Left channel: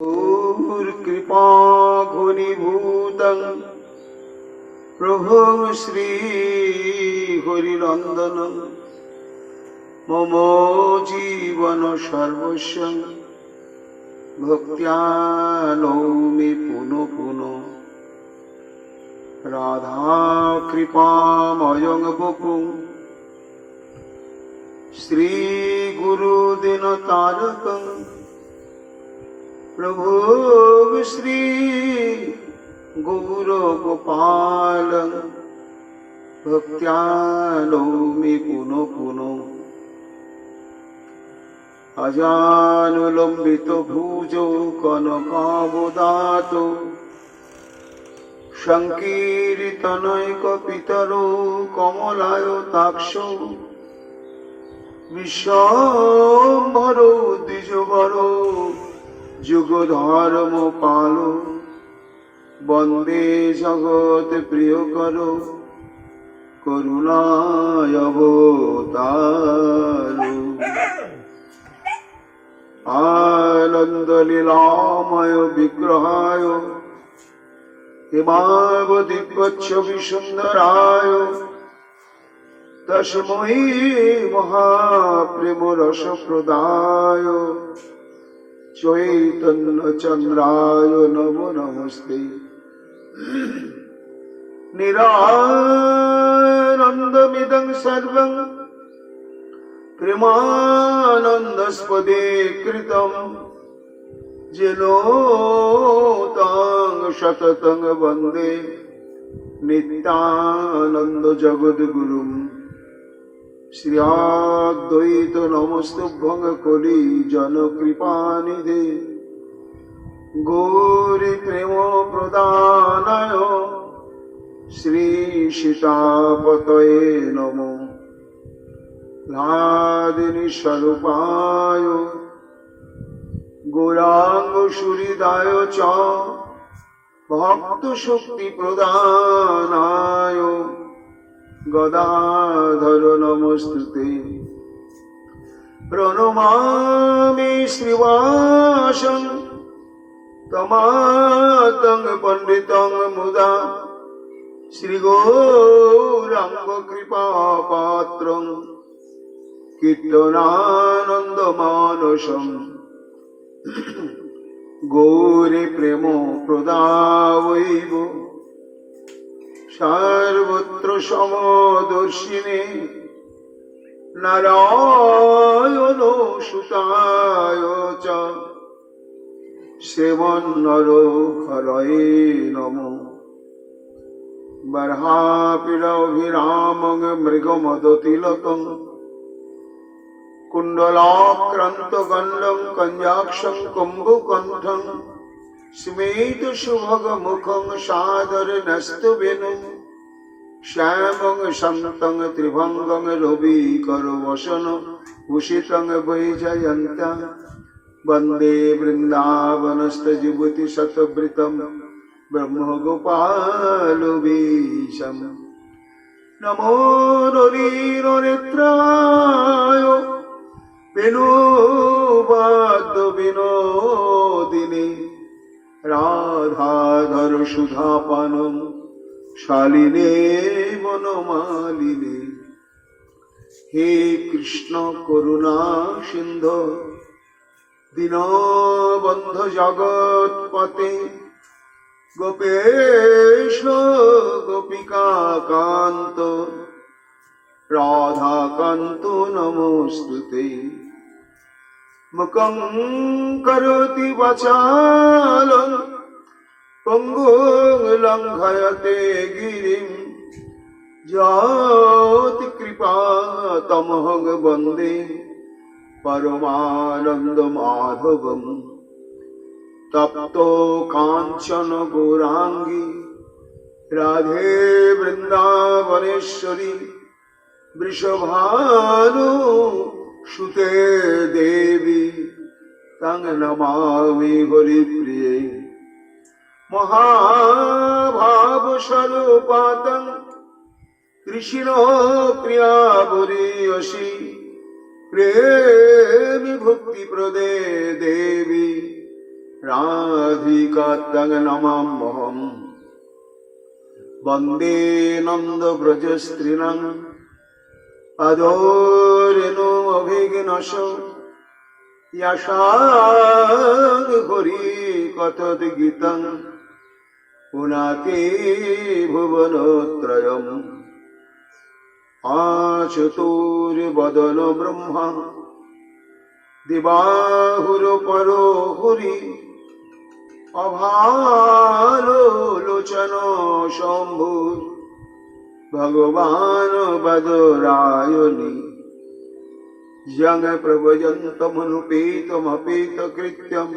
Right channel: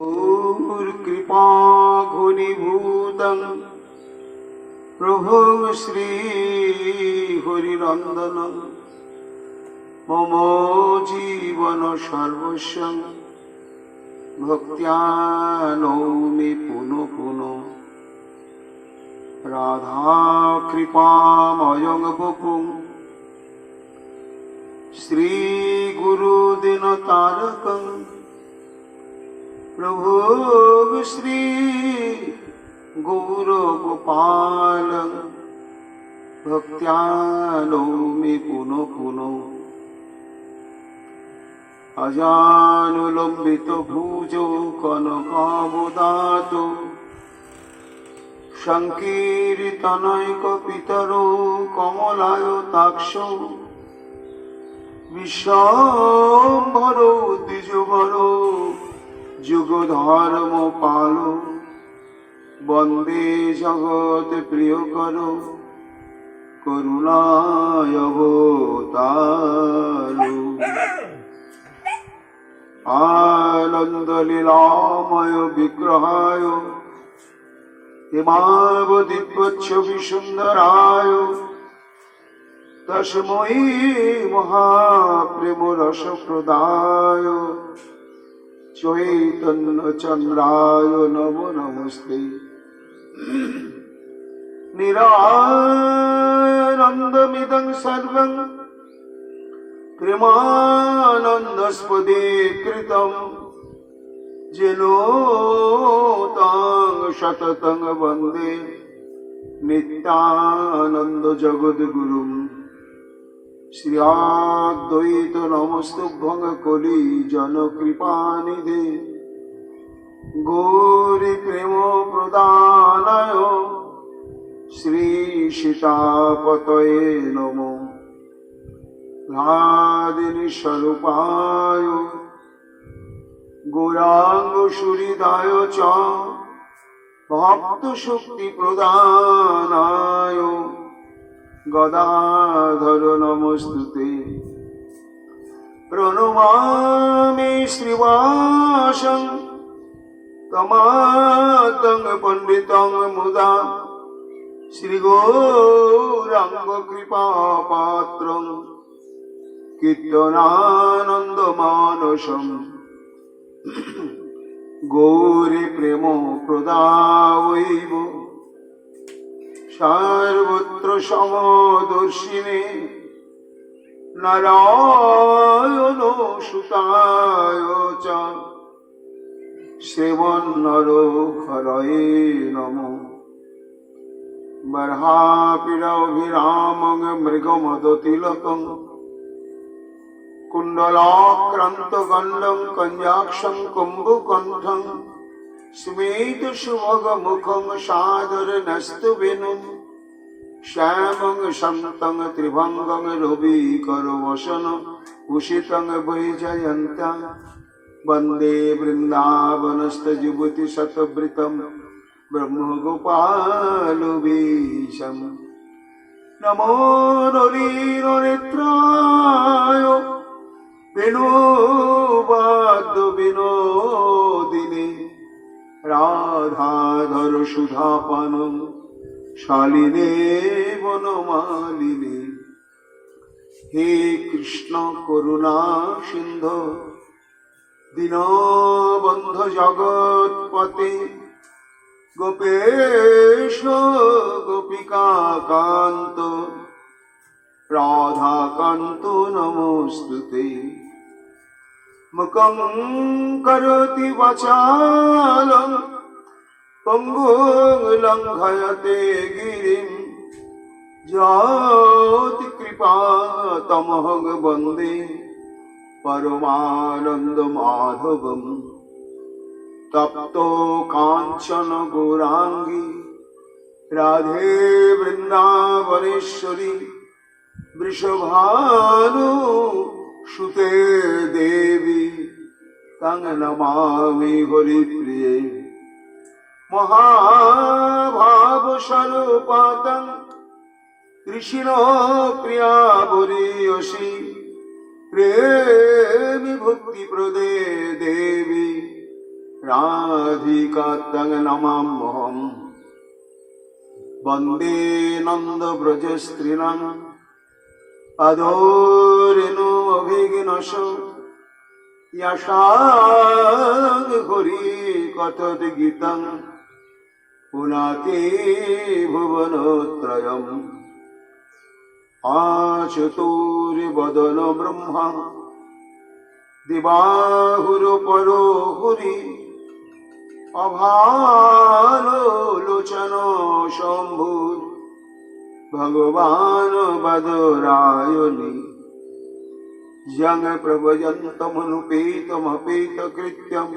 कृपा घनीभूतं प्रभु श्री हरिनंदनं मम जीवन सर्वस्व भक्त्या नौमि पुनः पुनः राधा कृपामयं वपुं श्री गुरुदिनतारकं प्रभु श्री गौरगोपालं भक्त्या नौमि पुनः पुनः अजानुलंबित भुजो कनकावदातो संकीर्तनैकपितरो कमलायताक्षो विश्वाम्भरो द्विजवरो जुगधर्म पालो वंदे जगत प्रियकरो करुणायवतारो आनंद लीलामय विग्रहाय हिमावदिव्यच्छवि सुंदराय तस्मै महाप्रेम रस प्रदाय चैतन्य चंद्राय नमो नमस्ते निरानंदमिदं सर्वं प्रेमानंदस्पदे कृतं जेनो तं शततं वन्दे नित्यानंद जगद्गुरुं श्रीअद्वैत नमस्तुभ्यं कलि जनकृपानिधे गौरी प्रेम प्रदानाय श्री सीतापतये नमो लादिनी स्वरूपाय गौरांग सुहृदाय च भक्त शक्ति प्रदानाय गदाधर नमस्तुते प्रणमामि श्रीवासं तमातं पंडितं मुदा श्रीगौरांग कृपापात्रं कीर्तनानंदमानसं गौरी प्रेमो प्रदावैव सर्वत्र समदर्शिने नारायणो सुताय च श्रीमन्नरहरये नमो बर्हापीडभिरामं मृगमदतिलकं कुण्डलाक्रान्तगण्डं कञ्जाक्षं कुम्भकण्ठं स्मेतसुभगमुखं सादरनस्तवेनं श्यामं शन्तं त्रिभङ्गं रविकरवसनं भूषितं वैजयन्त्या वन्दे वृन्दावनस्थयुवतिशतवृतं ब्रह्मगोपालवेशं नमो नलिननेत्राय विनोदिने राधाधर सुधापानं शालिने वनमालिने हे कृष्ण करुणा सिंधु दीनबंधु जगत्पते गोपेश गोपिकाकान्त राधाकान्त नमोस्तुते मुखं करोति वाचालं पङ्गुं लङ्घयते गिरिं यत्कृपातमहं वन्दे परमानन्दमाधवं तप्तो काञ्चन गौरांगी राधे वृंदावनेश्वरी वृषभानु सुते देवी तं नमामि हरिप्रिये महाभावस्वरूपातं कृष्ण प्रिया बुरीयसी प्रेमी भक्ति प्रदे देवी राधिका तं नमाम्यहम् वन्दे नन्दव्रजस्त्रीणाम् अधोरेणो अभिघ्नश यशाद् हरि कथद्गीतम् पुनाति भुवनत्रयम् आचतुर्वदन ब्रह्मा दिवाहुरपरो हरि अभालोचन शम्भु भगवान् बदरायणि यं प्रभयन्तमनुपेतमपेतकृत्यं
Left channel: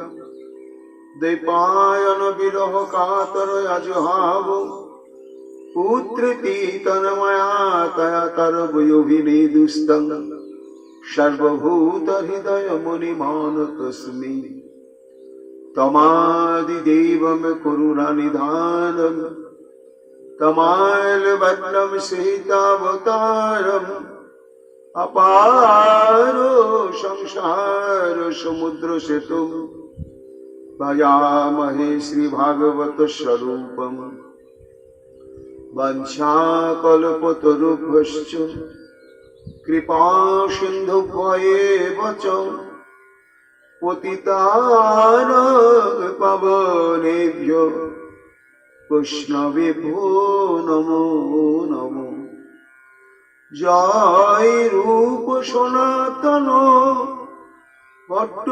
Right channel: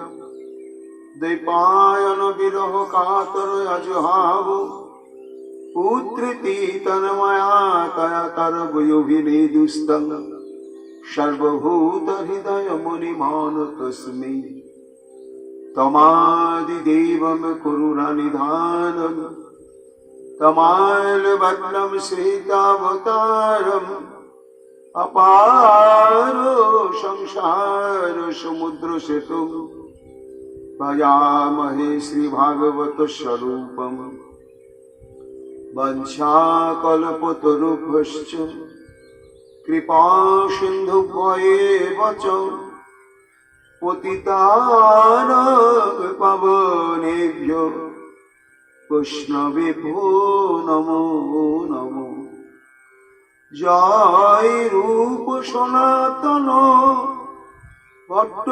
द्वैपायन विरह कातर अजुहाव पुत्रिति तन्मया तया तरवयोभिनेदुस्तं सर्वभूत हृदय मुनिमानतस्मै तमादिदेवं करुणानिधानं तमालवदनं सीतावतारम् अपारो संसार समुद्र सेतुं भजामहे श्रीभागवत स्वरूपम् वंशाकल्पतरुभ्यश्च कृपा सिन्धुभ्येव च पतितानां पावनेभ्यो वैष्णवेभ्यो नमो नमो। जय रूप सनातन भट्ट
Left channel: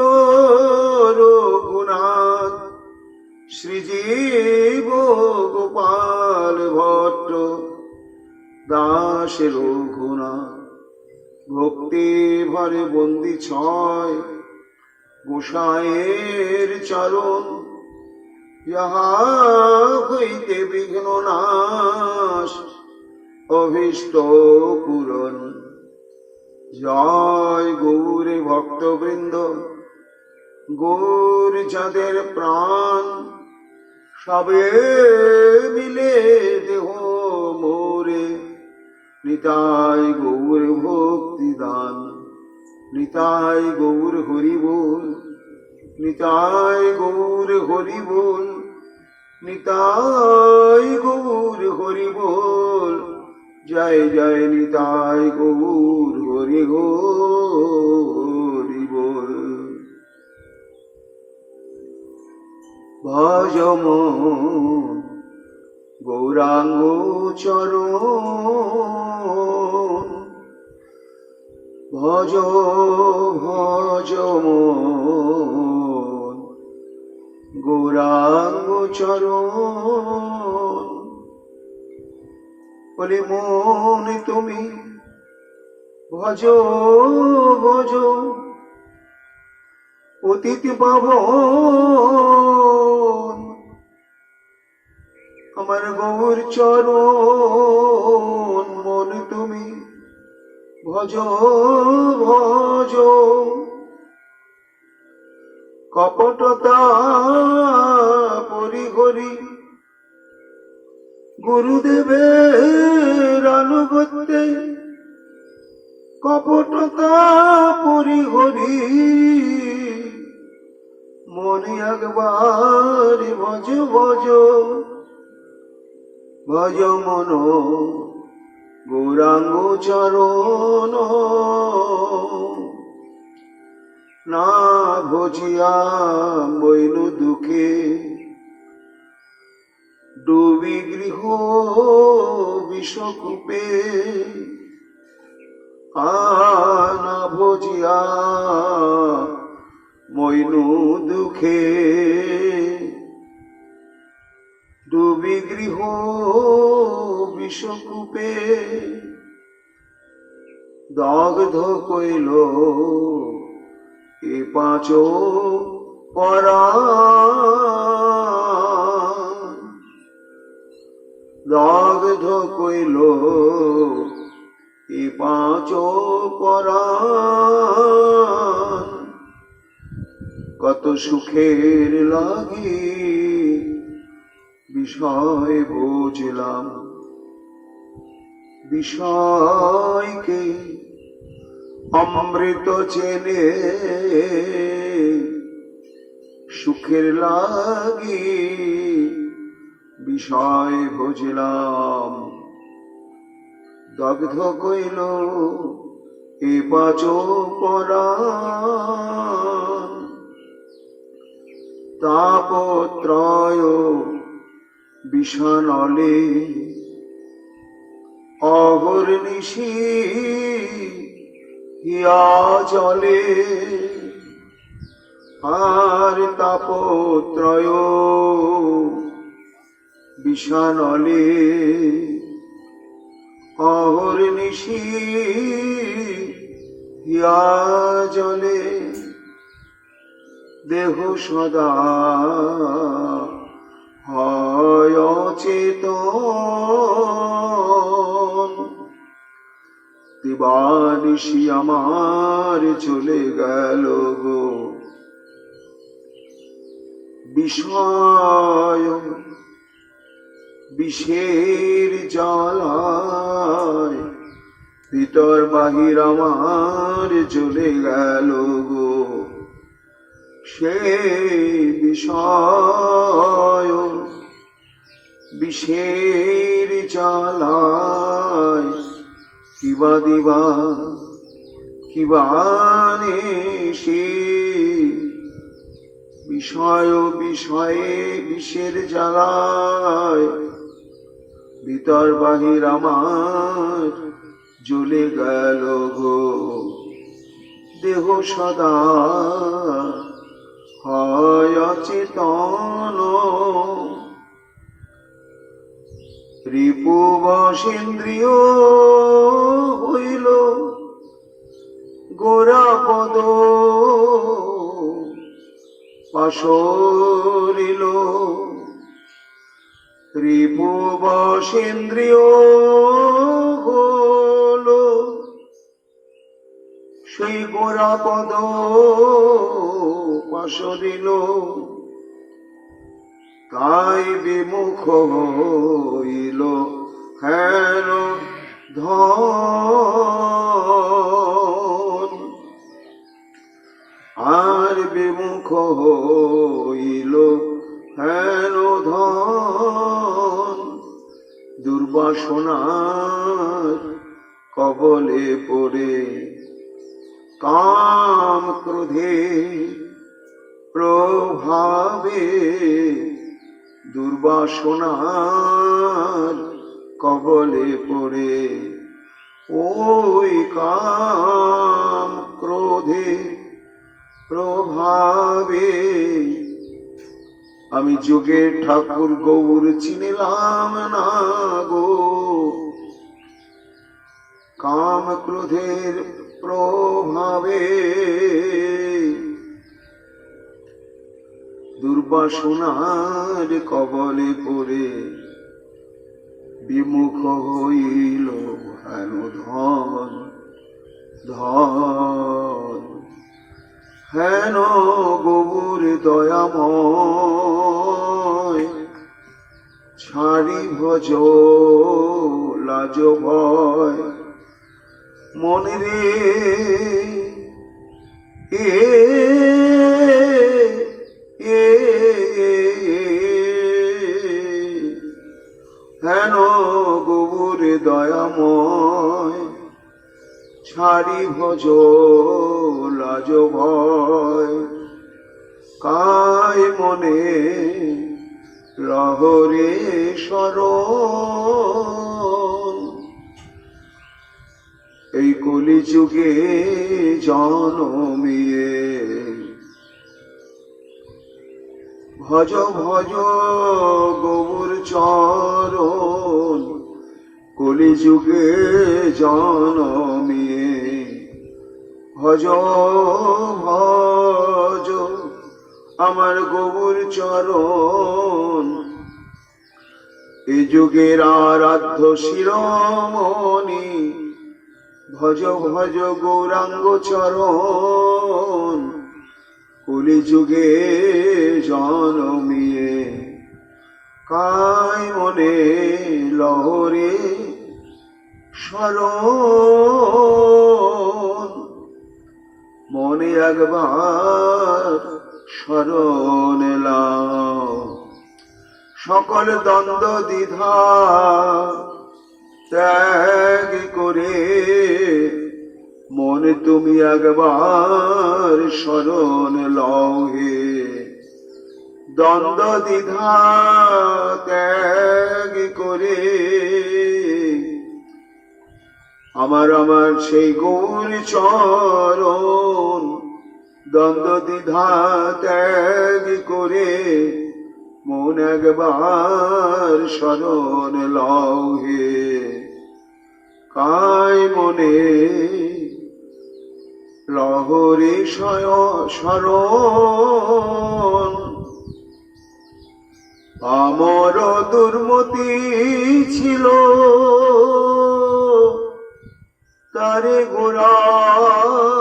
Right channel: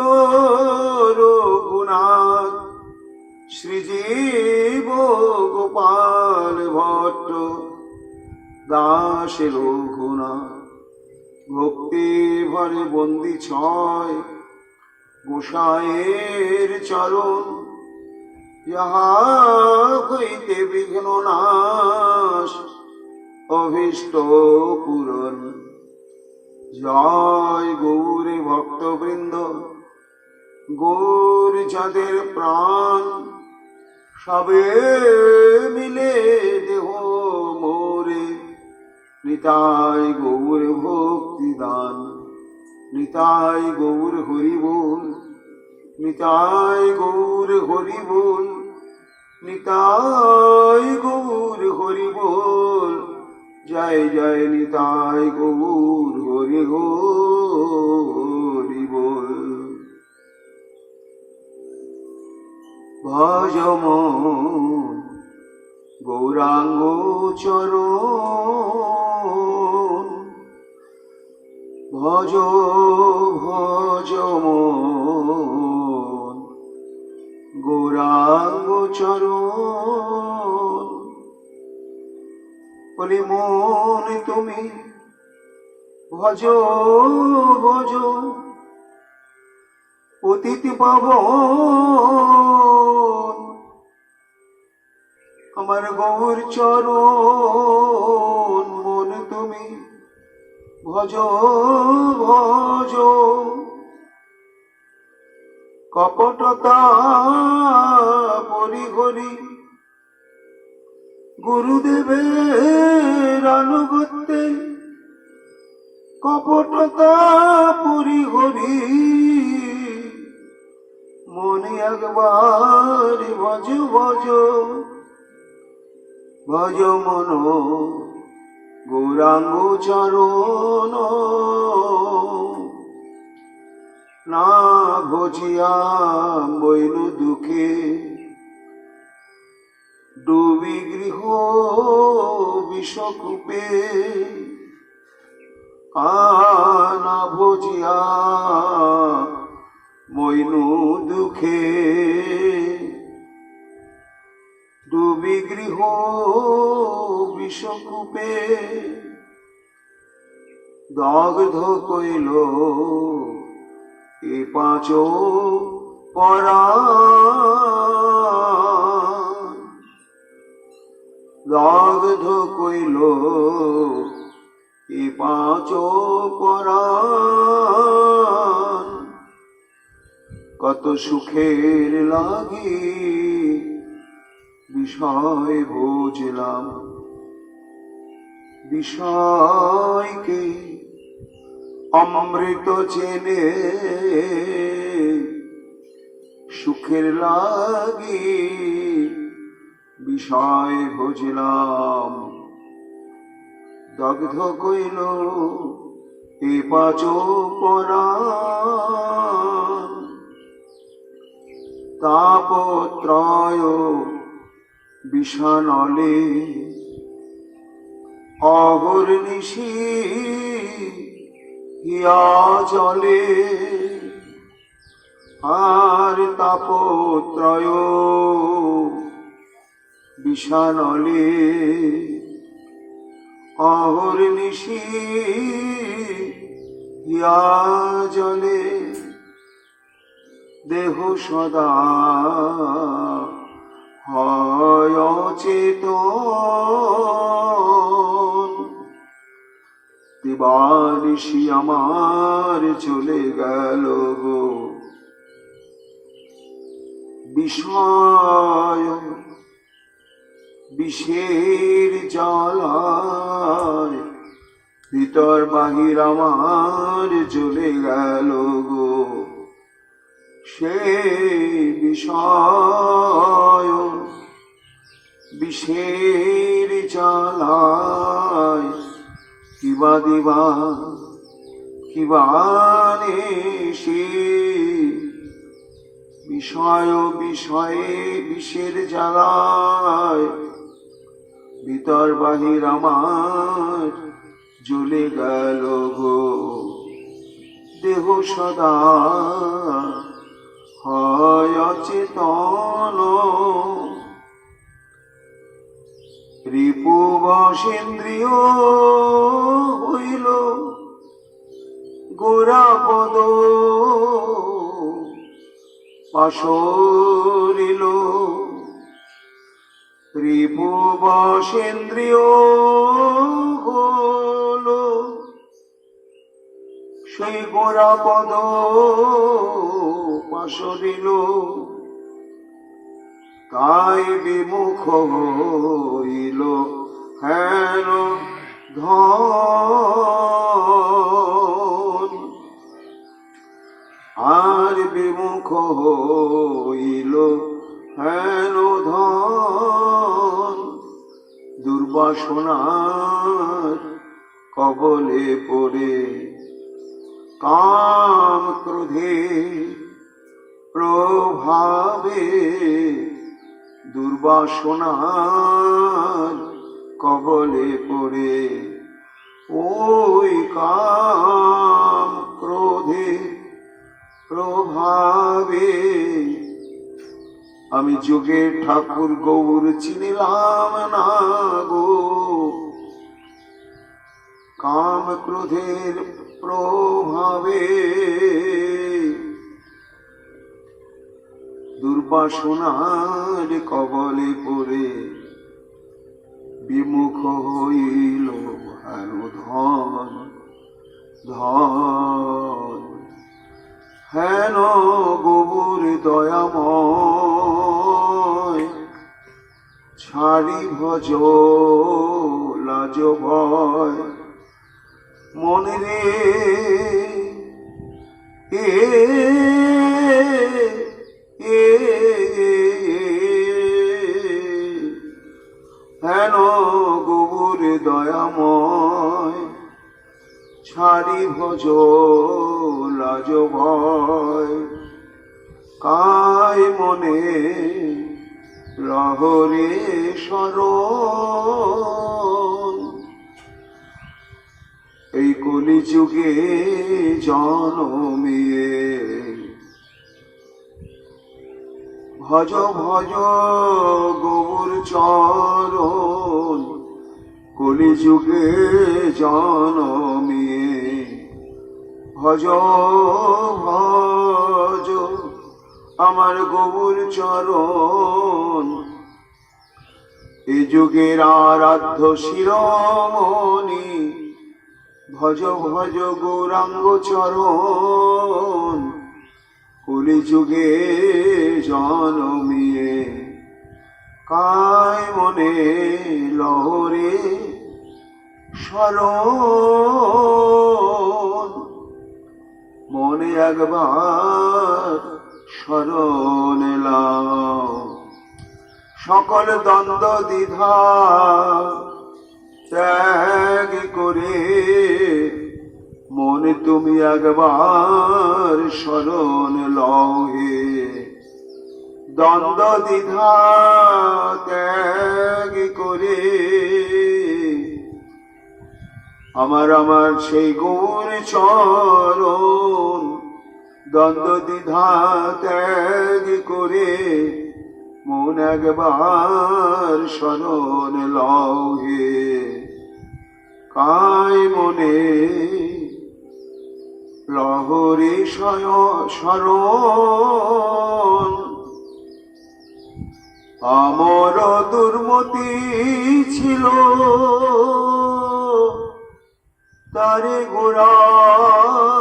रघुनाथ श्रीजीव गोपाल भट्ट दास रघुनाथ भक्ति भरे बंदी छय गोसाइर चरण यहाँ हईते विघ्न नाश अभीष्ट पूरण। जय गौरी भक्तवृंद गौर जाদের प्राण सबे मिले देह मोरे निताय गौर भक्ति दान निताय गौर हरि बोल निताय गौर हरि बोल निताय गौर हरि बोल जय जय निताय गौर हरि हरि बोल। भजम गौरांग चरण भज भजम गौरांग चरण বলি মন তুমি ভজ ভজ অতিথি পাবন আমার গৌর চরণ মন তুমি ভজ ভজ কপটতা পরিহরি গুরুদেবের আনুগত্যে কপটতা পরিহরি মনে একবার ভজ ভজ ভজ মন গৌরাঙ্গ চরণ না ভজিয়া বইনু দুঃখে ডুবি গৃহ বিষকূপে আনা ভজিয়া মইনু দুঃখে ডুবি গৃহ বিষকূপে দগ্ধ কইল এ পাঁচ পরাণ দগ্ধ কইল এ পাঁচ পরাণ কত সুখের লাগি বিষয় বুঝলাম বিষয়কে অমৃত চেনে সুখের লাগি বিষয় বুঝলাম, দগ্ধ কইল এ পাচ পরাণ। তাপত্রয় বিষানলে অগর্নিশি হিয়া জলে। আর তাপত্রয় বিষানলে অহর্নিশি হিয়া জলে। দেহ সদা হয় অচেতন, দিবানিশি আমার চলে গেল গো বিষয় বিষের জ্বালায়। ভিতর বাহির আমার চলে গেল গো সে বিষয় বিষের জ্বালায়। কিবা দিবা কিবা সে বিষয় বিষয়ে বিষের জ্বালায়। ভিতর বাহির আমার জ্বলে গেল গো দেহ সদা হয় অচেতন। রিপু বশেন্দ্রিয় হইল গোরা পদ পাশরিল। রিপু বশেন্দ্রিয় হল সেই গোরা পদ পাশরিল। তাই বিমুখ হইল হেন ধন। আর বিমুখ হইল হেন ধন। দুর্বাসনার কবলে পড়ে কাম ক্রোধে প্রভাবে। দুর্বাসনার কবলে পড়ে ওই কাম ক্রোধে প্রভাবে। আমি যোগের ঠাকুর গৌর চিনিলাম না গো কাম ক্রোধের প্রভাবে। দুর্বাসনার কবলে পড়ে বিমুখ হইল হেন ধন ধন। হেন গৌর দয়াময় ছাড়ি ভজ লাজ ভয়। মনে রে হেন গৌর দয়াময় ছাড়ি ভজ লাজ ভয়। কায় মনে রহরে শরণ। এই কলিযুগে জনমিয়ে ভজ ভজ গৌর চরণ। কলিযুগে জনমিয়ে ভজ ভজ আমার গৌর চরণ। এ যুগের আরাধ্য শিরোমণি ভজ ভজ গৌরাঙ্গ চরণ। কলিযুগে জনমিয়ে কায় মনে লহরে শরণ। মনে একবার শরণ লাও। সকল দ্বন্দ্ব দ্বিধা ত্যাগ করে মনে তুমি একবার শরণ লও হে। দ্বন্দ্ব দ্বিধা ত্যাগ করে আমার সেই গৌর চরণ, দ্বন্দ্ব দ্বিধা ত্যাগ করে মন একবার শরণ লও হে। কায় মনে লহরে শরণ, আমার দুর্মতি ছিল তারে গোড়ায়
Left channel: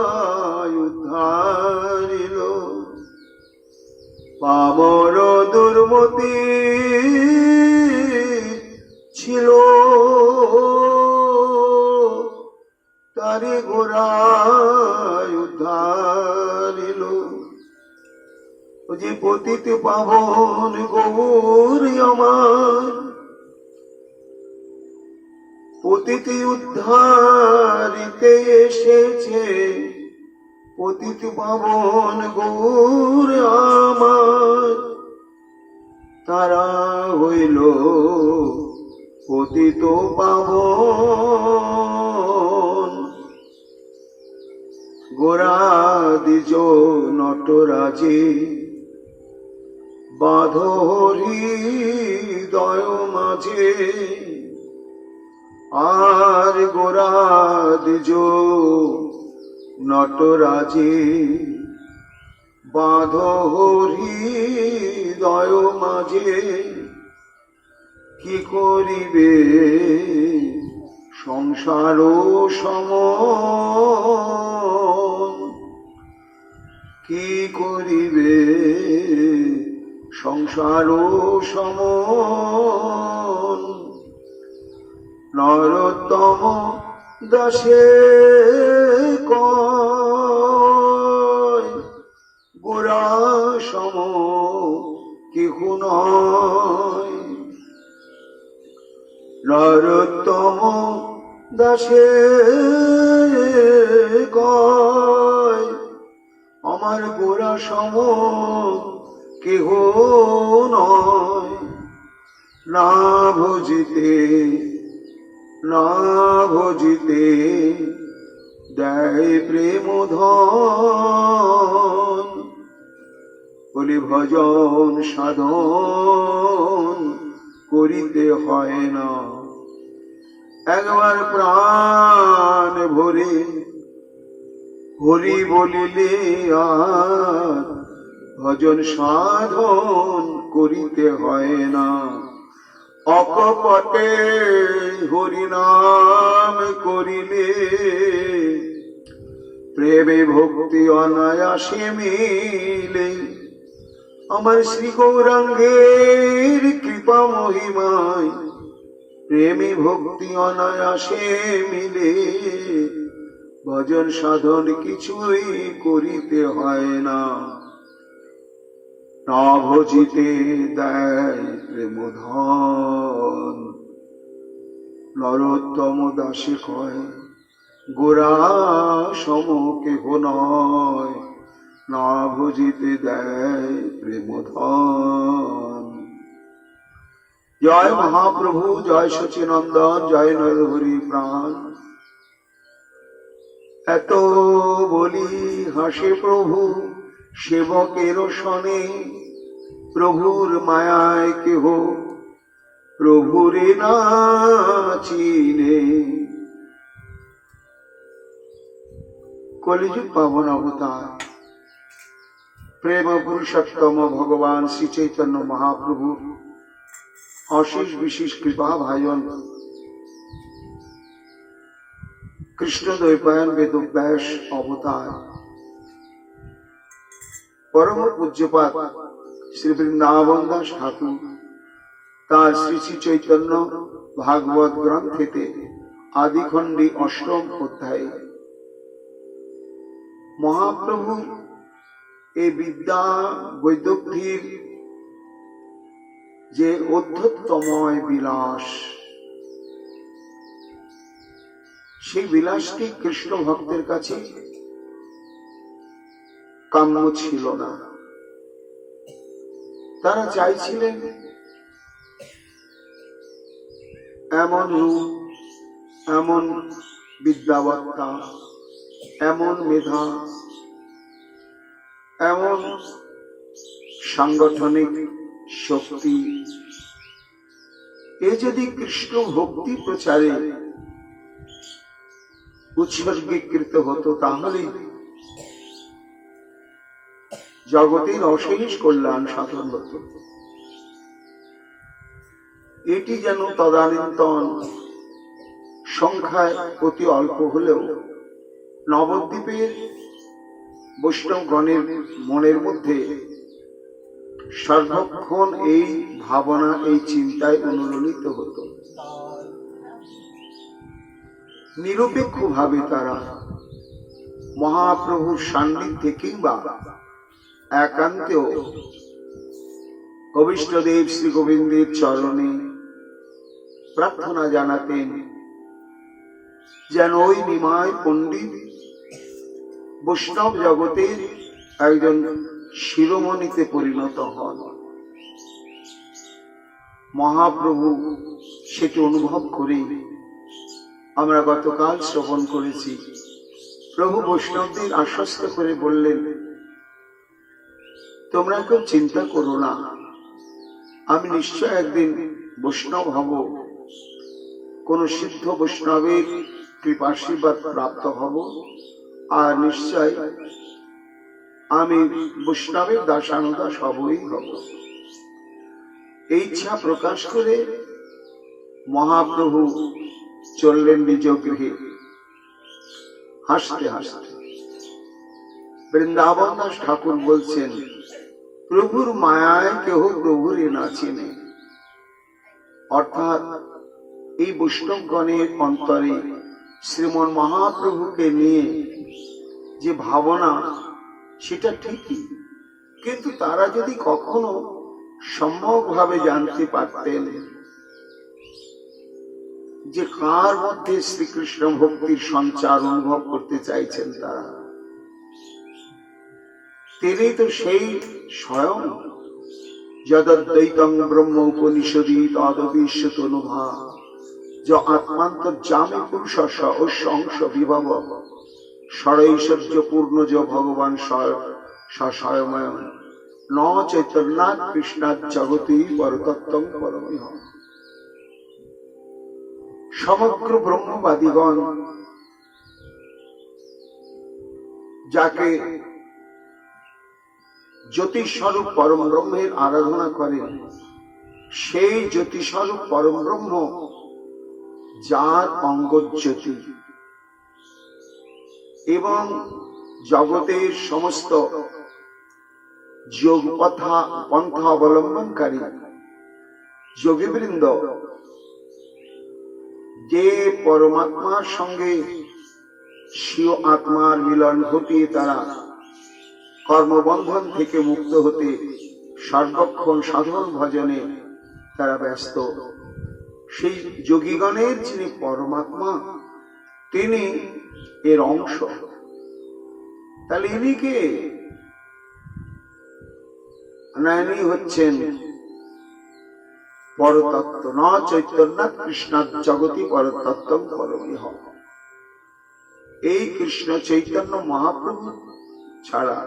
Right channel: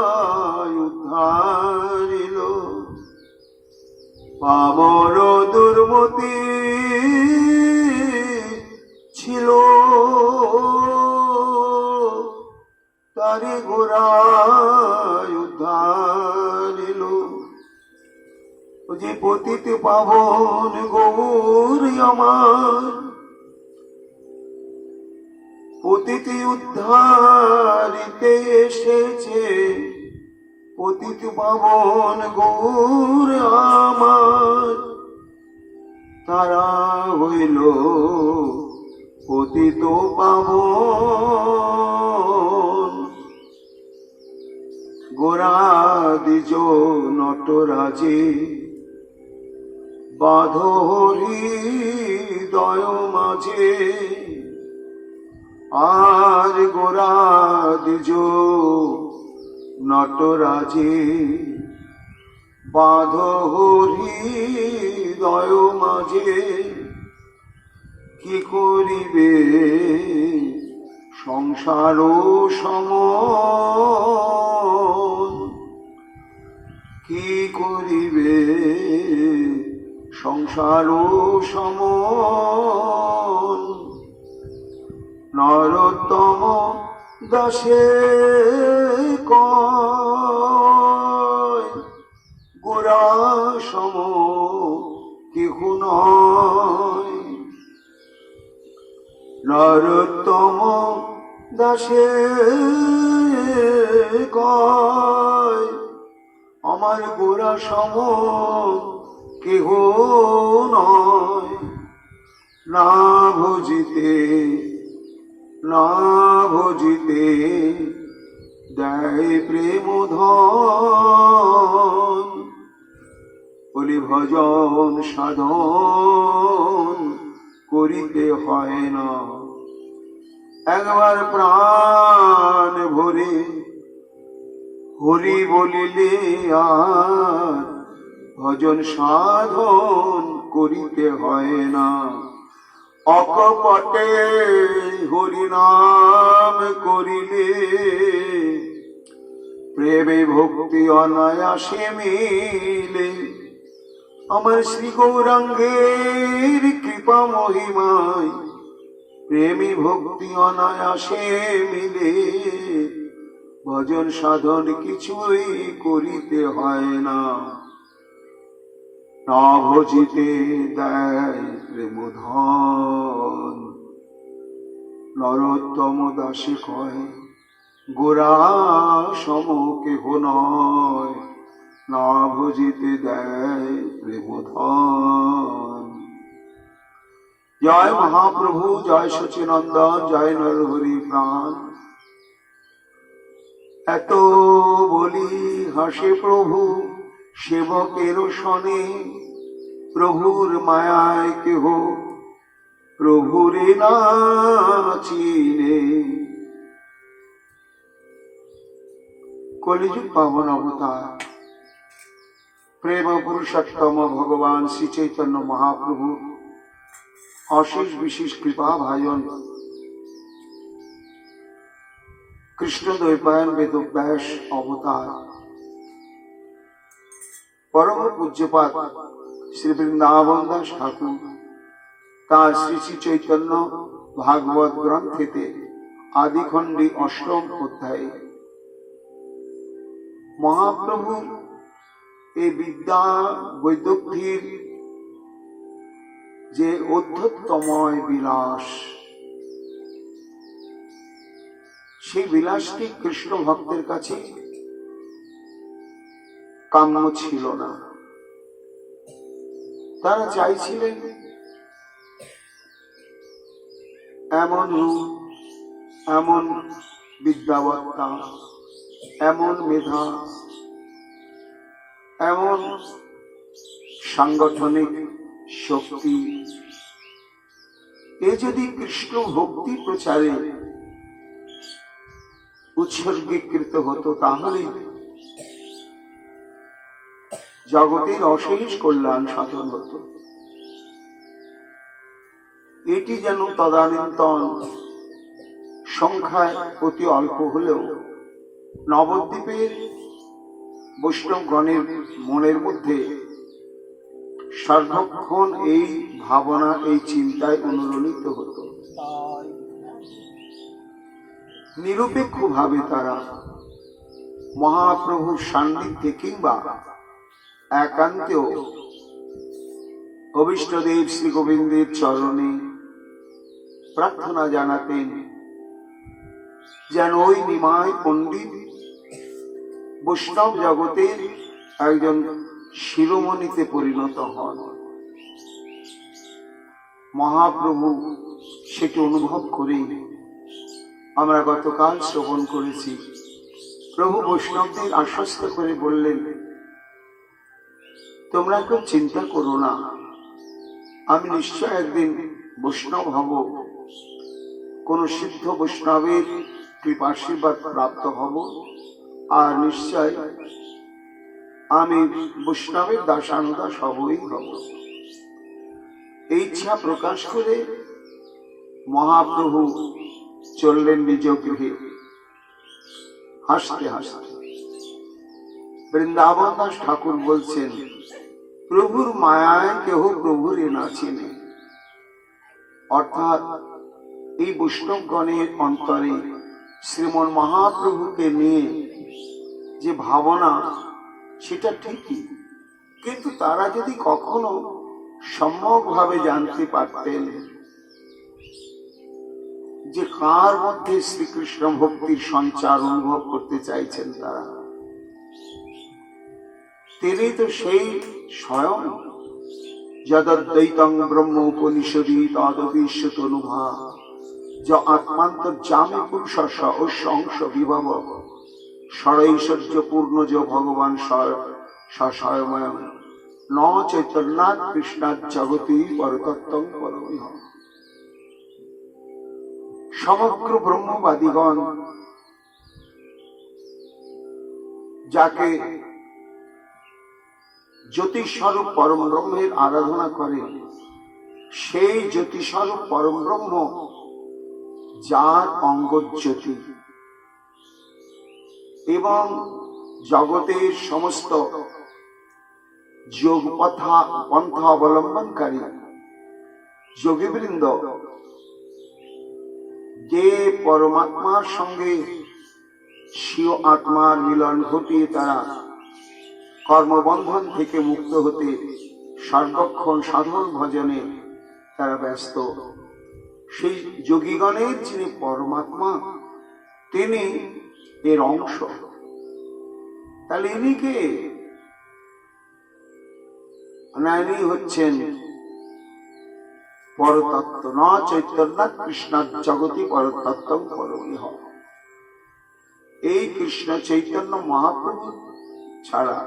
উদ্ধারিল। আমার দুর্মতি ছিল তারে গোড়ায় উদ্ধারিল। ও যে পতিত পাবন গৌরী আমার, পতিতি উদ্ধারিতে এসেছে। পতিত পাবন গৌর আমার, তারা হইল পতিত পাবন। গোরাদিজ নটরাজে বাঁধরি হৃদয় মাঝে, আর গোরাদিজ নটরাজে বাঁধরি হৃদয় মাঝে। কি করিবে সংসার সমন, কি করিবে সংসার সমন। নরোত্তম দাসে কয় গোরা সম কেহ নয়। নরোত্তম দাসে কয় আমার গোরা সম কেহ নয়। না ভজিতে না ভজিতে দেয় প্রেম ধন। বলি ভজন সাধন করিতে হয় না, একবার প্রাণ ভরে হরি বলিলে আর ভজন সাধন করিতে হয় না। অকপটে হরিনাম করিলে প্রেমে ভক্তি অনায়াসে মিলে। আমার শ্রী গৌরাঙ্গের কৃপা মহিমায় প্রেমে ভক্তি অনায়াসে মিলে। ভজন সাধন কিছুই করিতে হয় না, না ভজিতে দেয় প্রেম ধন। নরোত্তম দাসে কয় গোরা সম কেহ নয়, না ভজিতে দেয় প্রেম ধন। জয় মহাপ্রভু, জয় সচিনন্দন, জয় নরহরি প্রাণ। এত বলি হাসে প্রভু সেবকের শনে, প্রভুর মায়ায় কেহ প্রভুরে না চিনে। কলিযুগ পাবন অবতার প্রেম পুরুষোত্তম ভগবান শ্রী চৈতন্য মহাপ্রভু অশেষ বিশেষ কৃপা ভাজন কৃষ্ণ দ্বৈপায়ন বেদব্যাস অবতার পরম পূজ্যপাদ শ্রী বৃন্দাবন দাস ঠাকুর তার শ্রী শ্রী চৈতন্য ভাগবত গ্রন্থেতে আদিখণ্ডী অষ্টম অধ্যায়ে মহাপ্রভুর এই বিদ্যা বৈদগ্ধ্যের যে অধ্যত্তময় বিলাস, সেই বিলাসটি কৃষ্ণ ভক্তের কাছে কাম্য ছিল না। তারা চাইছিলেন এমন রূপ, এমন বিদ্যাবত্তা, এমন মেধা, এমন সাংগঠনিক শক্তি, এ যদি কৃষ্ণ ভক্তি প্রচারে উৎসর্গীকৃত হতো তাহলে জগতের অশেষ কল্যাণ সাধন হতো। এটি যেন তদানীন্তন সংখ্যায় অতি অল্প হলেও নবদ্বীপের বৈষ্ণবগণের মনের মধ্যে সর্বক্ষণ এই ভাবনা, এই চিন্তায় অনুরণিত হতো। নিরপেক্ষভাবে তারা মহাপ্রভুর সান্নিধ্যে কিংবা একান্তেও অভীষ্টদেব শ্রী গোবিন্দের চরণে প্রার্থনা জানাতেন যেন ওই নিমাই পণ্ডিত বৈষ্ণব জগতের একজন শিরোমণিতে পরিণত হন। মহাপ্রভু সেটি অনুভব করে আমরা গতকাল শ্রবণ করেছি। প্রভু বৈষ্ণবদের আশ্বস্ত করে বললেন, তোমরা কেউ চিন্তা করো না, আমি নিশ্চয় একদিন বৈষ্ণব হব, কোন সিদ্ধ বৈষ্ণবের কৃপাশীর্বাদ প্রাপ্ত হব, আর নিশ্চয় আমি বৈষ্ণবের দাসানুদাস হবই হব। এই ইচ্ছা প্রকাশ করে মহাপ্রভু চললেন নিজ গৃহে হাসতে হাসতে। বৃন্দাবন দাস ঠাকুর বলছেন, প্রভুর মায়ায় কেহ প্রভুরে না চেনে। অর্থাৎ এই বৈষ্ণবগণের অন্তরে শ্রীমন মহাপ্রভুকে নিয়ে যে ভাবনা, সেটা ঠিকই, কিন্তু তারা যদি কখনো সম্যকভাবে জানতে পারতেন যে কার মধ্যে শ্রীকৃষ্ণ ভক্তির সঞ্চার অনুভব করতে চাইছেন তারা, তিনি তো সেই স্বয়ং যদ্বৈতং ব্রহ্ম উপনিষদি তদবিশ্বতনুভা য আত্মান্তর্যামী পুরুষ অংশ বিভব ষড়ৈশ্বর্য পূর্ণ য ভগবান স্বয়ময় ন চৈতন্যাৎ কৃষ্ণাৎ জগতি পরতত্ত্বং পরমিহ। সমগ্র ব্রহ্মবাদীগণ যাকে জ্যোতিস্বরূপ পরম ব্রহ্মের আরাধনা করেন, সেই জ্যোতিস্বরূপ পরম ব্রহ্ম যার অঙ্গজ্যোতি এবং জগতের সমস্ত যোগ পন্থা অবলম্বনকারী যোগীবৃন্দ যে পরমাত্মার সঙ্গে স্বীয় আত্মার মিলন ঘটিয়ে তারা কর্মবন্ধন থেকে মুক্ত হতে সর্বক্ষণ সাধন ভজনে তারা ব্যস্ত, সেই যোগীগণের যিনি পরমাত্মা, তিনি এর অংশ। তাহলে ইনি কে? না, ইনি হচ্ছেন পরতত্ত্ব। ন চৈতন্যাৎ কৃষ্ণাৎ জগতি পরতত্ত্বং পরমিহ। এই কৃষ্ণ চৈতন্য মহাপ্রভু ছাড়া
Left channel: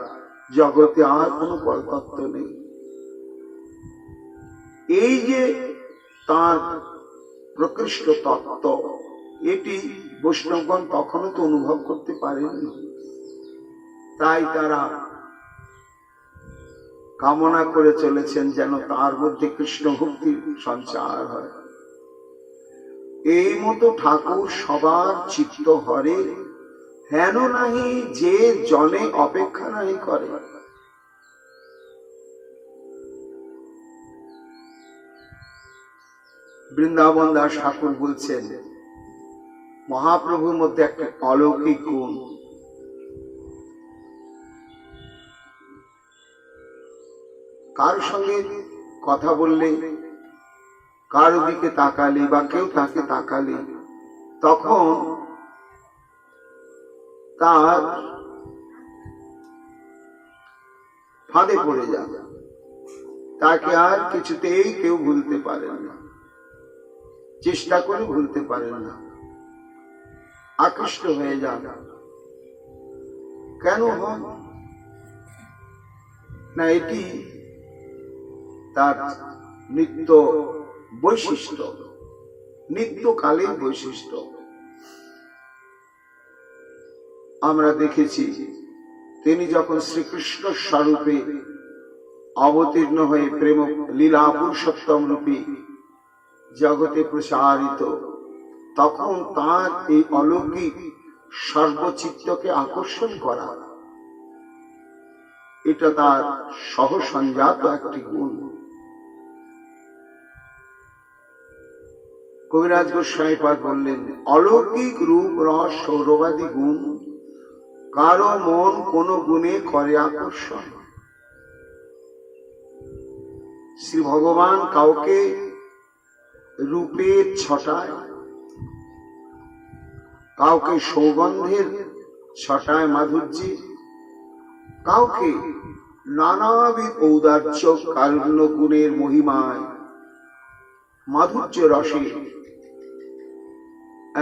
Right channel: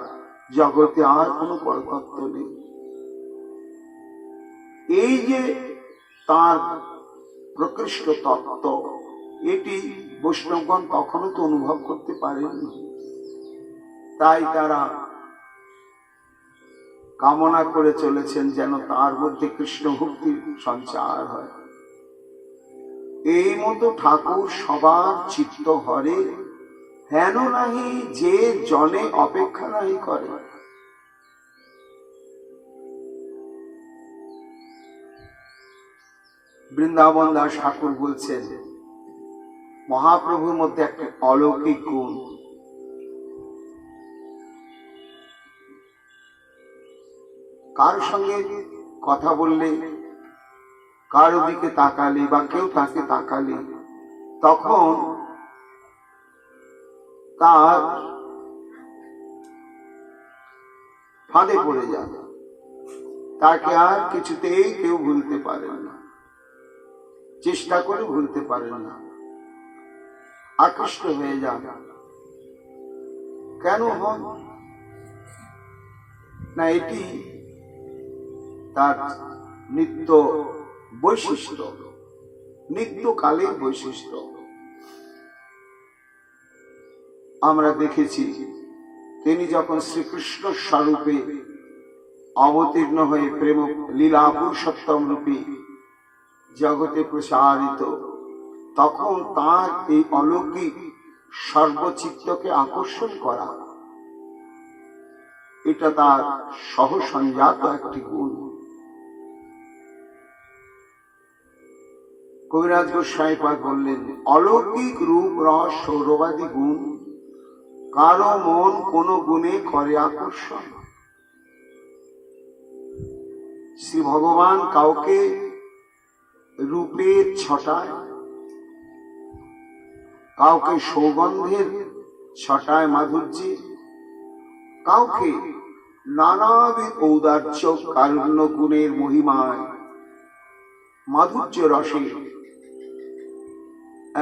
জগতে আর কোনো পরতত্ত্ব নেই। এই যে তার প্রকৃষ্ট তত্ত্ব, এটি বৈষ্ণবগণ কখনো তো অনুভব করতে পারেননি। তাই তারা কামনা করে চলেছেন যেন তার মধ্যে কৃষ্ণ ভক্তির সঞ্চার হয়। এই মতো ঠাকুর সবার চিত্ত হরে, হেন নাহি যে জনে অপেক্ষা নাহি করে। বৃন্দাবন দাস ঠাকুর বলছেন, মহাপ্রভুর মধ্যে একটা অলৌকিক গুণ, কার সঙ্গে কথা বললে, কারো দিকে তাকালে বা কেউ তাকে তাকালে, তখন তার ফাঁদে পড়ে যাবে, তাকে আর কিছুতেই কেউ ভুলতে পারেন না, চেষ্টা করে ভুলতে পারেন না, আকৃষ্ট হয়ে যান। কেন হন না? এটি তার নিত্য বৈশিষ্ট্য, নিত্যকালের বৈশিষ্ট্য। আমরা দেখেছি তিনি যখন শ্রীকৃষ্ণ স্বরূপে অবতীর্ণ হয়ে প্রেম লীলা পুরুষোত্তম রূপে জগতে প্রসারিত, তখন তার এই অলৌকিক সর্বচিত্তকে আকর্ষণ করা, এটা তার সহসঞ্জাত একটি গুণ। কবিরাজ গোস্বামীপাদ বললেন, অলৌকিক রূপ রস সৌরভাদি গুণ, কারো মন কোন গুণে করে আকর্ষণ। শ্রী ভগবান কাউকে রূপের ছটায়, কাউকে সৌগন্ধের ছটায় মাধুর্যে, কাউকে নানাবিধ ঔদার্য কারুণ্য গুণের মহিমায় মাধুর্য রসে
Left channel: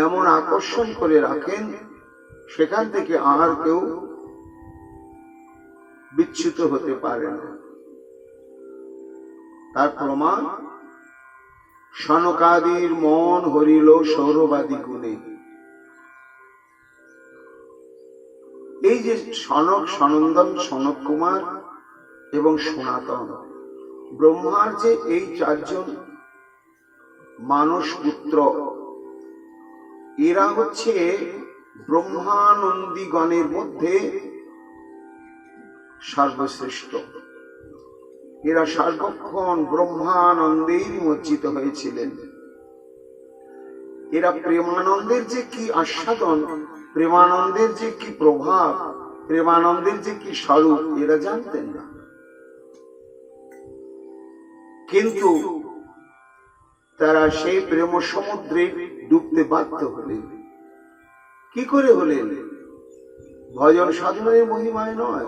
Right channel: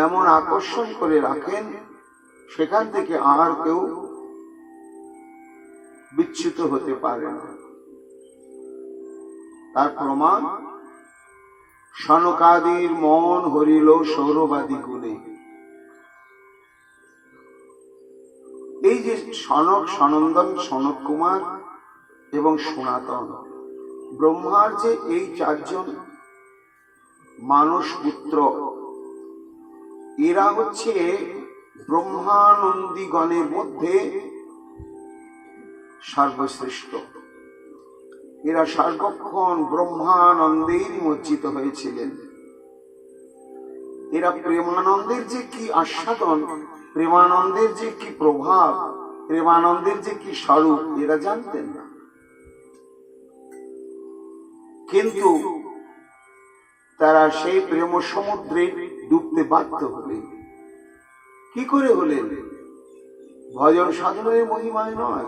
এমন আকর্ষণ করে রাখেন, সেখান থেকে আর কেউ বিচ্যুত হতে পারে না। তার প্রমাণ সনকাদির মন হরিল সৌরবাদী গুণে। এই যে সনক, সনন্দন, সনক কুমার এবং সনাতন, ব্রহ্মার যে এই চারজন মানস পুত্র, এরা হচ্ছে ব্রহ্মানন্দীগণের মধ্যে সর্বশ্রেষ্ঠ। এরা সর্বক্ষণ ব্রহ্মানন্দেই নিমজ্জিত হয়েছিলেন। এরা প্রেমানন্দের যে কি আস্বাদন, প্রেমানন্দের যে কি প্রভাব, প্রেমানন্দের যে কি স্বরূপ, এরা জানতেন না। কিন্তু তারা সেই প্রেম সমুদ্রে ডুবতে বাধ্য হলেন। কি করে হলেন? ভজন সাধনের মহিমায় নয়।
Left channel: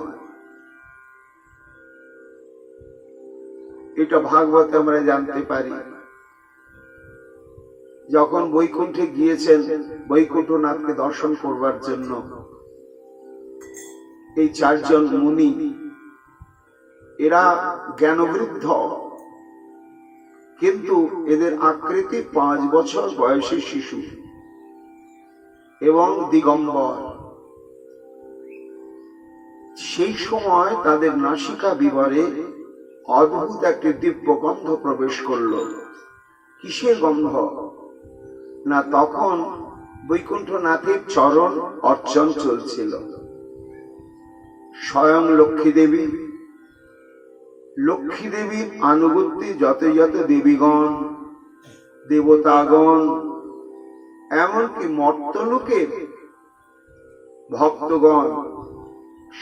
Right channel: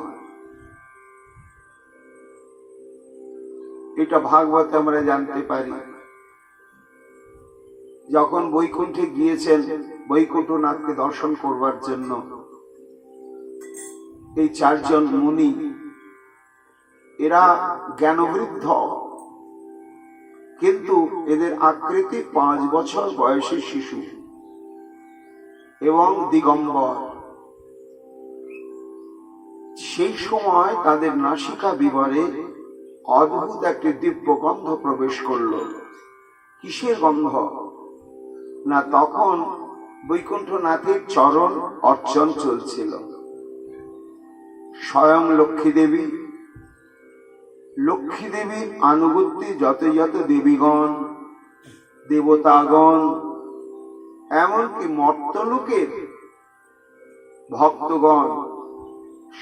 এটা ভাগবতে আমরা জানতে পারি। যখন বৈকুণ্ঠে গিয়েছেন বৈকুণ্ঠনাথকে দর্শন করবার জন্য, এই চারজন মুনি, এরা জ্ঞানবৃদ্ধ, কিন্তু এদের আকৃতি 5 বছর বয়সী শিশু এবং দিগম্বর। সেই সময় তাদের নাসিকা বিবরে অদ্ভুত একটি দিব্য গন্ধ প্রবেশ করল। কিসের গন্ধ? না, তখন বৈকুণ্ঠনাথের চরণ অর্চন চলছিল। স্বয়ং লক্ষ্মী দেবীর আনুগত্যে যত যত দেবীগণ, দেবতাগণ, এমনকি মর্তলোকের ভক্তগণ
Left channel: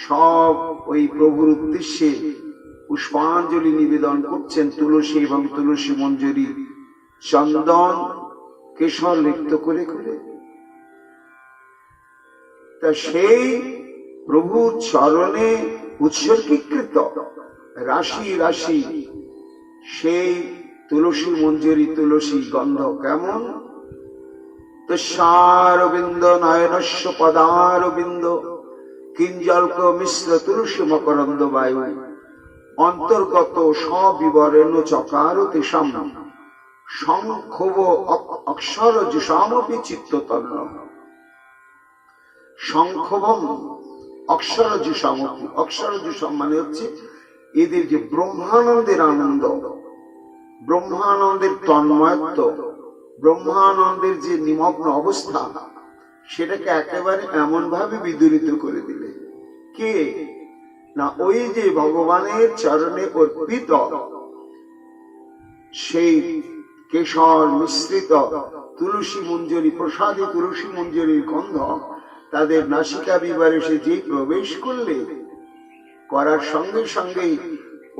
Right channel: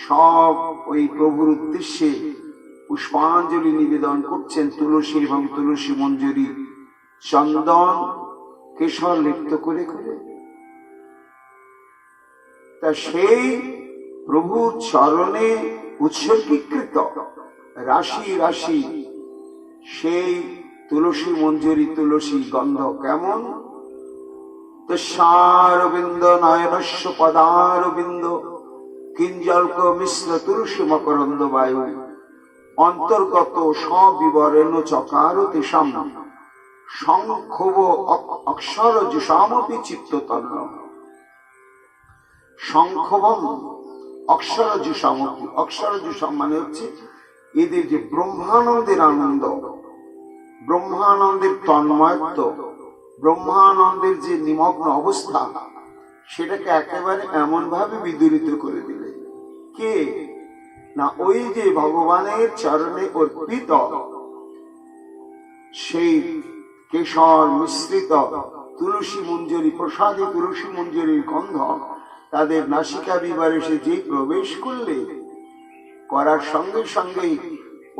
সব ওই প্রভুর উদ্দেশ্যে পুষ্পাঞ্জলি নিবেদন করছেন। তুলসী এবং তুলসী মঞ্জরি, চন্দন, কেশর লিপ্ত করে করে। তা সেই প্রভুর চরণে উৎসর্গীকৃত রাশি রাশি সেই তুলসী মঞ্জরি, তুলসী গন্ধ কেমন? তুষারবিন্দ নয়নস্য পদারবিন্দ কিঞ্জল্ক মিশ্র তুলসী মকরন্দ বায়ু অন্তর্গত সবিবরেণ চকার তেষাম সংক্ষোভ অক্ষর জুষামপি চিত্ততন্ন। সংক্ষোভম অক্ষর জুষামপি, অক্ষর জুষাম মানে হচ্ছে এদের যে ব্রহ্মানন্দের আনন্দ, ব্রহ্মানন্দের তন্ময়ত্ব, ব্রহ্মানন্দের যে নিমগ্ন অবস্থা, সেটাকে একেবারে এমন ভাবে বিদূরিত করে দিলে। কে? না, ওই যে ভগবানের চরণে অর্পিত সেই কেশর মিশ্রিত তুলসী মঞ্জরি, প্রসাদী তুলসী মঞ্জরির গন্ধ তাদের নাসিকা বিবরে সে যে প্রবেশ করলে, করার সঙ্গে সঙ্গেই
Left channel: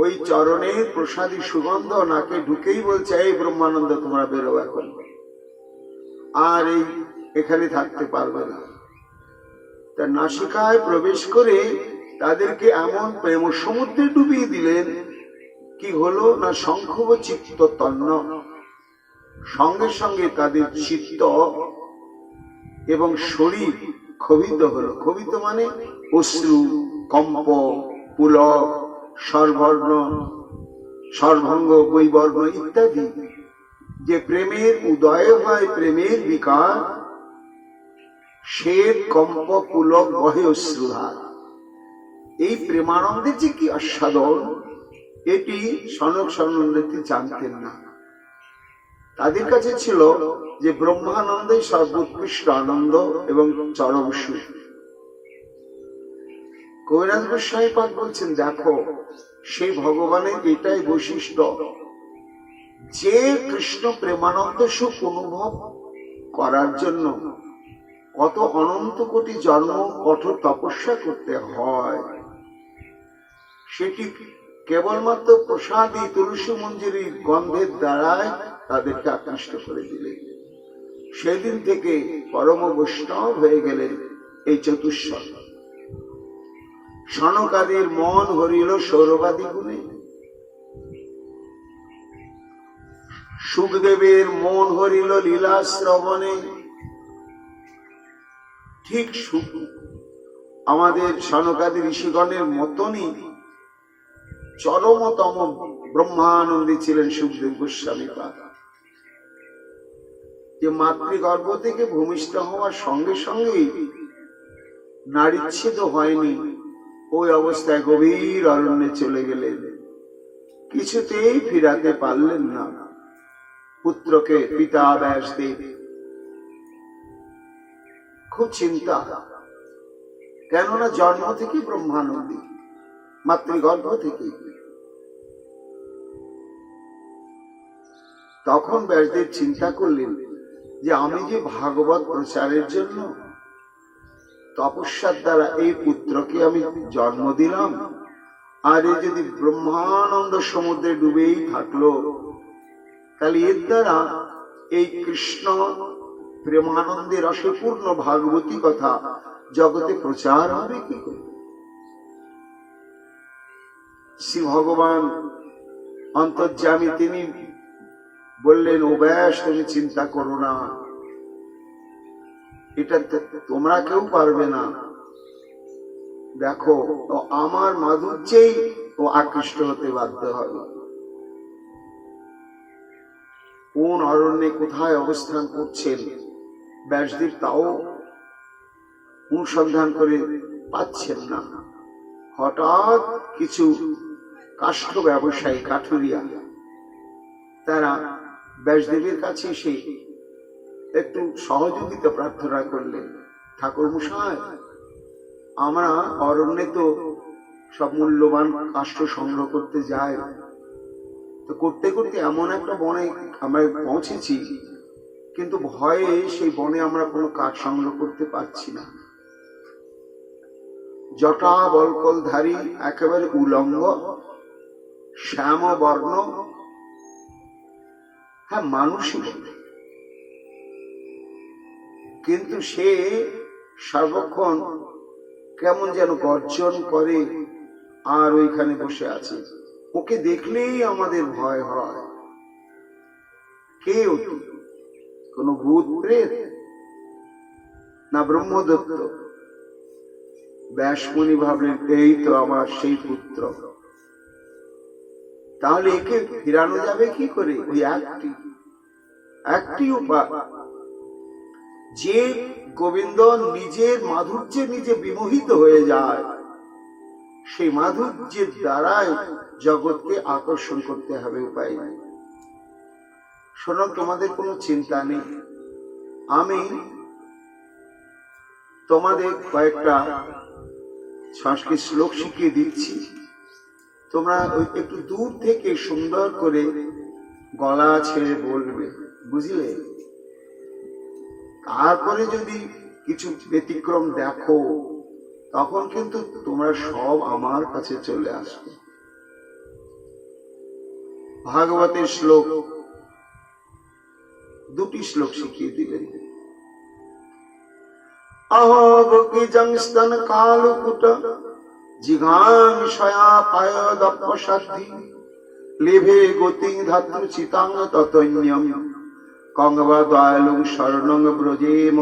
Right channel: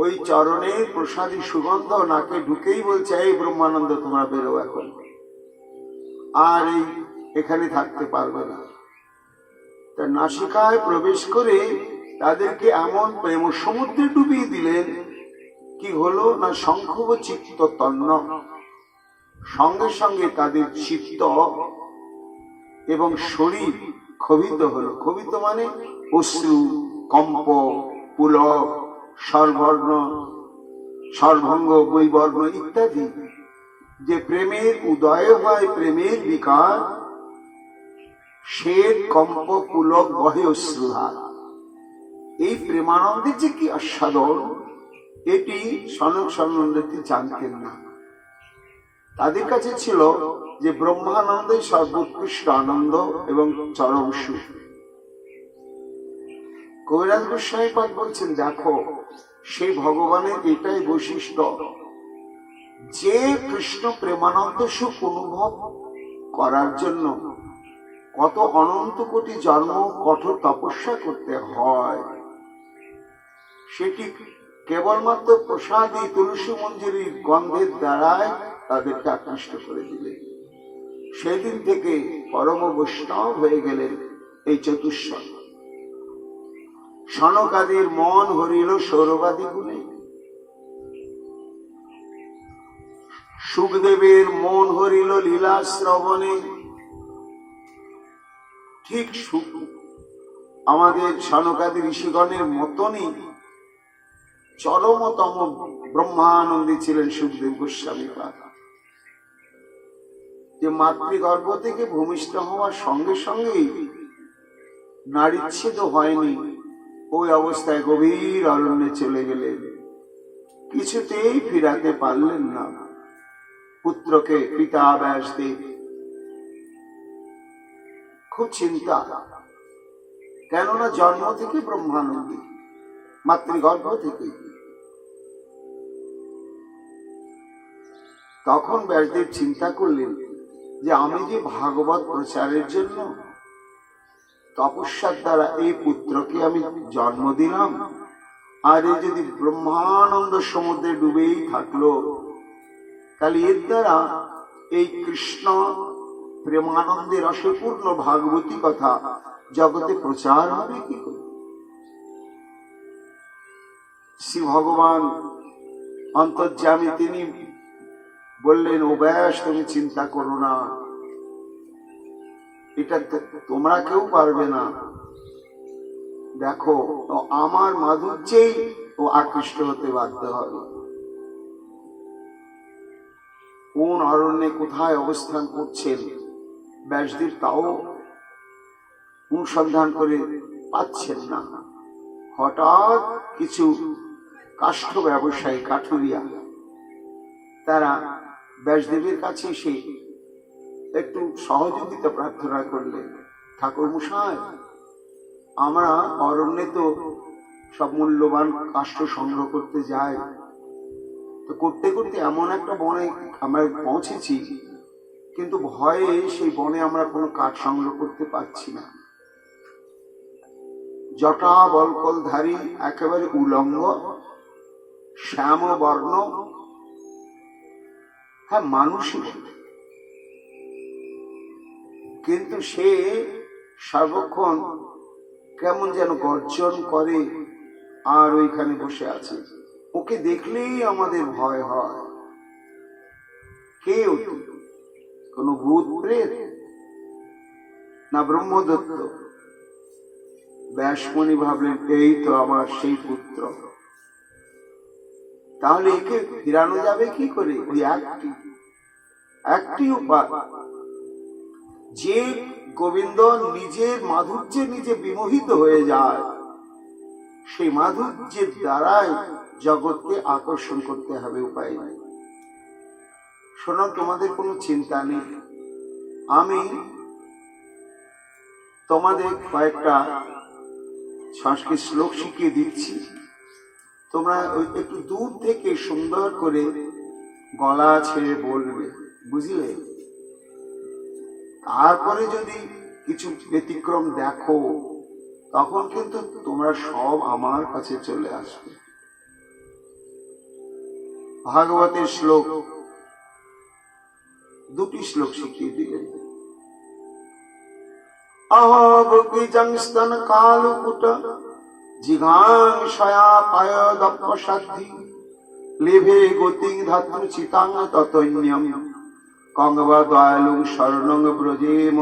ওই চরণের প্রসাদী সুগন্ধ নাকে ঢুকেই বলছে, এই ব্রহ্মানন্দ তোমরা বেরো এখন, আর এই এখানে থাকতে পারবে না। তার নাসিকায় প্রবেশ করে তাদেরকে এমন প্রেম সমুদ্রে ডুবিয়ে দিলেন, কি হলো না শঙ্খব চিত্ত তন্ন, সঙ্গে সঙ্গে তাদের চিত্ত এবং শরীর ক্ষোভিত হলো। ক্ষোভিত মানে অশ্রু, কম্প, পুলক, সর্বর্ণ, সর্বঙ্গ, বৈবর্ণ ইত্যাদি যে প্রেমের উদয় হয়, প্রেমের বিকার, শ্বেত কম্প পুলক বহে অশ্রুধার। এই প্রেমানন্দের যে কি আস্বাদন, এটি সনক সনন্দিনী জানতেন না। তাদের কাছে ছিল যে ব্রহ্মানন্দই সর্বোৎকৃষ্ট আনন্দ এবং চরম সুখ। কবিরাজ গোস্বামী পাদ বলছেন, দেখো সেই ভগবানের এটাই বৈশিষ্ট্য যে কৃষ্ণ প্রেমানন্দ সুখ অনুভব করার জন্য কত অনন্ত কোটি জন্ম কঠোর তপস্যা করতে হয়, সেটি কেবলমাত্র প্রসাদী তুলসী মঞ্জুরির গন্ধের দ্বারাই তাদেরকে আকৃষ্ট করে দিলেন। সেদিন থেকে পরম বৈষ্ণব হয়ে গেলেন এই চতুষ্পদ। সনকাদির মন হরিল সৌরবাদী গুণে, সুখদেবের মন হরিল লীলা শ্রবণে। ঠিক আমাদের সনকাদি ঋষিগণের মতনই চরমতম ব্রহ্মানন্দী ছিলেন সুখদেব গোস্বামী পাদ, যে মাতৃগর্ভ থেকে ভূমিষ্ঠ হওয়ার সঙ্গে সঙ্গেই নারীচ্ছেদ হয়নি, ওই অবস্থায় গভীর অরণ্যে চলে গেলেন, কিছুতেই ফিরাতে পারলেন না পুত্রকে। পিতা ব্যাসদেব খুব চিন্তা, কেননা জন্ম থেকে ব্রহ্মানন্দী, মাতৃগর্ভ থেকে। তখন ব্যাসদেব চিন্তা করলেন যে আমি যে ভাগবত প্রচারের জন্য তপস্যার দ্বারা এই পুত্রকে আমি জন্ম দিলাম, আর এ যদি ব্রহ্মানন্দ সমুদ্রে ডুবেই থাকলো, তাহলে এর দ্বারা এই কৃষ্ণ প্রেমানন্দের রসপূর্ণ ভাগবতী কথা জগতে প্রচার হবে কি করে? শ্রী ভগবান অন্তর্যামী তিনি বললেন, ও ব্যাস তুমি চিন্তা করো না, এটা তোমরা কেউ পারবে না। দেখো আমার মাধুর্যেই ও আকৃষ্ট হতে বাধ্য হবে। কোন অরণ্যে কোথায় অবস্থান করছেন ব্যাসদেব তাও অনুসন্ধান করে পাচ্ছেন না। হঠাৎ কিছু কাষ্ঠ ব্যবসায়ী, কাঠুরিয়া, তারা ব্যাসদেবের কাছে এসে একটু সহযোগিতা প্রার্থনা করলেন। ঠাকুর মশাই, আমরা অরণ্যে তো সব মূল্যবান কাষ্ঠ সংগ্রহ করতে যাই, তো করতে করতে এমন একটা বনে আমরা পৌঁছেছি, কিন্তু ভয়ে সেই বনে আমরা কোনো কাঠ সংগ্রহ করতে পারছি না। জটা বলকলধারী, একেবারে উলঙ্গ, শ্যাম বর্ণ, হ্যাঁ মানুষই বলে, কিন্তু সে সর্বক্ষণ কেমন যেন গর্জন করে আর ওইখানে বসে আছে। ওকে দেখলেই আমাদের ভয় হয়। কে ওটি? কোন ভূত প্রেত না ব্রহ্মদত্ত? ব্যাসমণি ভাবলেন, এই তো আমার সেই পুত্র। তাহলে একে ফিরানো যাবে কি করে? ওই একটি উপায়, যে গোবিন্দ নিজের মাধুর্যে নিজে বিমোহিত হয়ে যায়, সেই মাধুর্যের দ্বারাই জগৎকে আকর্ষণ করতে হবে, উপায় নেই। শোনো, তোমাদের কোনো চিন্তা নেই, আমি তোমাদের কয়েকটা সংস্কৃত শ্লোক শিখিয়ে দিচ্ছি। তোমরা ওই একটু দূর থেকে সুন্দর করে গলা ছেড়ে বলবে, বুঝলে? তারপরে যদি কিছু ব্যতিক্রম দেখো, তখন কিন্তু তোমরা সব আমার কাছে চলে আসবে। ভাগবতের শ্লোক, দুটি শ্লোক শিখিয়ে দিলেন। অহবকিজং স্তন কালকুট জিঘাংসয়া পায়দপ্পসাদ্ধি লেভে গতিং ধাতৃ চিতাং ততন্যম কঙ্গবা দয়ালু শরণং ব্রজেম।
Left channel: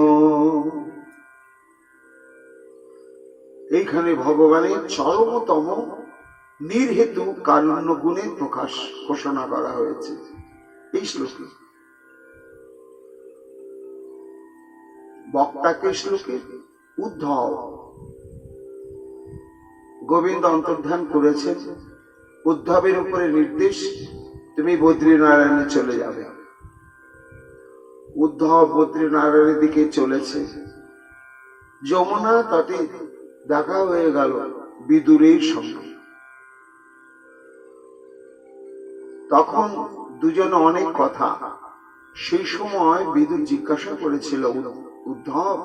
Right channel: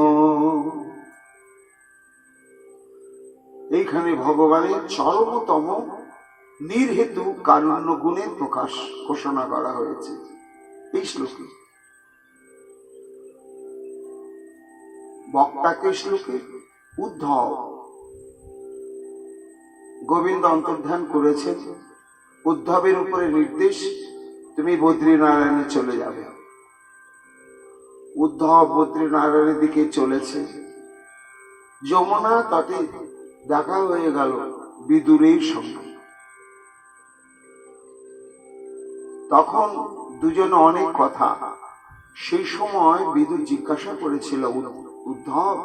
এইখানে ভগবানের চরমতম নির্হেতু কারুণ্য গুণের প্রকাশ ঘোষণা করা হয়েছে এই শ্লোকে। বক্তাকে শ্লোকে উদ্ধব, গোবিন্দ অন্তর্ধান করেছেন। উদ্ধবের উপরে নির্দেশ, তুমি বদ্রীনারায়ণে চলে যাবে। উদ্ধব বদ্রীনারায়ণের দিকে চলেছে। যমুনা তটে দেখা হয়ে গেল বিদুরের সঙ্গে। তখন দুজনে অনেক কথা। সেই সময় বিদুর জিজ্ঞাসা করেছিল, উদ্ধব,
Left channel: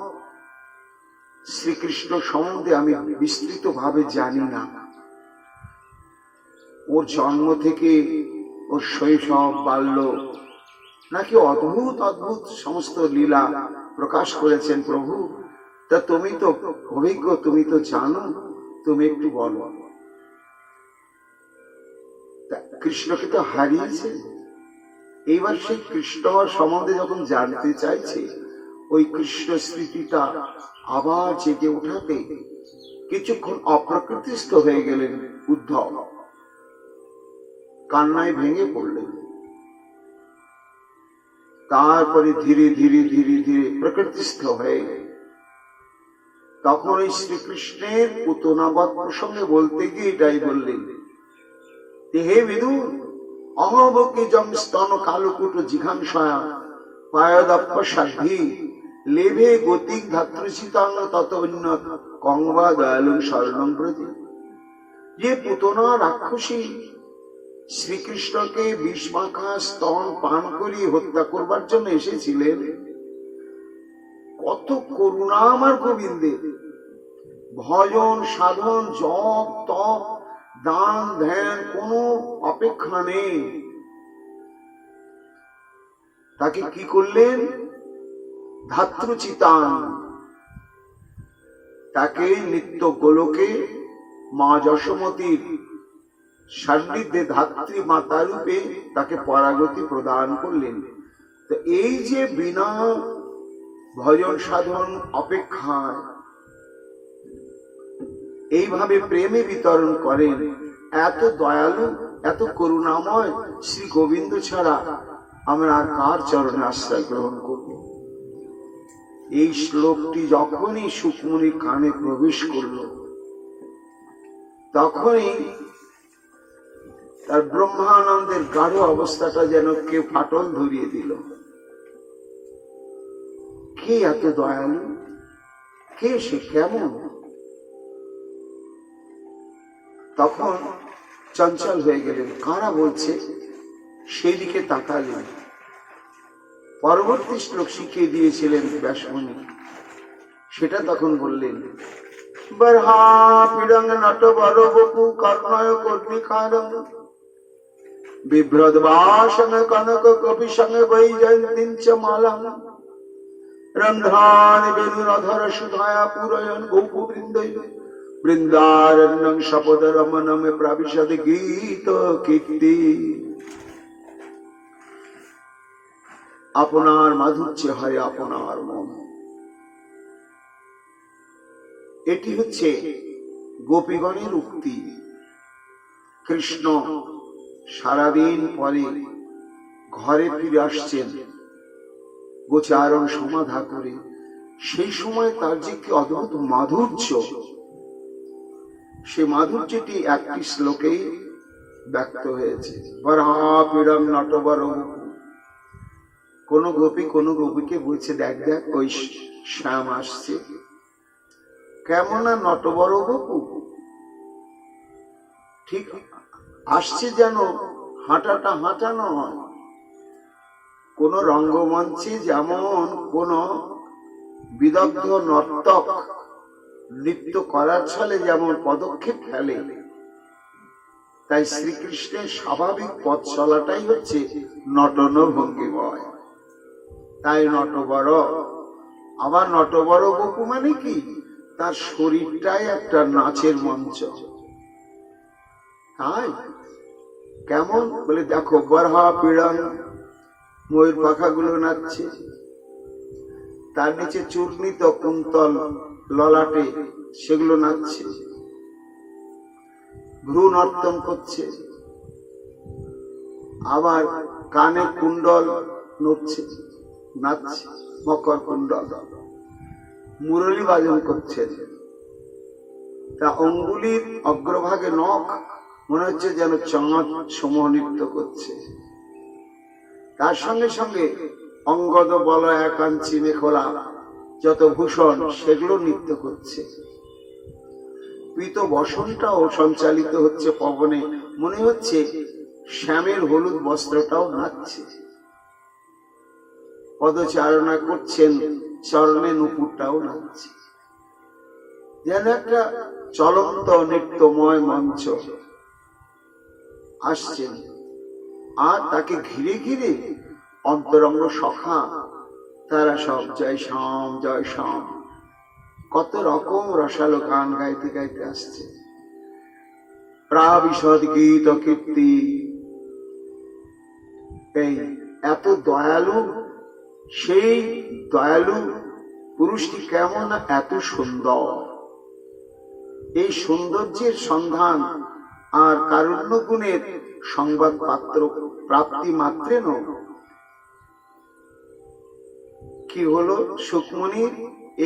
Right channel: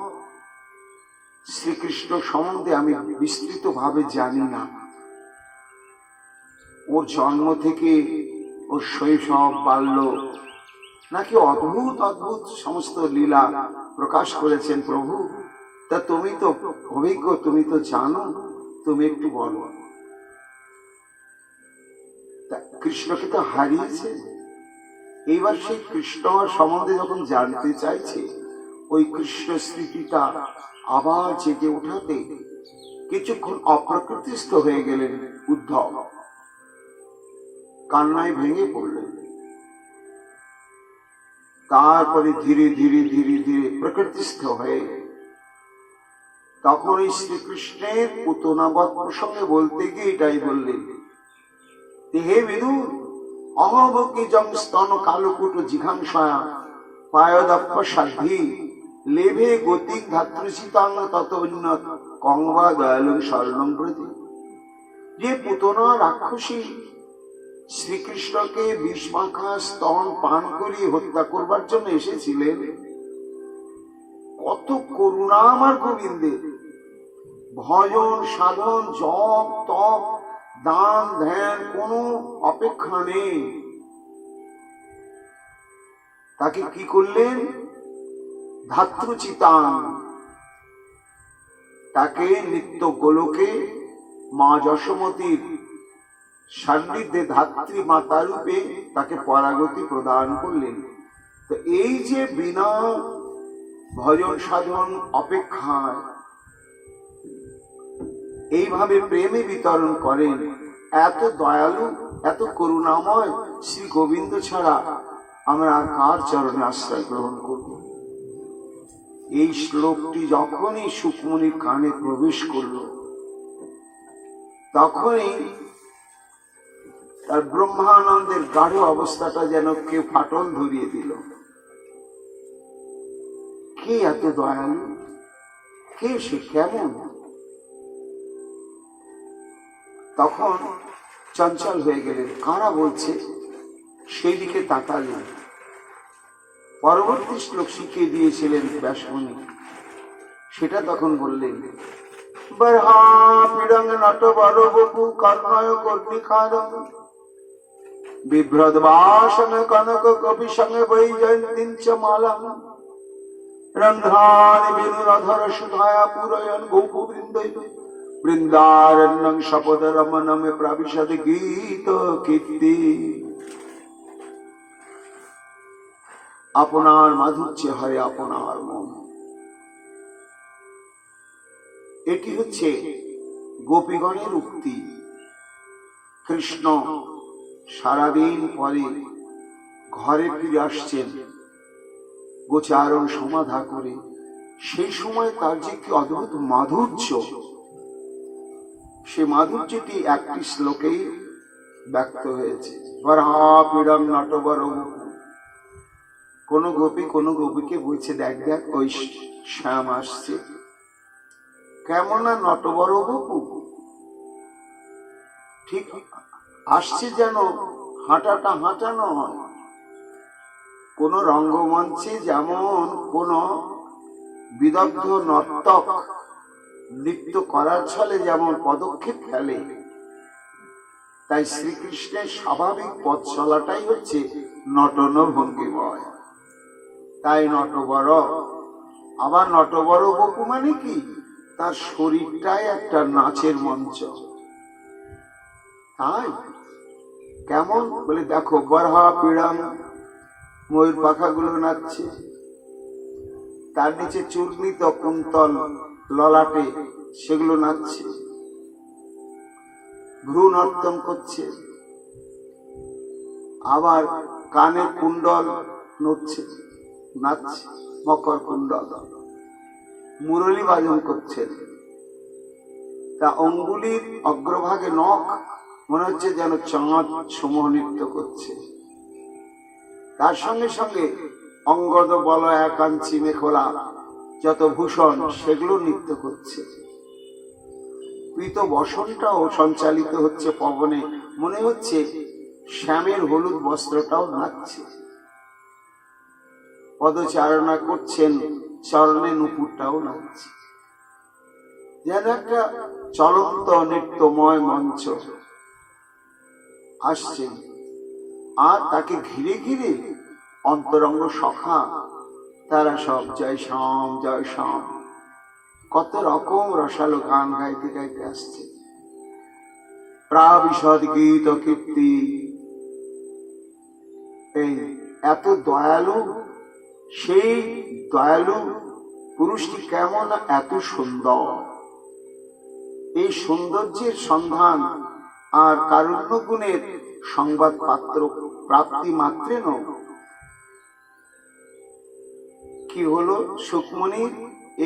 শ্রীকৃষ্ণ সম্বন্ধে আমি বিস্তৃত ভাবে জানি না। ওর জন্ম থেকে ওর শৈশব, বাল্য, নাকি অদ্ভুত অদ্ভুত সমস্ত লীলা প্রকাশ করেছেন প্রভু। তা তুমি তো অভিজ্ঞ, তুমি তো জানো, তুমি একটু বলো। কৃষ্ণকে তো হারিয়েছে, এইবার সেই কৃষ্ণ সম্বন্ধে যখন জানতে চাইছে, ওই কৃষ্ণ স্মৃতিটা আবার জেগে ওঠাতে কিছুক্ষণ অপ্রকৃতিস্থ হয়ে গেলেন উদ্ধব, কান্নায় ভেঙে পড়লেন। তারপরে ধীরে ধীরে ধীরে ধীরে প্রকৃতিস্থ হয়ে তখন ওই শ্রীকৃষ্ণের পুতনাবৎ প্রসঙ্গে বলতে গিয়ে এটাই বললেন, হে বিদুর, অহবকিজং স্তন কালকুট জিঘাংসয়া পায়দপ্পসাদ্ধি লেভে গতিং ধাতৃচিতাং তত উন্নত কঙ্গবা দয়ালু শরণং ব্রজে। যে পুতনা রাক্ষসী শ্রীকৃষ্ণকে বিষ মাখা স্তন পান করিয়ে হত্যা করবার জন্য এসেছিলেন, কত করুণা আমার গোবিন্দের। ভজন সাধন জপ তপ দান ধ্যান কোনো অপেক্ষা নেই। তাকে কি করলেন? ধাতৃচিতাং, তাকে নিত্য গোলকে মা যশোমতীর সান্নিধ্যে ধাত্রী মাতা রূপে তাকে পরাগতি প্রদান করলেন। তো এই যে বিনা ভজন সাধন অপেক্ষায় এইভাবে প্রেমে বিতরণ করেন, এত দয়ালু এত করুণাময় শ্রী গোবিন্দ ছাড়া আমরা আর কার চরণে আশ্রয় গ্রহণ করব? এই শ্লোকটি যখনই সুকমণির কানে প্রবেশ করল, তখনই তার ব্রহ্মানন্দের গাঢ় অবস্থাটা যেন কেউ ফাটল ধরিয়ে দিল। কে এত দয়ালু? কে সে? কেমন? তখন চঞ্চল হয়ে গেলেন। কারা বলছে সেই দিকে তাকালেন। পরবর্তী শ্লোক শিখিয়ে দিয়েছিলেন ব্যাসমণি, সেটা তখন বললেন, বরহা পিরং নট বর বপু কর্ণয় কর্ণিকারং বিভ্রদ বাসন কনক কপি সঙ্গে বৈজয়ন্তীং চ মালাং রন্ধ্রানি বেণুরধর সুধায়া পুরয়ন গোপু বৃন্দৈ বৃন্দারণ্যং শপদ রমণম প্রবিশদ গীত কীর্তি। আপনার মাধুর্য হয় আপনার মন। এটি হচ্ছে গোপীগণের উক্তি। কৃষ্ণ সারাদিন পরে ঘরে ফিরে আসছেন গোচারণ সমাধা করে। সেই সময় তার যে কি অদ্ভুত মাধুর্য, সে মাধুর্যটি একটি শ্লোকেই ব্যক্ত হয়েছে। বরহা পীড়ং নটবর। কোন গোপী কোন গোপীকে বলছে, দেখ দেখ ওই শ্যাম আসছে, কেমন না নটবর বপু। ঠিক আসছে যেন হাঁটাটা হাঁটা নয়। কোন রঙ্গমঞ্চে যেমন কোন বিদগ্ধ নর্তক নৃত্য করার ছলে যেমন পদক্ষেপ ফেলে, তাই শ্রীকৃষ্ণের স্বাভাবিক পথ চলাটাই হচ্ছে নটন ভঙ্গিময়। তাই নটবর, আবার নটবর বপু মানে কি, তার শরীরটাই একটা নাচের মঞ্চ। তাই কেমন বলে দেখো, বরহা পীড়ন, ময়ূর পাখাগুলো নাচছে, তার নিচে চূর্ণিত কুন্তল ললাটে সেগুলো নাচছে, ভ্রু নর্তন করছে, আবার কানে কুণ্ডল নড়ছে, নাচছে, মকর কুণ্ডল, মুরলী বাজন করছেন। তা অঙ্গুলির অগ্রভাগে নখ, মনে হচ্ছে যেন চাঁদ সমূহ নৃত্য করছে। তার সঙ্গে সঙ্গে অঙ্গদ বল একাঞ্চি মেখলা যত ভূষণ সেগুলো নৃত্য করছে। পীত বসনটাও সঞ্চালিত হচ্ছে পবনে, মনে হচ্ছে শ্যামের হলুদ বস্ত্রটাও নাচছে। পদচারণা করছেন, চরণে নুপুরটাও নাচছে, যেন একটা চলন্ত নৃত্যময় মঞ্চ আসছেন। আর তাকে ঘিরে ঘিরে অন্তরঙ্গ সখা, তারা সব জয় শ্যাম জয় শ্যাম কত রকম রসালো গান গাইতে গাইতে আসছে। প্রাবিশদ গীত কীর্তি, এই এত দয়ালু, সেই দয়ালু পুরুষটি কেমন এত সুন্দর। এই সৌন্দর্যের সন্ধান আর কারুণ্য গুণের সংবাদ পাত্র প্রাপ্তি মাত্রেন কি হলো, সুকমণির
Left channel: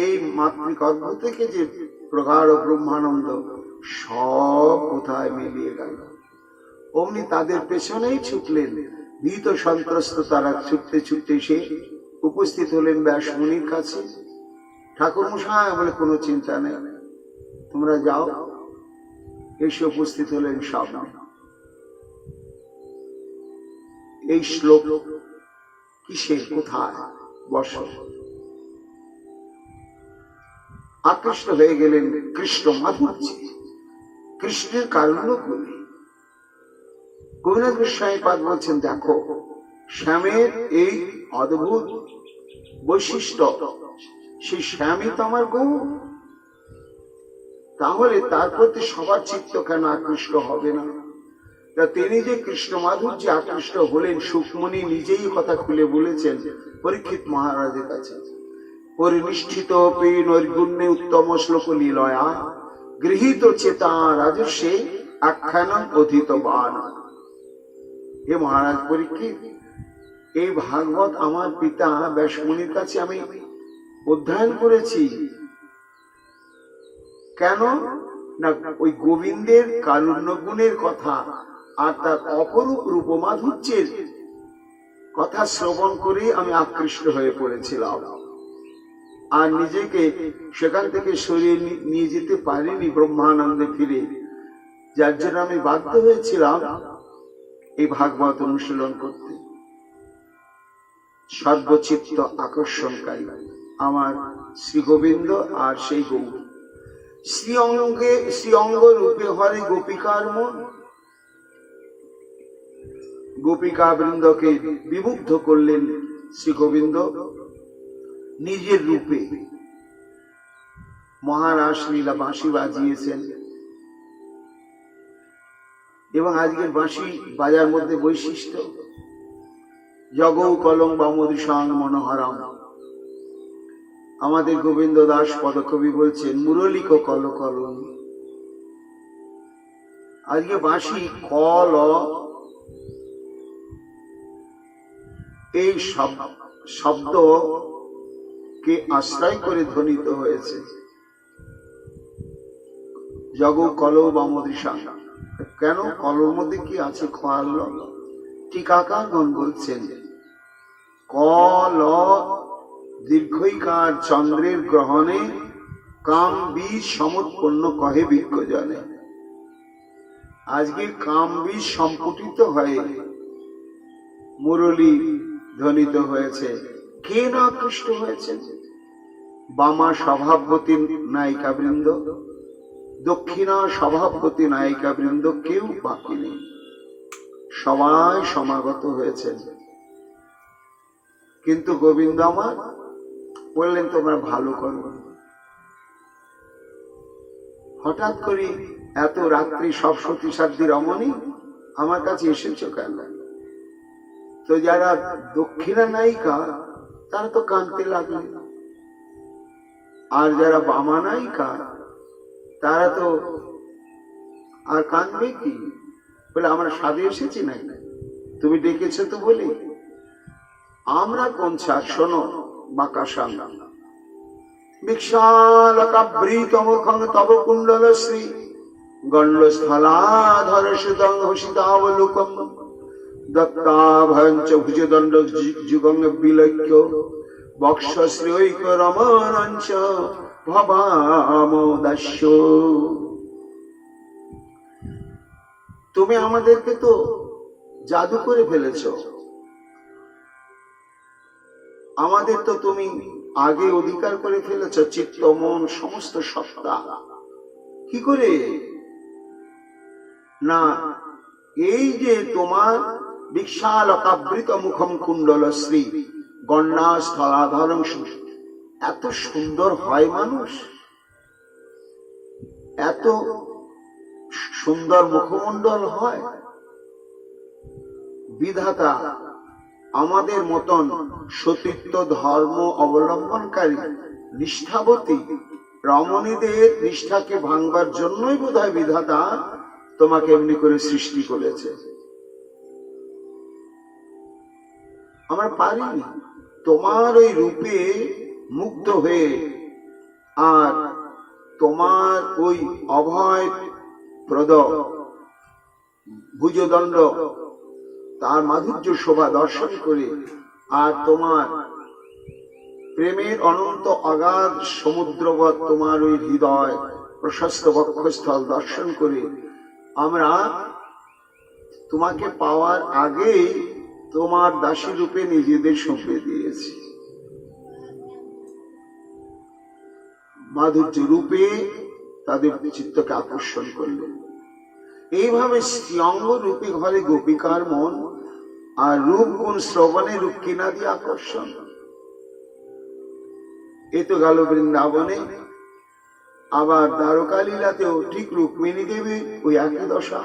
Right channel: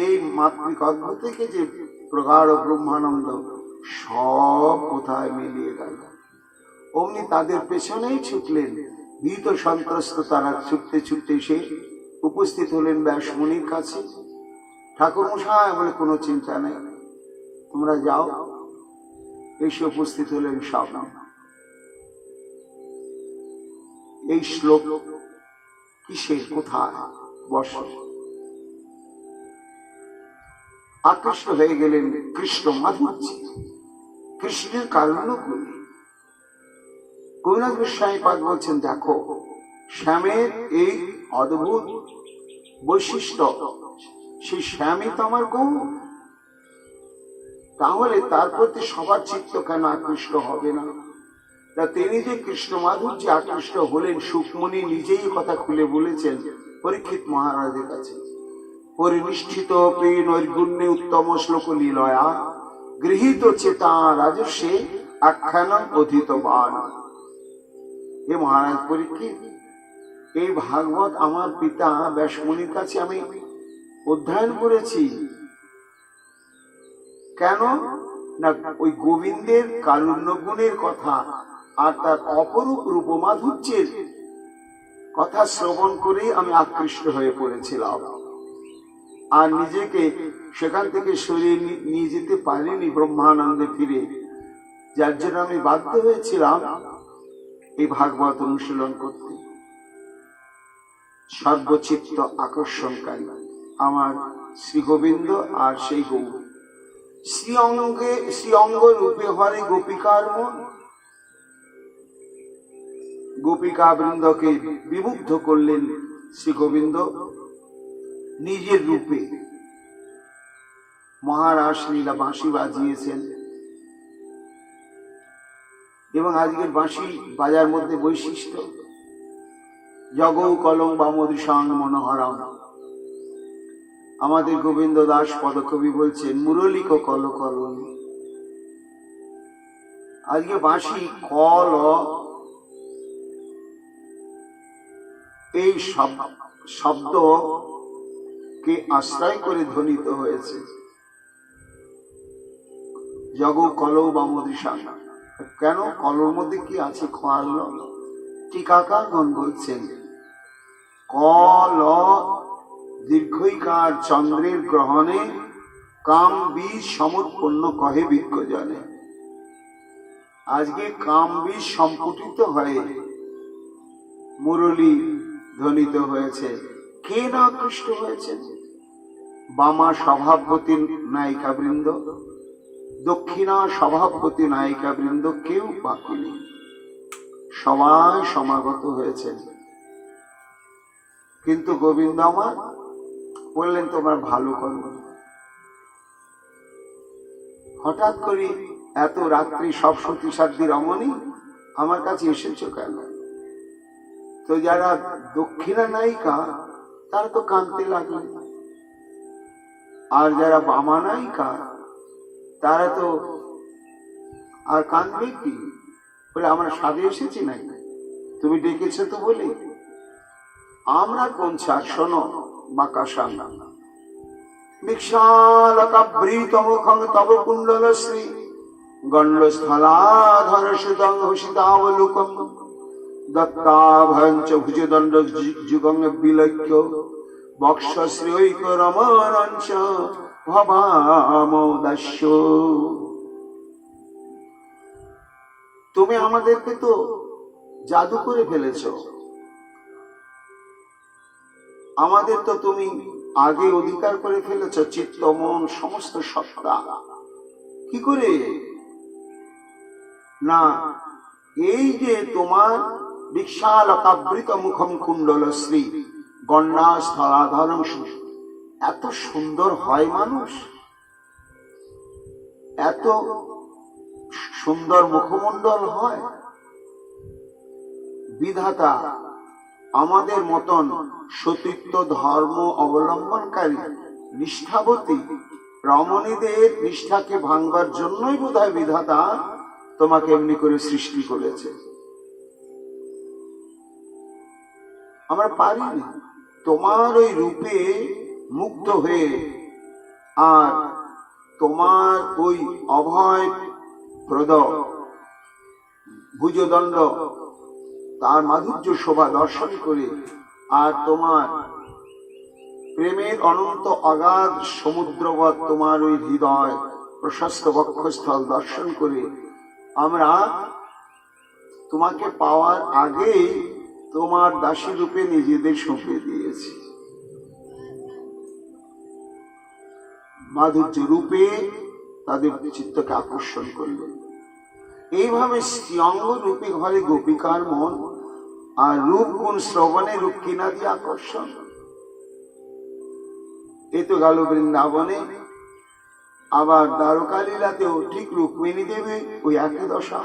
এই মাতৃক অদ্ভুত থেকে যে প্রগাঢ় ব্রহ্মানন্দ সব কোথায় মিলিয়ে গেল। অমনি তাদের পেছনেই ছুটলেন, ভীত সন্ত্রস্ত তারা ছুটতে ছুটতে এসে উপস্থিত হলেন ব্যাসমণির কাছে। ঠাকুর মশাই বলে, কোনো চিন্তা নেই, তোমরা যাও। এসে উপস্থিত হলেন সামনে। এই শ্লোক কিসের, কোথায়, বস। আকৃষ্ট হয়ে গেলেন কৃষ্ণ মাধুর্যে, কৃষ্ণের কারুণ্য গুণে। গোপীনাথ গোস্বামী পাদ বলছেন, দেখো শ্যামের এই অদ্ভুত বৈশিষ্ট্য, সেই শ্যামই তো আমার গৌর। তাহলে তার প্রতি সবার চিত্ত কেন আকৃষ্ট হবে না? তিনি যে কৃষ্ণ মাধুর্যে আকৃষ্ট হলেন, সুকমণি নিজেই কথা খুলে বলেছেন পরীক্ষিত মহারাজের কাছে। পরিনিষ্ঠিত নৈর্গুণ্যে উত্তম শ্লোক লীলয়া গৃহীত চেতা রাজস্বে আখ্যানম অধীতবান। হে মহারাজ পরীক্ষিত, এই ভাগবত আমার পিতা ব্যাসমণির কাছে আমি অধ্যয়ন করেছি। কেন না, ওই গোবিন্দের কারুণ্য গুণের কথা আর তার অপরূপ রূপমাধুর্যের কথা শ্রবণ করে আমি আকৃষ্ট হয়ে পড়েছিলাম, আর নিজেকে সেখান থেকে সরিয়ে নিয়ে যেতে পারিনি ব্রহ্মানন্দে ফিরে, যার জন্য আমি বাধ্য হয়েছিলাম এই ভাগবত অনুশীলন করতে। সর্বচিত্ত আকর্ষণকারী আমার শ্রী গোবিন্দ আর সেই গৌর। শ্রী অঙ্গ রূপে হরে গোপিকার মন, গোপিকা বৃন্দকে বিমুগ্ধ করলেন শ্রী গোবিন্দ নিজের রূপে। মহারাজ লীলা বাঁশি বাজিয়েছেন, এবং আজকের বাঁশি বাজার মধ্যে বৈশিষ্ট্য জগৌ কলম বামদি সাং মনোহরাম। আমাদের গোবিন্দ দাস পদকবি বলছেন, মুরলিক কল কলম। আজকে বাঁশি কল, এই শব্দকে আশ্রয় করে ধ্বনিত হয়েছে। জগৌ কল বামদৃশা, কেন কলর মধ্যে কি আছে? খোয়াল। টিকাকারগণ বলছেন, কল দীর্ঘইকার চন্দ্রের গ্রহণে কাম বীজ সমুৎপন্ন কহে বিজ্ঞজনে। আজকে কাম বীজ সম্পুটিত হয়ে মুরলী ধ্বনিত হয়েছে। কে না আকৃষ্ট হয়েছেন? বামা স্বভাবতী নায়িকা বৃন্দ, দক্ষিণা স্বভাবতী নায়িকা বৃন্দ কেউ বাকি নেই, সবাই সমাগত হয়েছেন। কিন্তু গোবিন্দ আমার বললেন তোমরা ভালো করো। হঠাৎ করে এত রাত্রি সব সতী সাধ্যী রমণী আমার কাছে এসেছো কেন? তো যারা দক্ষিণা নায়িকা তারা তো কাঁদতে লাগলে, আর যারা বামা নায়িকা তারা তো আর কাঁদবে কি? বলে আমরা সাধে এসেছি না, তুমি ডেকেছো তো বলে। আমরা কোন ছাড়, শোনো বাকাশাম বিশালকাবৃতমুখং তব কুণ্ডলশ্রী গণ্ডস্থলাধর সুদং হসিতাবলোকম দত্তাভয়ঞ্চ ভুজদণ্ড যুগং বিলক্ষ্য বক্ষশ্রীক রমণঞ্চ ভবামোদাস্য। তুমি আমাদেরকে তো জাদু করে ফেলেছ, আমাদের তো তুমি আগে অধিকার করে ফেলেছ, চিত্ত মন সমস্ত সত্তা। কি করে না, এই যে তোমার বিশালকাবৃত মুখম কুণ্ডলশ্রী গণ্ডস্থলাধরং, এত সুন্দর হয় মানুষ, এত সুন্দর মুখমণ্ডল হয়। বিধাতা আমাদের মতন সতীত্ব ধর্ম অবলম্বনকারী নিষ্ঠাবতী রমণীদের নিষ্ঠাকে ভাঙবার জন্যই বোধহয় বিধাতা তোমাকে এমনি করে সৃষ্টি করেছে। আমরা পারিনি তোমার ওই রূপে মুগ্ধ হয়ে, আর তোমার ওই অভয় প্রদ ভুজদণ্ড তার মাধুর্য শোভা দর্শন করে, আর তোমার প্রেমের অনন্ত অগাধ সমুদ্রবৎ তোমার ওই হৃদয় প্রশস্ত বক্ষস্থল দর্শন করে আমরা তোমাকে পাওয়ার আগেই তোমার দাসী রূপে নিজেদের সঁপে দিয়েছি। মাধুর্য রূপে তাদের চিত্তকে আকর্ষণ করলেন। এইভাবে স্ত্রীঅঙ্গ রূপে ঘরে গোপিকার মন, আর রূপ গুণ শ্রবণে রূপ কিনা দিয়ে আকর্ষণ। এ তো গেল বৃন্দাবনে। আবার দ্বারকা লীলাতেও ঠিক রুক্মিণী দেবী ওই একই দশা।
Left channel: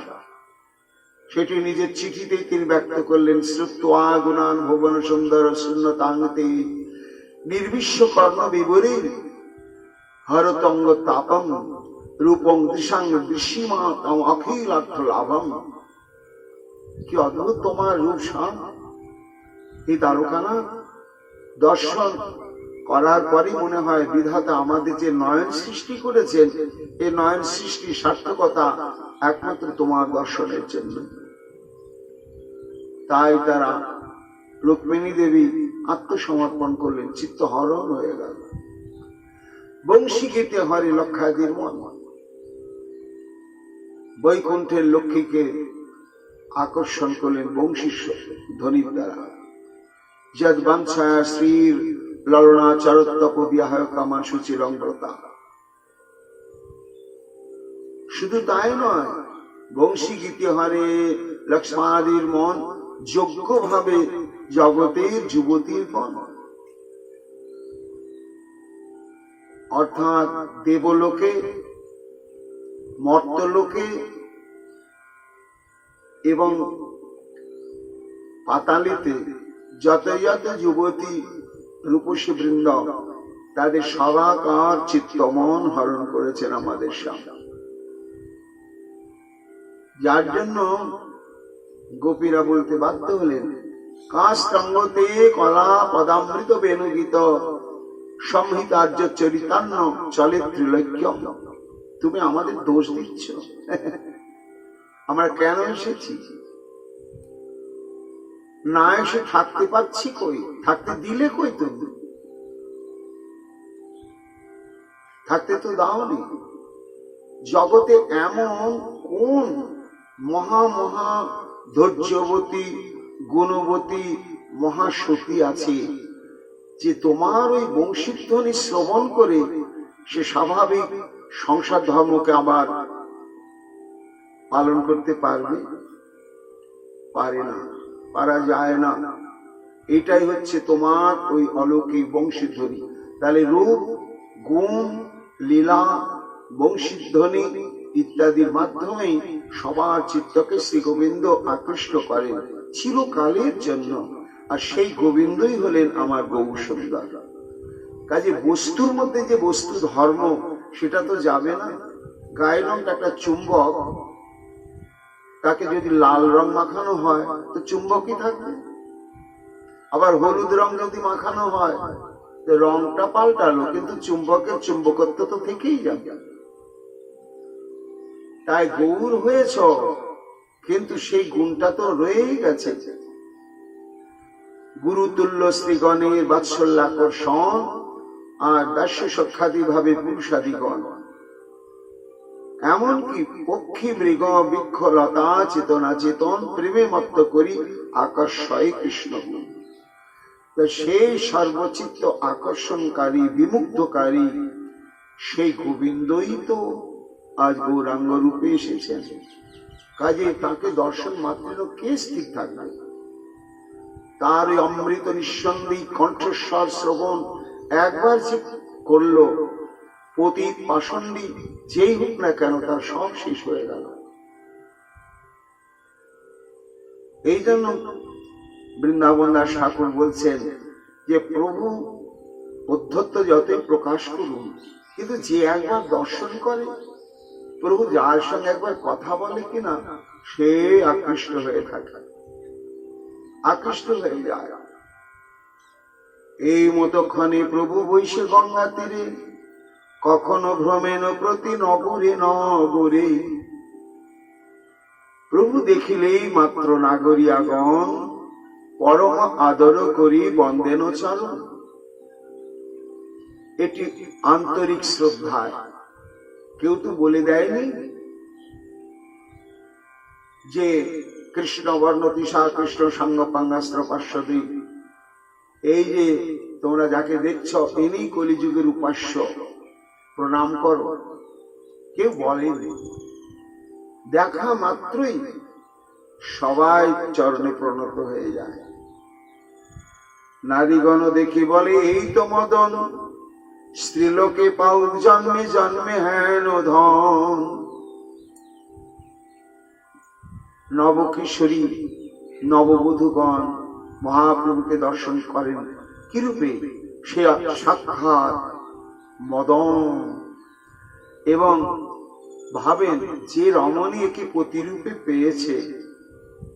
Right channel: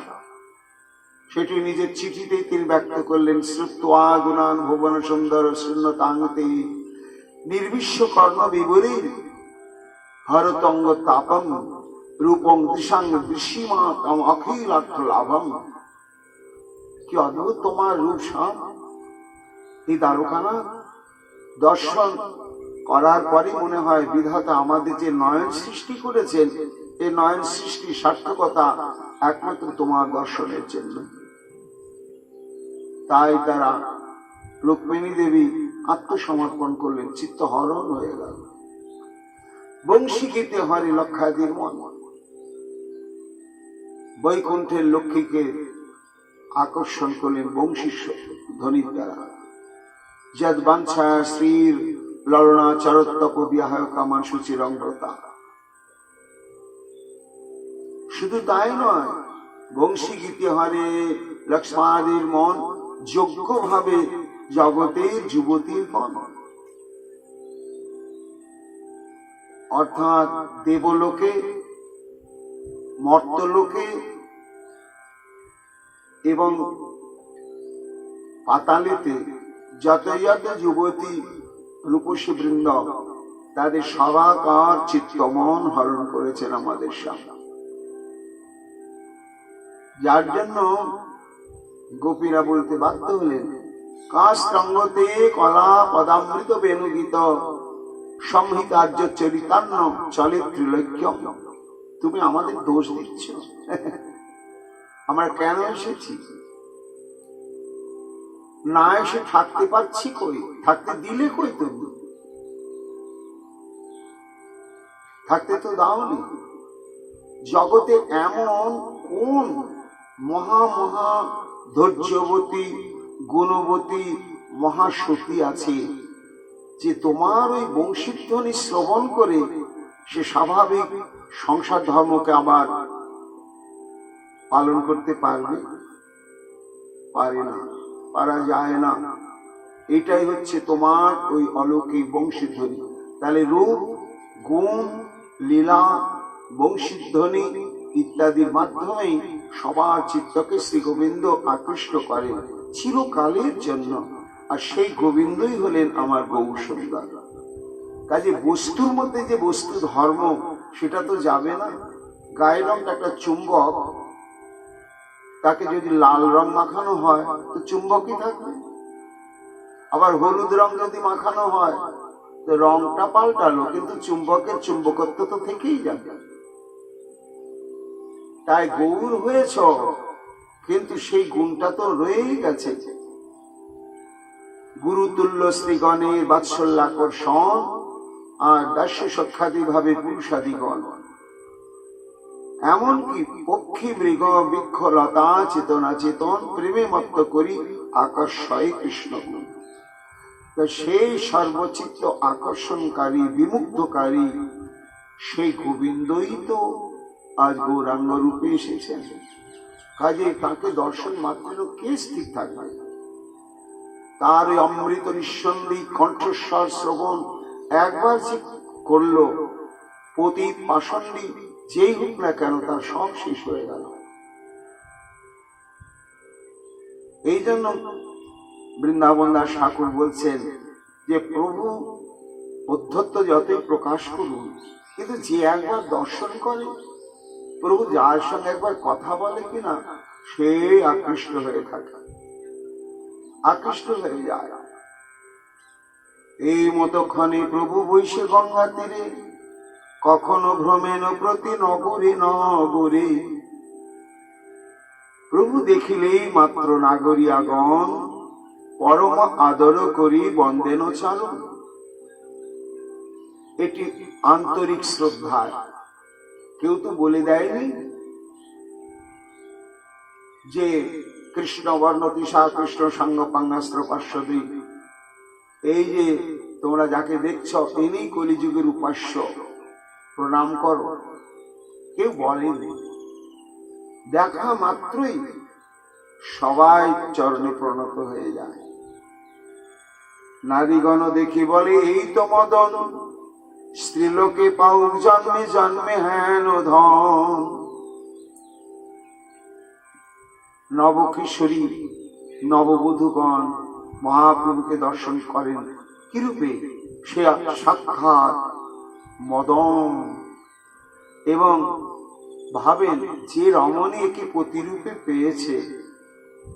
সেটি নিজের চিঠিতে তিনি ব্যক্ত করলেন। শ্রুত্বা গুণান ভুবন সুন্দর শূন্যতাঙ্গতে নির্বিশ্ব কর্ণ বিবরী হরতঙ্গ তাপম রূপং দৃশাং দৃশ্যিমা তম অখিলার্থ লাভম। কি অদ্ভুত তোমার রূপ শ্যাম। এই দ্বারকানাথ দর্শন করার পরই মনে হয় বিধাতা আমাদের যে নয়ন সৃষ্টি করেছেন, এই নয়ন সৃষ্টির সার্থকতা একমাত্র তোমার দর্শনের জন্য। তাই তারা রুক্মিণী দেবী আত্মসমর্পণ করলেন, চিত্ত হরণ হয়ে গেল। বংশী গীতে হরে লক্ষাদির মন, বৈকুণ্ঠের লক্ষ্মীকে আকর্ষণ করলেন বংশী ধ্বনির দ্বারা। যদ বাঞ্ছায়া শ্রীর ললনা চরত্তপ বিয়াহ কামান সুচিরঙ্গতা। শুধু তাই নয়, বংশী গীতে হরে লক্ষ্মাদির মন যোগ্যভাবে জগতের যুবতীর মন, অর্থাৎ দেবলোকে মর্তলোকে এবং পাতালেতে যত যত যুবতী রূপসী বৃন্দ, তাদের সবাকার চিত্তমন হরণ করেছেন আমাদের সামনে। যার জন্য গোপীরা বলতে বাধ্য হলেন, কাস্তঙ্গতে কলা পদামৃত বেণুগীত সংহিতার্য চরিতান্ন চলে ত্রিলক্ষ্যম। তুমি আমাদের দোষ দিচ্ছ। আমরা কেন এসেছি? না এসে থাকতে পারছি কই? থাকতে দিলে কই? তুমি থাকতে তো দাওনি। জগতে এমন কোন মহা মহা ধৈর্যবতী গুণবতী মহাশক্তি আছে যে তোমার ওই বংশীধ্বনি শ্রবণ করে সে স্বাভাবিক সংসার ধর্মকে আবার পালন করতে পারবে? পারে না, পারা যায় না। এটাই হচ্ছে তোমার ওই অলৌকিক বংশীধ্বনি। তাহলে রূপ, গুণ, লীলা, বংশীধ্বনি ইত্যাদির মাধ্যমেই সবার চিত্তকে শ্রী গোবিন্দ আকৃষ্ট করেন চিরকালের জন্য। আর সেই গোবিন্দই হলেন আমার গৌর সুন্দর। কাজে বস্তুর মধ্যে যে বস্তু ধর্ম সেটা তো যাবে না। গায়ের রংটা একটা চুম্বক, তাকে যদি লাল রং মাখানো হয় তো চুম্বকই থাকবে। আবার হলুদ রং যদি মাখানো হয় তো রংটা পাল্টালো, কিন্তু চুম্বকের চুম্বকত্ব তো থেকেই যাবে। তাই গৌর হয়েছ, কিন্তু সেই গুণটা তো রয়েই গেছে। গুরুতুল্য শ্রীগণের বাৎসল্যাকর্ষণ আর দাস্য সখ্যাদি ভাবে পুরুষাদিগণ, এমনকি পক্ষী মৃগ বৃক্ষ লতা চেতনা চেতন প্রেমে মত্ত করি আকর্ষয় কৃষ্ণ গুণ। তো সেই সর্বচিত্ত আকর্ষণকারী বিমুগ্ধকারী সেই গোবিন্দই তো আজ গৌরাঙ্গ রূপে এসেছেন। কাজে তাকে দর্শন মাত্র কে স্থির থাকবে? তার ওই অমৃত নিঃসন্দেহ কণ্ঠস্বর শ্রবণ একবার যে করলো, পতিত পাষণ্ডী যেই হোক না কেন তার সব শেষ হয়ে গেল। এই জন্য বৃন্দাবন দাস ঠাকুর বলছেন যে প্রভু অধ্যত্ত যতই প্রকাশ করুন, কিন্তু যে একবার দর্শন করে, প্রভু যার সঙ্গে একবার কথা বলে কিনা, সে আকৃষ্ট হয়ে থাকে, আকৃষ্ট হয়ে যায়। এই মতক্ষণে প্রভু বৈশে গঙ্গা তীরে, কখনো ভ্রমেন প্রতি নগরে নগরে। প্রভু দেখিলেই মাত্র নাগরিয়াগণ, পরম আদর করি বন্দেন চরণ। এটি আন্তরিক শ্রদ্ধায়। কেউ তো বলে দেয়নি যে কৃষ্ণ বর্ণ তিসা কৃষ্ণ সঙ্গ পাঙ্গাস্ত্র পার্শ্বদী, এই যে তোমরা যাকে দেখছ ইনি কলিযুগের উপাস্য, প্রণাম করো। কেউ বলেনি। দেখা মাত্রই সবাই চরণে প্রণত হয়ে যায়। নারীগণ দেখি বলে এই তো মদন, স্ত্রীলোকে পাউক জন্মে জন্মে হেন ধন। নবকিশোরী নববধূগণ মহাপ্রভুকে দর্শন করেন কিরূপে? সে সাক্ষাৎ মদন, এবং ভাবেন যে রমণী একে প্রতিরূপে পেয়েছে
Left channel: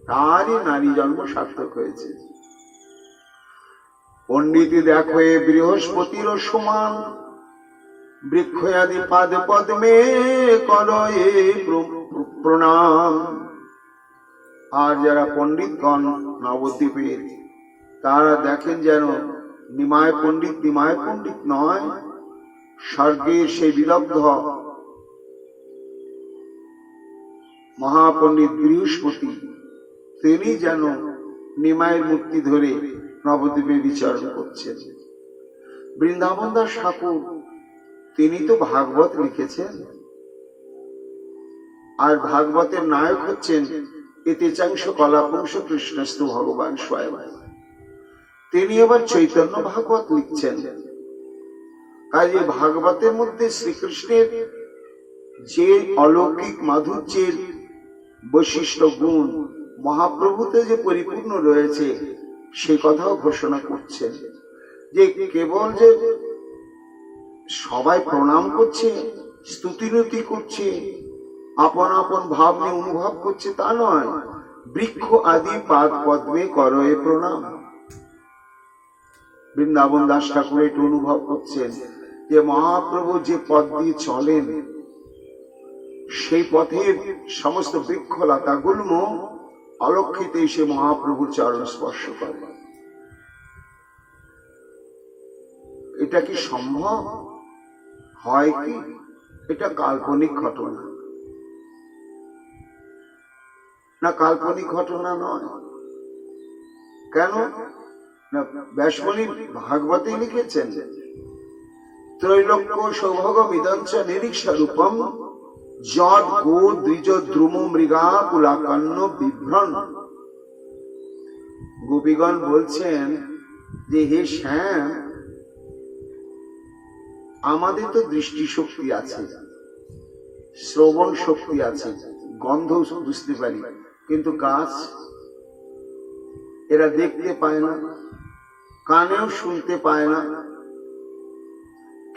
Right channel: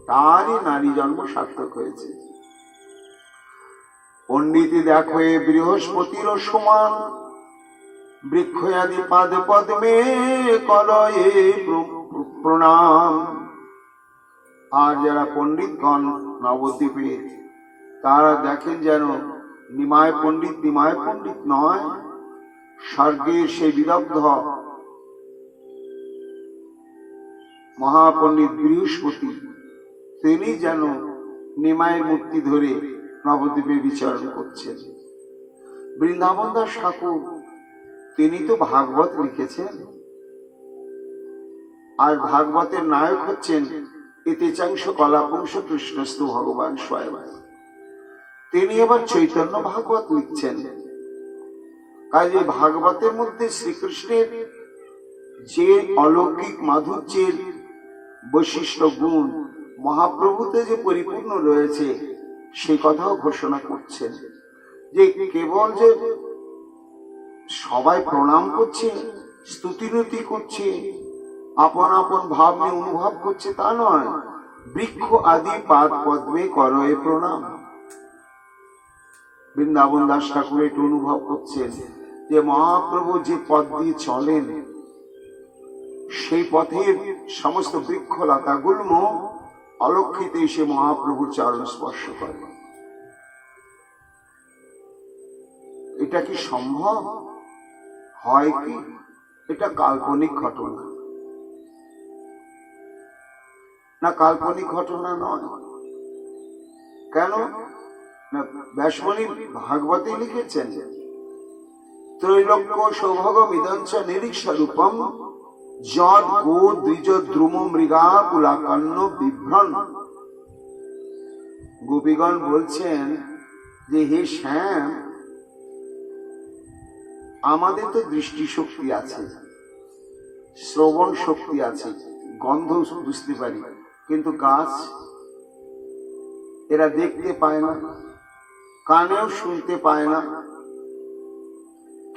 তারই নারী জন্ম সার্থক হয়েছে। পণ্ডিতি দেখো এ বৃহস্পতির সমান, বৃক্ষয়াদি পাদ পদ্মে করয়ে প্রণাম। আর যারা পণ্ডিতগণ নবদ্বীপের, তারা দেখেন যেন নিমায় পণ্ডিত নিমায় পণ্ডিত নয়, স্বর্গের সেই বিদগ্ধ মহাপণ্ডিত বৃহস্পতি, তিনি যেন নিমায়ের মূর্তি ধরে নবদ্বীপে বিচরণ করছেন। বৃন্দাবন দাস ঠাকুর তিনি তো ভাগবত লিখেছেন, আর ভাগবতের নায়ক হচ্ছেন ইতিচাংশ কলাপংশ কৃষ্ণস্তু ভগবান স্বয়ং। তিনি আবার চৈতন্য ভাগবত লিখছেন। কাজে ভাগবতের মধ্যে শ্রীকৃষ্ণের যে অলৌকিক মাধুর্যের বৈশিষ্ট্য গুণ মহাপ্রভুতে যে পরিপূর্ণ রয়েছে, সে কথাও ঘোষণা করছেন যে কেবল যে সবাই প্রণাম করছে, স্তুতিরতি করছে, আপন আপন ভাব নিয়ে অনুভব করছে তা নয়, বৃক্ষ আদি পাদ পদ্মে করয়ে প্রণাম। বৃন্দাবন দাস ঠাকুর একটু অনুভব করছেন যে মহাপ্রভু যে পথ দিয়ে চলেন, সেই পথের সমস্ত বৃক্ষলতা গুল্ম অলক্ষিত এসে মহাপ্রভুর চরণ স্পর্শ করে। এটা কি সম্ভব হয়? কি এটা কাল্পনিক ঘটনা? না, কাল্পনিক ঘটনা নয়। কেন না? ব্যাসমণি ভাগবতে লিখেছেন ত্রৈলোক্য সৌভগ বিদঞ্চ নিরীক্ষরূপম যদ গো দ্বিজ দ্রুম মৃগা কুলাকন্ন বিভ্রণ। গোপীগণ বলছেন যে হে শ্যাম, আমাদের তো দৃষ্টি শক্তি আছে, শ্রবণ শক্তি আছে, গন্ধ বুঝতে পারি, কিন্তু গাছ এরা দেখতে পায় না, কানেও শুনতে পায় না,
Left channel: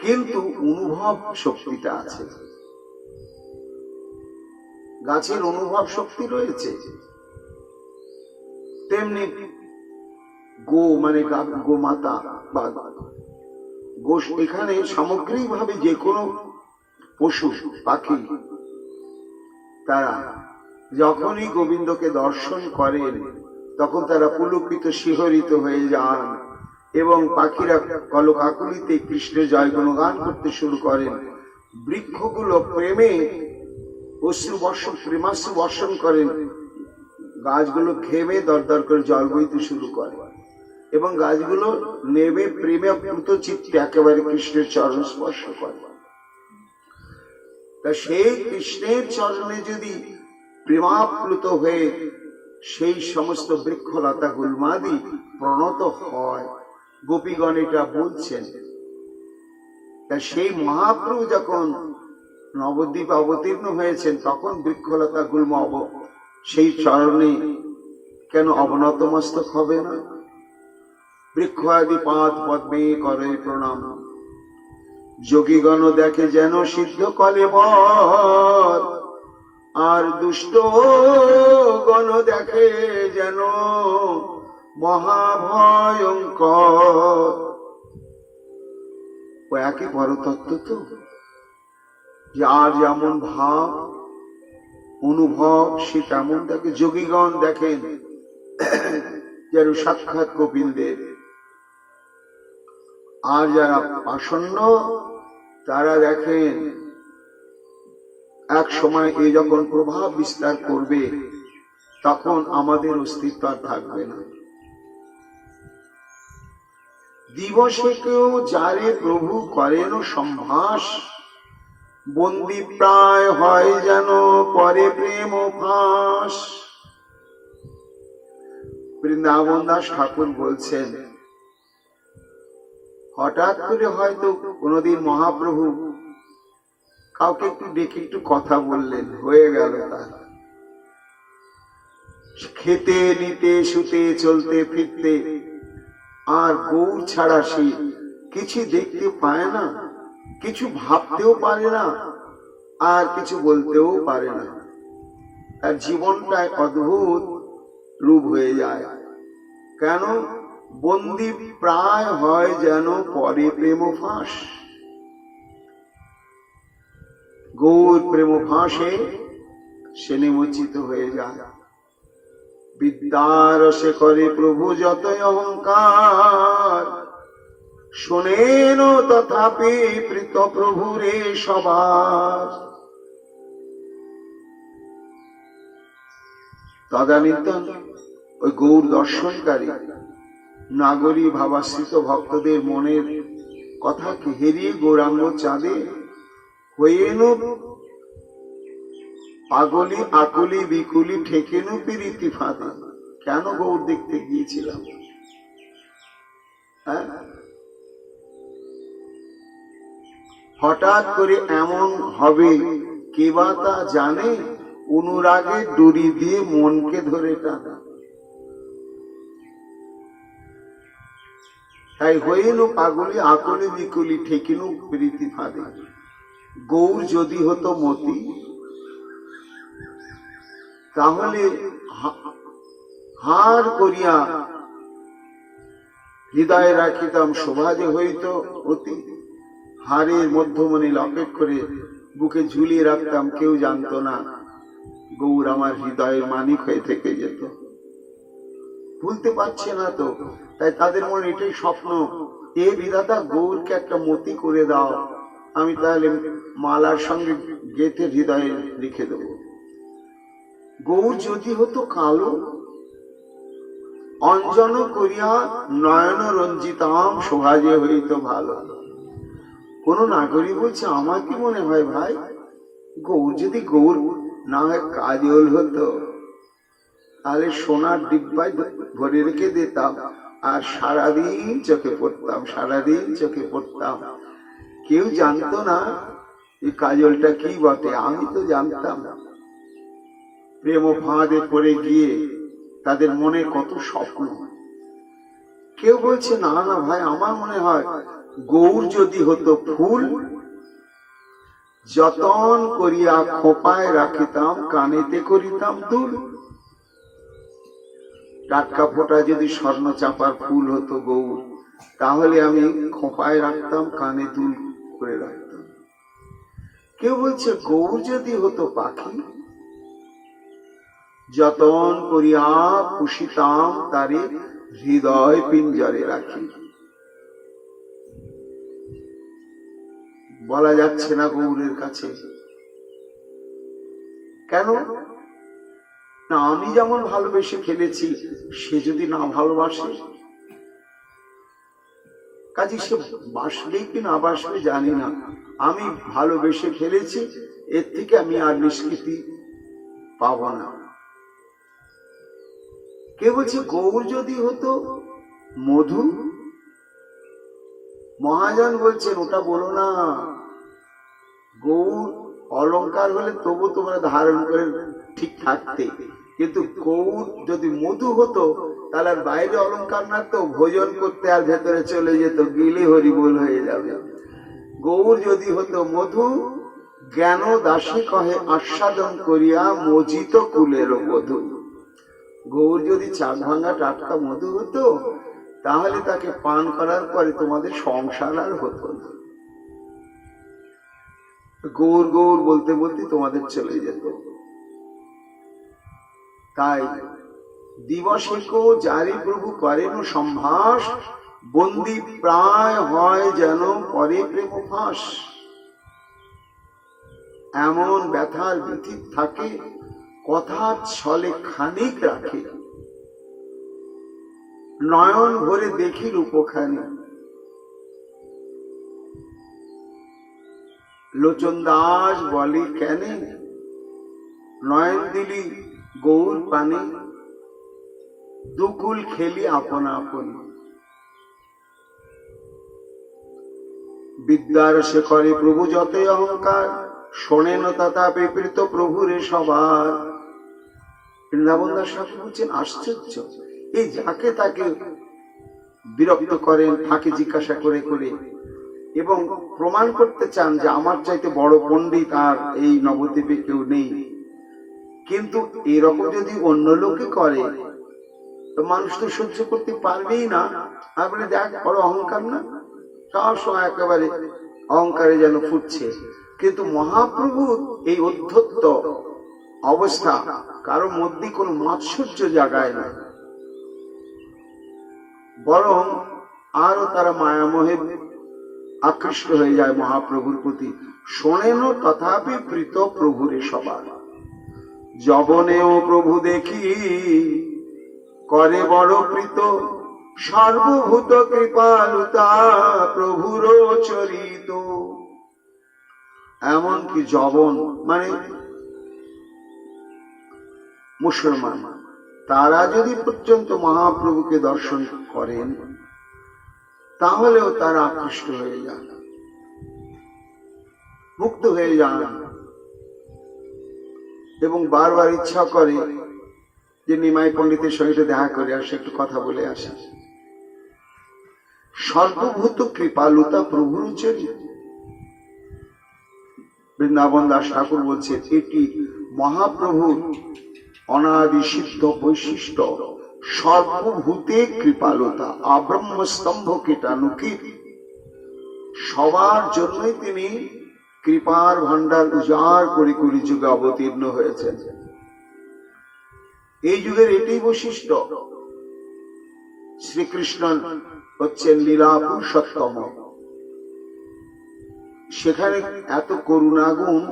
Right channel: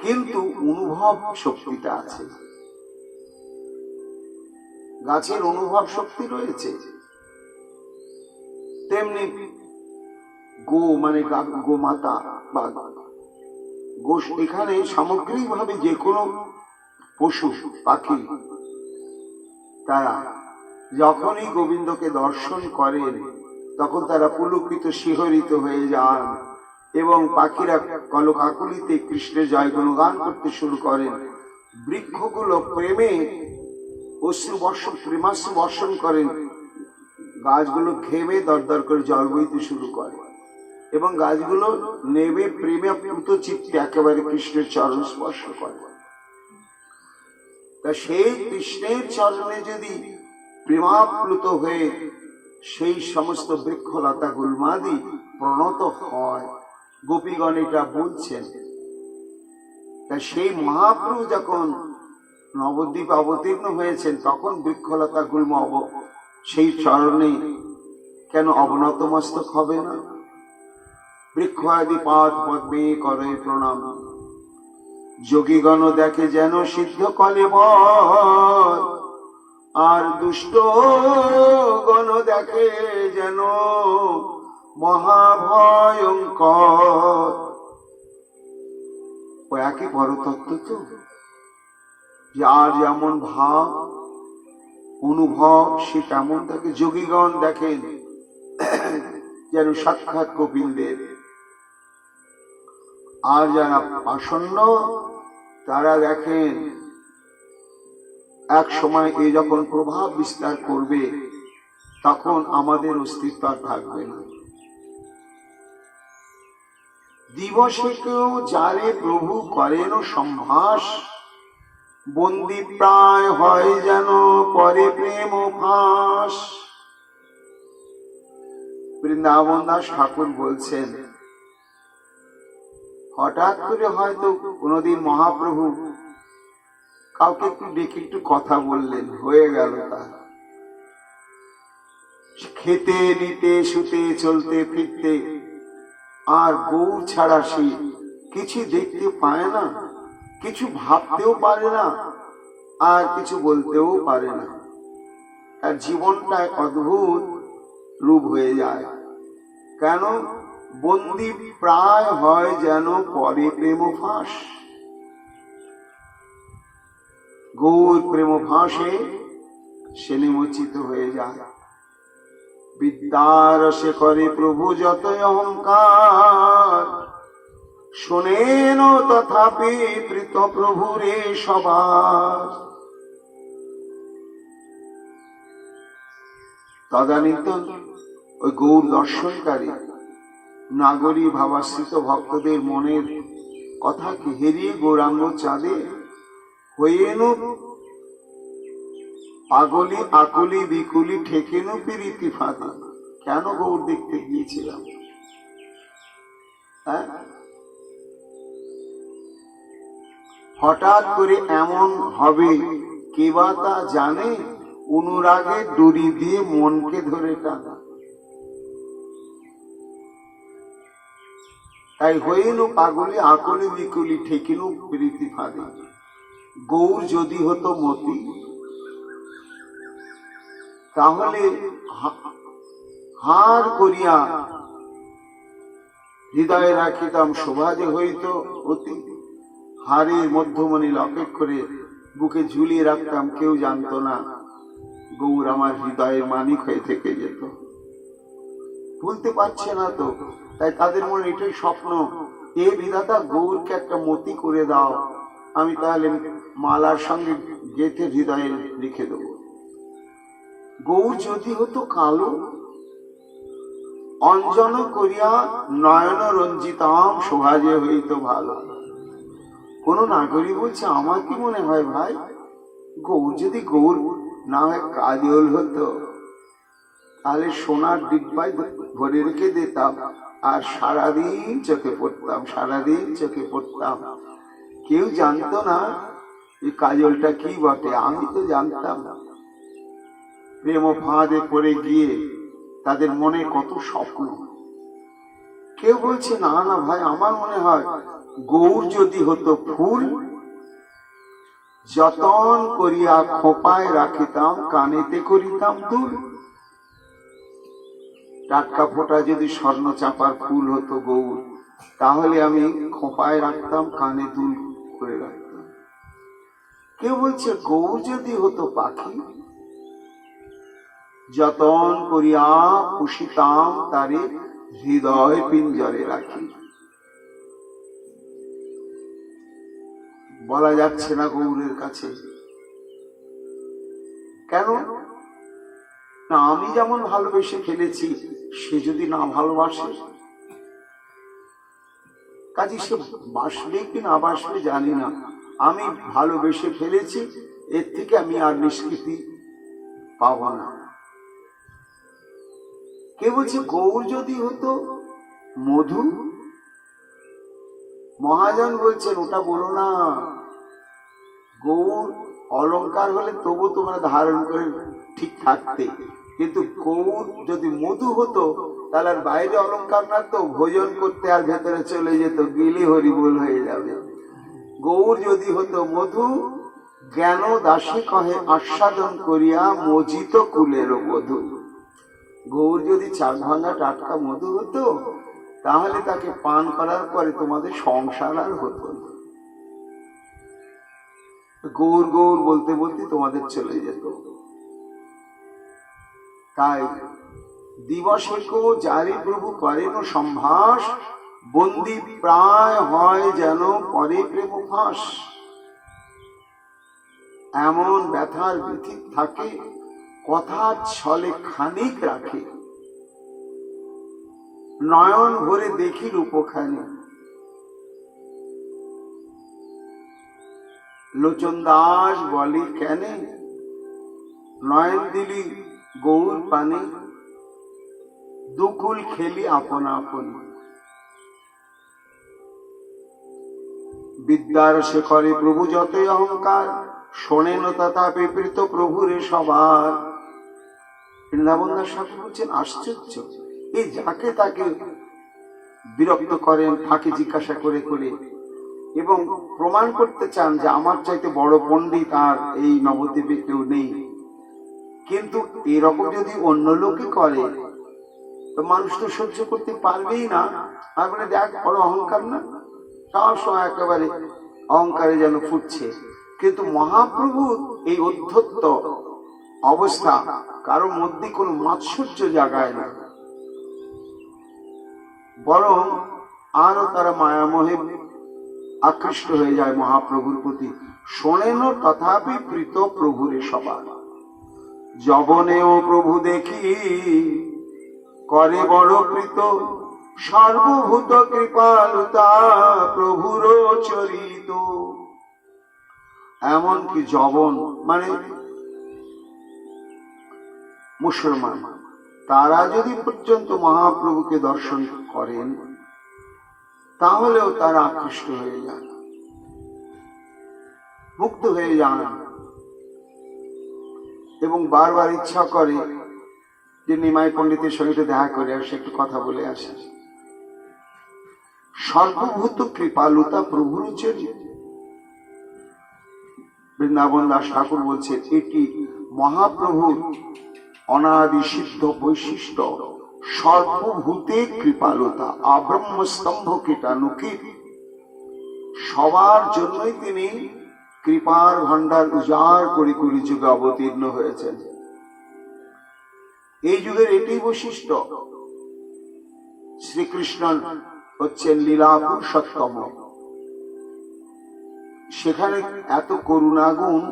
কিন্তু অনুভব শক্তিটা আছে। গাছের অনুভব শক্তি রয়েছে। তেমনি গো মানে গোমাতা বা গোশ, এখানে সামগ্রিকভাবে যে কোনো পশু পাখি তারা যখনই গোবিন্দকে দর্শন করেন তখন তারা পুলকিত শিহরিত হয়ে যান এবং পাখিরা কলকাকলিতে কৃষ্ণের জয় গুণগান করতে শুরু করেন। বৃক্ষগুলো প্রেমে অশ্রু বর্ষণ, প্রেমাশ্রু বর্ষণ করেন, গাছগুলো ঘেমে দরদর করে জল বইতে শুরু করে এবং গাছগুলো নেমে প্রেমে প্লুত চিত্তে একেবারে কৃষ্ণের চরণ স্পর্শ করে। তা সেই কৃষ্ণের চরণে যদি প্রেমাপ্লুত হয়ে সেই সমস্ত বৃক্ষলতা গুল্মাদি প্রণত হয়, গোপীগণ এটা বলছেন। তা সেই মহাপ্রভু যখন নবদ্বীপ অবতীর্ণ হয়েছেন তখন বৃক্ষলতা গুল্ম সেই চরণে কেন অবনত মস্তক হবে না? বৃক্ষ আদি পাদ পদ্মে করে প্রণাম। যোগীগণ দেখে যেন সিদ্ধ কলেবর, আর দুষ্ট গণ দেখে যেন মহাভয়ঙ্কর। ও একই পরতত্ত্ব তো, যার যেমন ভাব অনুভব সে তেমন দেখে। যোগীগণ দেখেন যেন সাক্ষাৎ কপিলদেব, আর যারা আসন্ন তারা দেখেন এক সময় এই যখন প্রভাব বিস্তার করবে তখন আমাদের অস্তিত্ব আর থাকবে না। দিবসে কেউ যারে প্রভু করেন সম্ভাস, বন্দি প্রায় হয় যেন পরে প্রেম ফাঁস। বৃন্দাবন দাস ঠাকুর বলছেন, হঠাৎ করে হয়তো কোনদিন মহাপ্রভু কাউকে একটু ডেকে একটু কথা বললেন, হয়ে গেল তার। খেতে নিতে শুতে চলতে ফিরতে আর গৌর ছাড়া সে কিছু দেখতে পায় না, কিছু ভাবতেও পারে না, আর কিছু বলতেও পারে না। তার জীবনটাই অদ্ভুত রূপ হয়ে যায়। কেন? বন্দি প্রায় হয় যেন পরে প্রেম ফাঁস। গৌর প্রেম ফাঁসে সে নিমজ্জিত হয়ে যায়। বিদ্যারসে করে প্রভু যতই অহংকার, শোনেন তথাপি প্রীত প্রভুরে সবার। তদানীন্তন ওই গৌর দর্শনকারী নাগরী ভাবাশ্রিত ভক্তদের মনের কথাকে হেরিয়ে গৌরাঙ্গ চাঁদে হয়েন পাগলি আকুলি বিকুলি ঠেকেনু পিরিতি ফাঁদে। কেন গৌর দেখতে গিয়েছিলাম? হঠাৎ করে এমন হবে কে বা তা জানে, অনুরাগে দড়ি দিয়ে মনকে ধরে টানা। তাই হইনু পাগলি আকুলি বিকুলি ঠেকিনু প্রীতি ফাঁদে। গৌর যদি হতো মতি তাহলে হার করিয়া হৃদয়ে রাখিতাম শোভা যে হইত অতি। হারের মধ্যমণি লকেট করে বুকে ঝুলিয়ে রাখতাম, কেউ জানতো না। গৌর আমার হৃদয়ের মানিক হয়ে থেকে যেত। ভুলতে পারছে না তো, তাই তাদের মনে এটাই স্বপ্ন, এ বিধাতা গৌরকে একটা মতি করে দাও, আমি তাহলে মালার সঙ্গে গেঁথে হৃদয়ে লিখে দেব। গৌর যদি হতো কালো, অঞ্জন করিয়া নয়ন রঞ্জিতাম শোভা যে হইত ভালো। কোন নাগরিক বলছে, আমার কি মনে হয় ভাই, গৌর যদি গৌর না হয় কাজল হতো, তাহলে সোনার ডিব্বায় ভরে রেখে দিতাম আর সারাদিন চোখে পড়তাম, সারাদিন চোখে পড়তাম। কেউ জানতো না এই কাজলটা কি বটে, আমি তো জানতাম। প্রেম ফাঁদে পড়ে গিয়ে তাদের মনে কত স্বপ্ন। কেউ বলছে, না না ভাই, আমার মনে হয় গৌর যদি হতো ফুল, যতন করিয়া খোপায় রাখিতাম, কানেতে করিতাম দুল। টাটকা ফোটা যদি স্বর্ণ চাপার ফুল হতো গৌর, তাহলে আমি খোপায় রাখতাম, কানে দুল করে রাখতাম। কেউ বলছে গৌর যদি হতো পাখি, যতন করিয়া পুষিতাম, তারে হৃদয় পিঞ্জরে রাখি। বলা যাচ্ছে না গৌরের কাছে, কেন না? আমি যেমন ভালোবেসে ফেলেছি, সে যদি না ভালোবাসে, কাজে সে বাসবে কি না বাসবে জানি না, আমি ভালোবেসে ফেলেছি, এর থেকে আমি আর নিষ্কৃতি পাবো না। কে বলছে গৌর যদি হতো মধু, মহাজন বলছেন ওটা বলো না, গৌর অলংকার হলে তবু তোমরা ধারণ করে ঠিক থাকতে, কিন্তু গৌর যদি মধু হতো তাহলে আর বাইরে অলংকার না, তো ভোজন করতে আর ভেতরে চলে যেত, গিলে হরিবোল হয়ে যাবে। গৌর যদি হতো মধু, জ্ঞান দাসী কহে আস্বাদন করিয়া মজিত কুলের বধূ। গৌর যদি চাক ভাঙা টাটকা মধু হতো, তাহলে তাকে পান করার পরে তোমাদের সংসার আর হতো না। গৌর গৌর বলতে বলতে তোমাদের চলে যেত। তাই দিবসেকো জারি প্রভু করেন সম্ভাস, বন্দি প্রায় হয় যেন পরে প্রেম ফাঁস। এমন ব্যথার ব্যথিত থাকে, কথা ছলে খানিক রাখে, নয়ন ভরে দেখি রূপখানি। লোচন দাস বলে কেনে, নয়ন দিলি গৌর পানে, দুকুল খেলি আপনা আপন। বিদ্যার শেখরে প্রভু যতই অহংকার, শোনেন তথা বিপরীত প্রভুরে সবার। বৃন্দাবন দাস ঠাকুর বলছেন আশ্চর্য, এই যাকে তাকে বিরক্ত করেন, তাকে জিজ্ঞাসা করে করে, এবং প্রমাণ করতে চান যে আমার চাইতে বড় পণ্ডিত আর এই নবদ্বীপে কেউ নেই। কিন্তু এরকম যদি অন্য লোকে করে, তো মানুষ তো সহ্য করতে পারবেই না। আর বলে দেখ বড় অহংকার না, সব সময় একেবারে অহংকারে যেন ফুটছে। কিন্তু মহাপ্রভুর এই অধ্যত্ত অবস্থা কারো মধ্যে কোনো মাৎসর্য জাগায় না, বরং আরো তারা মায়ামোহে আকৃষ্ট হয়ে যায় মহাপ্রভুর প্রতি। শোনেন তথাপি প্রীত প্রভুরে সবার, যবনেও প্রভু দেখি করে বড় প্রীত, সর্বভূত কৃপালুতা প্রভুর চরিত। এমনকি যবন মানে মুসলমান, তারা যদি পর্যন্ত মহাপ্রভুকে দর্শন করেন, তাহলেও তারা আকৃষ্ট হয়ে যান, মুক্ত হয়ে যান, এবং বারবার ইচ্ছা করে যে নিমাই পণ্ডিতের সঙ্গে দেখা করে আসে, একটু কথা বলে আসে। সর্বভূত কৃপালুতা প্রভুর চরিত। বৃন্দাবন দাস ঠাকুর বলছে এটি মহাপ্রভুর অনাদি সিদ্ধ বৈশিষ্ট্য, সর্বভূতে কৃপালুতা, আব্রহ্মস্তম্ভ কীটানুকীট। সবার জন্যই তিনি কৃপার ভান্ডার উজাড় করে কলি যুগে অবতীর্ণ হয়েছেন। এই যুগের এটাই বৈশিষ্ট্য। শ্রীকৃষ্ণ হচ্ছেন লীলা পুরুষোত্তম, সেখানে এত করুণাগুণ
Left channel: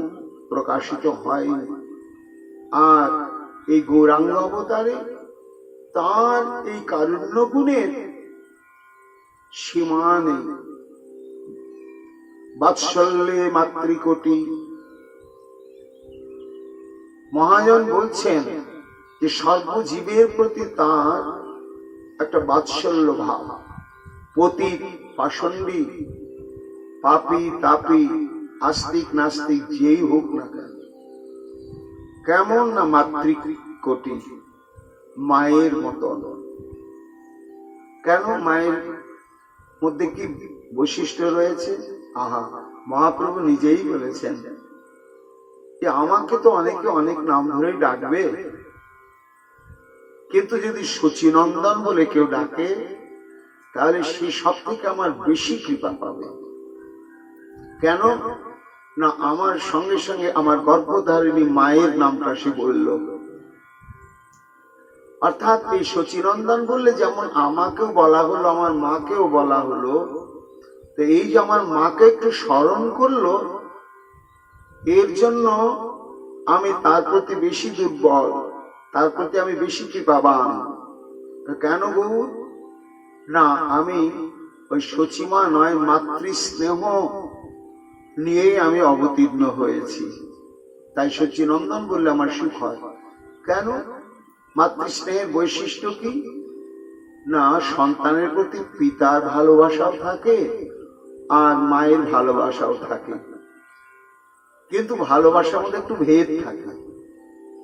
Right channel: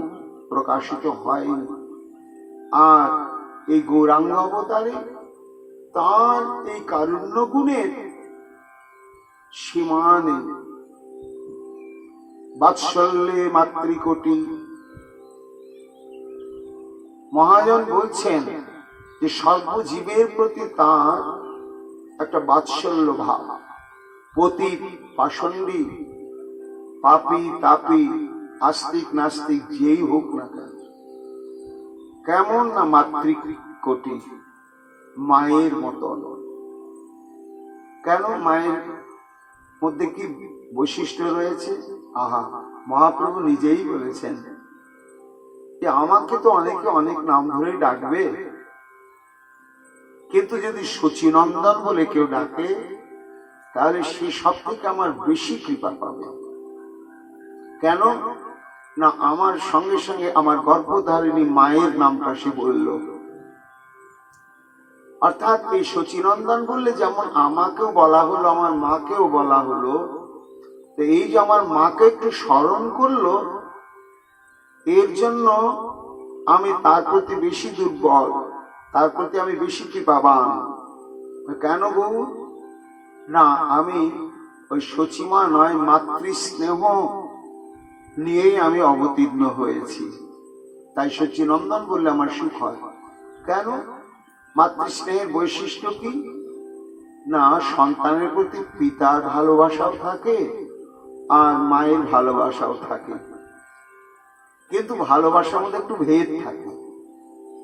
প্রকাশিত হয়নি। আর এই গৌরাঙ্গ অবতারে তার এই কারুণ্য গুণের সীমা নেই। বাৎসল্যে মাতৃকোটি। মহাজন বলছেন যে সর্বজীবের প্রতি তার একটা বাৎসল্য ভাব। পতিত পাষণ্ডী, পাপী তাপী, আস্তিক নাস্তিক যেই হোক না কেন, কেমন না মাতৃকোটি, মায়ের মতন। কেন? মায়ের মধ্যে কি বৈশিষ্ট্য রয়েছে? আহা, মহাপ্রভু নিজেই বলেছেন যে আমাকে তো অনেকে অনেক নাম ধরে ডাকবে, কিন্তু যদি শচীনন্দন বলে কেউ ডাকে তাহলে সে সব থেকে আমার বেশি কৃপা পাবে। কেন না, আমার সঙ্গে সঙ্গে আমার গর্ভধারিণী মায়ের নামটা সে বলল। অর্থাৎ এই শচীনন্দন বললে যেমন আমাকেও বলা হলো, আমার মাকেও বলা হলো, তো এই যে আমার মাকে একটু স্মরণ করলো, এর জন্য আমি তার প্রতি বেশি দুর্বল, তার প্রতি আমি বেশি কৃপাবান। কেন গো? না, আমি ওই শচীমা নয়, মাতৃস্নেহ নিয়েই আমি অবতীর্ণ হয়েছি, তাই শচীনন্দন বললে আমার সুখ হয়। কেন? মাতৃস্নেহের বৈশিষ্ট্য কি? না, সন্তানের প্রতি পিতার ভালোবাসাও থাকে আর মায়ের ভালোবাসাও থাকে, কিন্তু ভালোবাসার মধ্যে একটু ভেদ থাকে,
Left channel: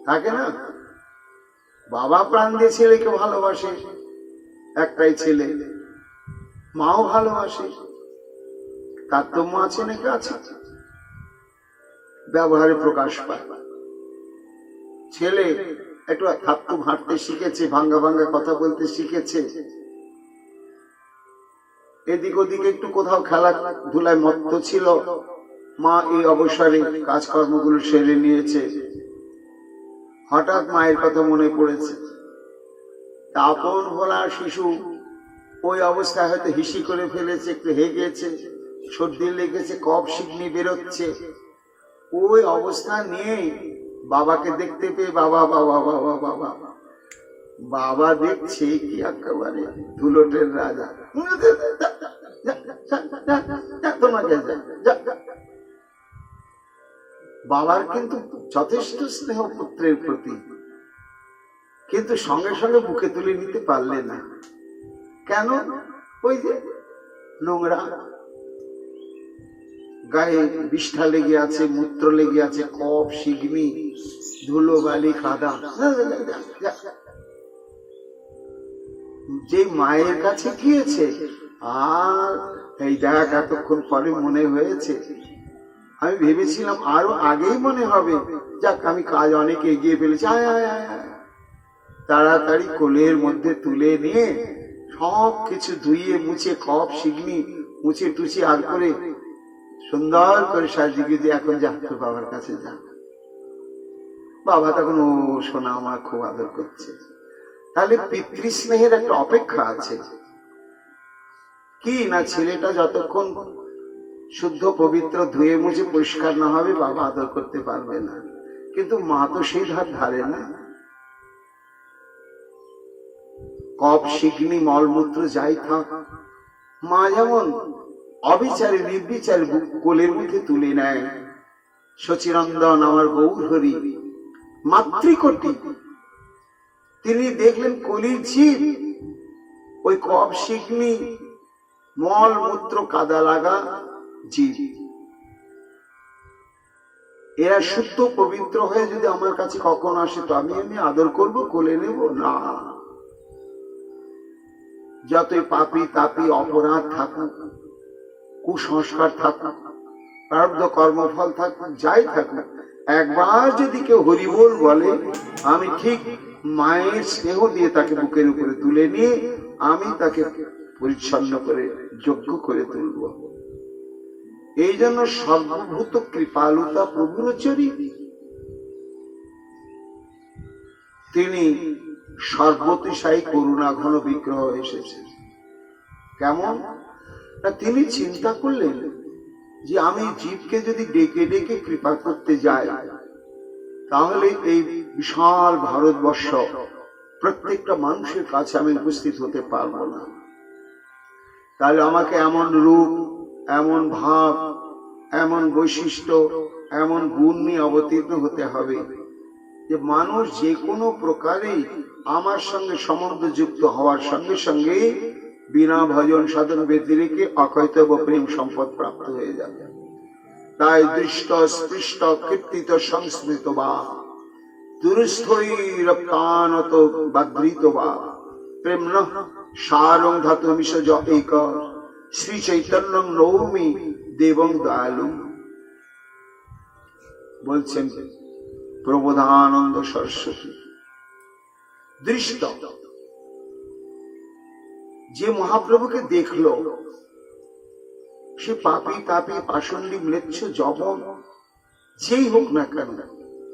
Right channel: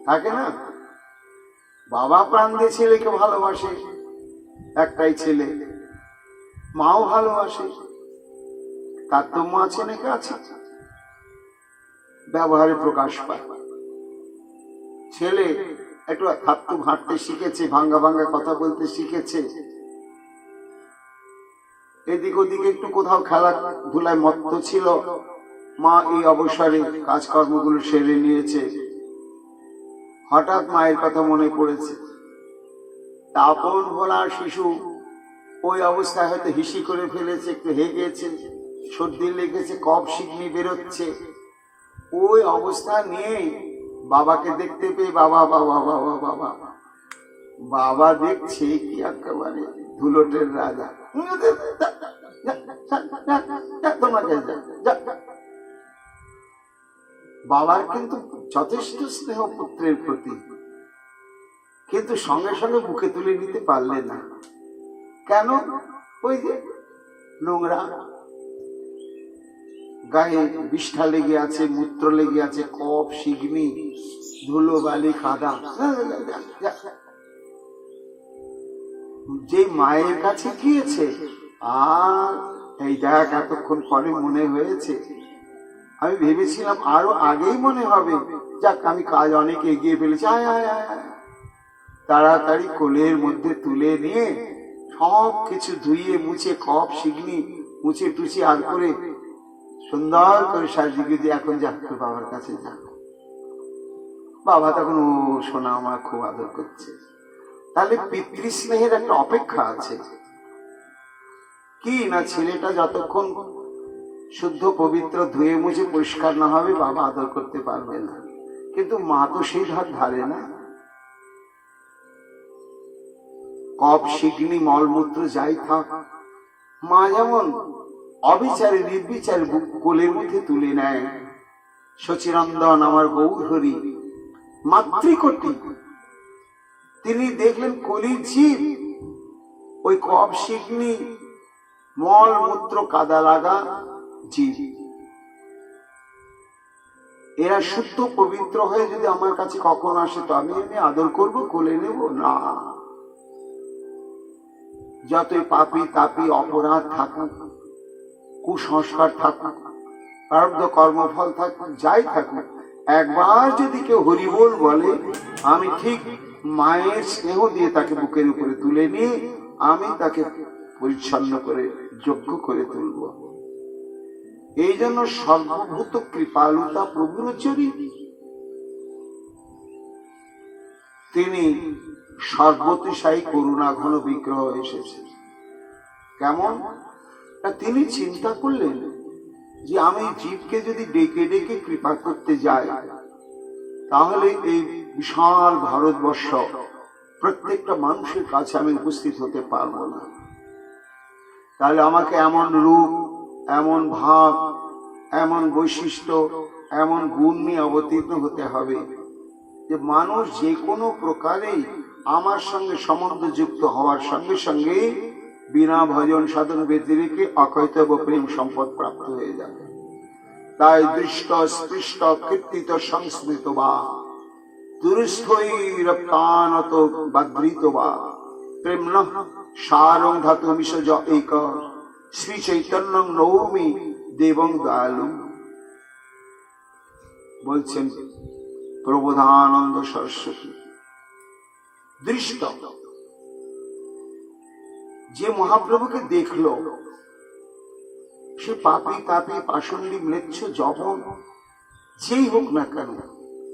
থাকে না? বাবা প্রাণ দিয়ে ছেলেকে ভালোবাসে, একটাই ছেলে, মাও ভালোবাসে, তারতম্য আছে নাকি? আছে, ব্যবহারে প্রকাশ পায়। ছেলে একটু থাপ্তু ঘাঁটতে শিখেছে, ভাঙ্গা ভাঙ্গা কথা বলতে শিখেছে, এদিক ওদিকে একটু কোথাও খেলাধুলায় মত্ত ছিল, মা এই অবসরে কাজকর্মগুলো সেরে নিয়েছে, হঠাৎ মায়ের কথা মনে পড়েছে। আপন ভোলা শিশু ওই অবস্থায় হয়তো হিসি করে ফেলেছে, একটু হেগেছে, সর্দি লেগেছে, কফ শিকনি বেরোচ্ছে, ওই অবস্থা নিয়ে বাবাকে দেখতে পেয়ে বাবা বাবা বাবা বাবা বাবা দেখছে কি একেবারে ধুলোটের রাজা, তোমাকে বাবার কিন্তু যথেষ্ট স্নেহ পুত্রের প্রতি, কিন্তু সঙ্গে সঙ্গে বুকে তুলে নিতে পারলে না। কেন? ওই যে নোংরা, গায়ে বিষ্ঠা লেগে আছে, মূত্র লেগে আছে, কফ শিগনি, ধুলো বালি কাদা। যে মায়ের কাছে গিয়েছে, আর এই দেখ এতক্ষণ পরে মনে হয়েছে, আমি ভেবেছিলাম আরো আগেই মনে হবে, যাক আমি কাজ অনেক এগিয়ে ফেলেছি, আয় আয় আয়, তাড়াতাড়ি কোলের মধ্যে তুলে নিয়ে সব কিছু ধুইয়ে মুছে, কফ শিগনি মুছে টুছে আর করে সুন্দর করে সাজিয়ে দিয়ে এখন যা তোর বাবার কাছে যা। বাবা তখন ও শোনা আমার খুব আদর করছে। তাহলে পিতৃস্নেহের একটা অপেক্ষা আছে কি না, ছেলেটা যতক্ষণ শুদ্ধ পবিত্র ধুয়ে মুছে পরিষ্কার না হবে বাবা আদর করতে পারবে না, কিন্তু মা তো সেই ধার ধারে না। কফ শিগ্নি মলমূত্র যাই থাক, মা যেমন অবিচারে নির্বিচারে কোলের মধ্যে তুলে নেয়। শচীনন্দন আমার গৌর হরি মাতৃকোটি, তিনি দেখলেন কলির জীব ওই কফ শিগ্নি মল মূত্র কাদা লাগা জীব, এরা শুদ্ধ পবিত্র হয়ে যদি আমার কাছে কখন আসে তো আমি এমনি আদর করব, কোলে নেব না। যতই পাপী তাপী অপরাধ থাকুক, কুসংস্কার থাকুক, প্রারব্ধ কর্মফল থাকুক, যাই থাকুক, একবার যদি কেউ হরিবোল বলে, আমি ঠিক মায়ের স্নেহ দিয়ে তাকে বুকের উপরে তুলে নিয়ে আমি তাকে পরিচ্ছন্ন করে যোগ্য করে তুলব। এই জন্য সর্বভূত কৃপালুতা প্রভুর চরিত, তিনি সর্বতিশায়ী করুণা ঘন বিগ্রহ এসেছেন। কেমন? তিনি চিন্তা করলেন যে আমি জীবকে যদি ডেকে ডেকে কৃপা করতে যাই, তাহলে এই বিশাল ভারতবর্ষ প্রত্যেকটা মানুষের কাছে আমি উপস্থিত হতে পারবো না। তাহলে আমাকে এমন রূপ, এমন ভাব, এমন বৈশিষ্ট্য, এমন গুণ নিয়ে অবতীর্ণ হতে হবে যে মানুষ যে কোনো প্রকারেই আমার সঙ্গে সম্বন্ধ যুক্ত হওয়ার সঙ্গে সঙ্গে বিনা ভজন সাধন ব্যতিরেকে অকৈতব প্রেম সম্পদ প্রাপ্ত হয়ে যাবে। তাই দৃষ্ট স্পৃষ্ট কীর্তিত সংস্মৃত বা দুরস্থৈ রপ্তানত বাদ্রিত বা প্রেম সারং ধাতু মিশজ এক শ্রী চৈতন্যং নৌমি দেবং দয়ালু। বলছেন প্রবোধানন্দ সরস্বতী। দৃষ্ট, যে মহাপ্রভুকে দেখলো সে পাপী তাপী পাষণ্ডী ম্লেচ্ছ জবন যেই হোক না কেন,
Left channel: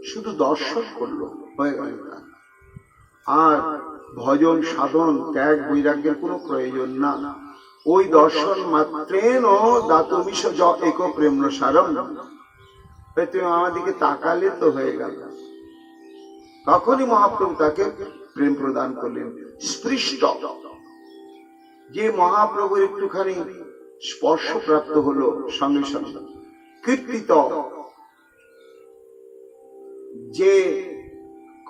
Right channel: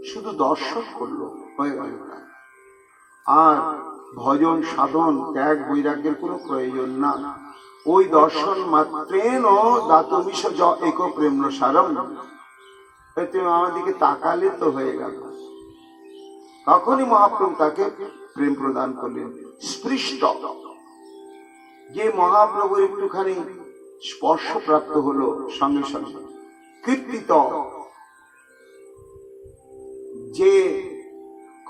শুধু দর্শন করলো হয়ে গেল। আর ভজন সাধন ত্যাগ বৈরাগ্যের কোনো প্রয়োজন না। ওই দর্শন মাত্রেন দাতমিষ জ এক প্রেম সারম, তুমি আমাদেরকে তাকালে তো হয়ে গেল। তখনই মহাপ্রভু তাকে প্রেম প্রদান করলেন। স্পৃষ্ট, যে মহাপ্রভুর একটুখানি স্পর্শ প্রাপ্ত হলো সঙ্গে সঙ্গে। কীর্তিত, যে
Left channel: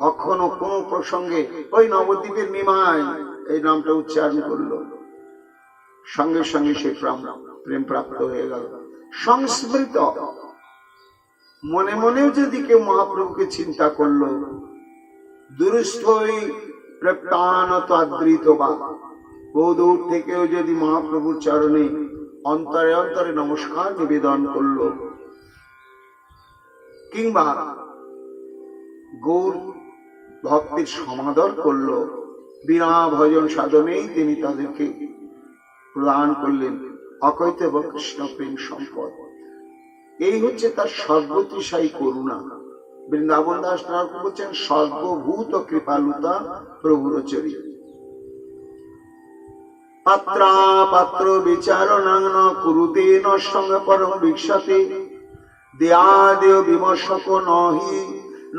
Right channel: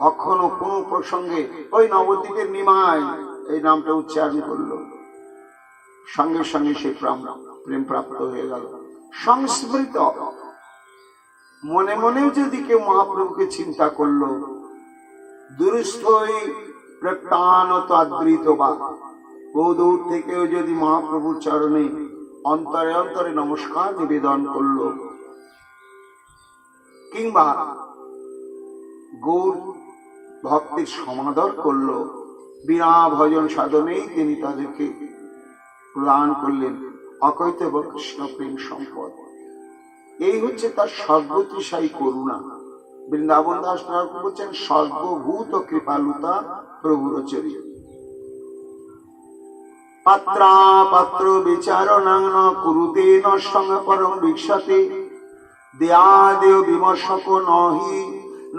কখনো কোনো প্রসঙ্গে ওই নবদ্বীপের নিমাই এই নামটা উচ্চারণ করলো, সঙ্গে সঙ্গে সে প্রেম প্রাপ্ত হয়ে গেল। সংস্মৃত, মনে মনেও যদি কেউ মহাপ্রভুকে চিন্তা করলো। দুরস্থই প্রপ্তানত আদৃত বা, বহু দূর থেকেও যদি মহাপ্রভুর চরণে অন্তরে অন্তরে নমস্কার নিবেদন করলো, কিংবা গৌর ভক্তির সমাদর করলো, বিনা ভজন সাধনেই তিনি তাদেরকে প্রদান করলেন অকৈতব কৃষ্ণ প্রেম সম্পদ। এই হচ্ছে তার সর্বত্রিশায়ী করুণা। বৃন্দাবন দাস ঠাকুর বলছেন সর্বভূত কৃপালুতা প্রভুর চরিত্র। পাত্রা পাত্র বিচারণাং ন কুরুতে ন সঙ্গ পরম ভিক্ষতে, দেয়াদেয় বিমর্শক নহি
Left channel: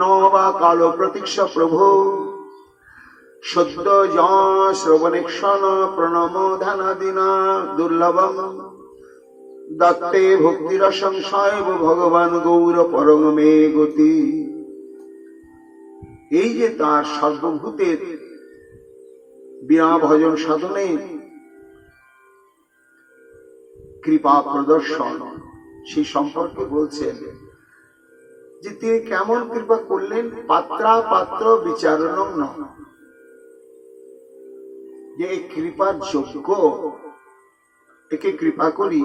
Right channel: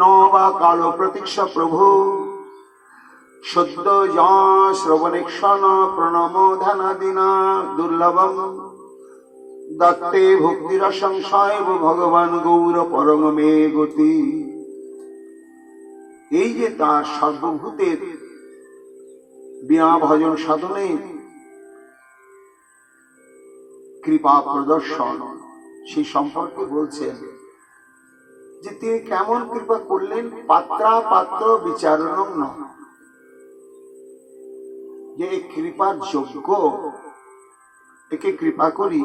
ন বা কালো প্রতীক্ষ প্রভু। সদ্য শ্রবণেক্ষণ প্রণম ধ্যানাদিনা দুর্লভম, দত্তে ভক্তির সংশয় ভগবান গৌর পরম মে গতি। এই যে তার সর্বভূতের বিনা ভজন সাধনে কৃপা প্রদর্শন, সেই সম্পর্কে বলছেন যে তিনি কেমন কৃপা করলেন। পাত্রা পাত্র বিচারণ ন, যে এই কৃপার যোগ্য একে কৃপা করি,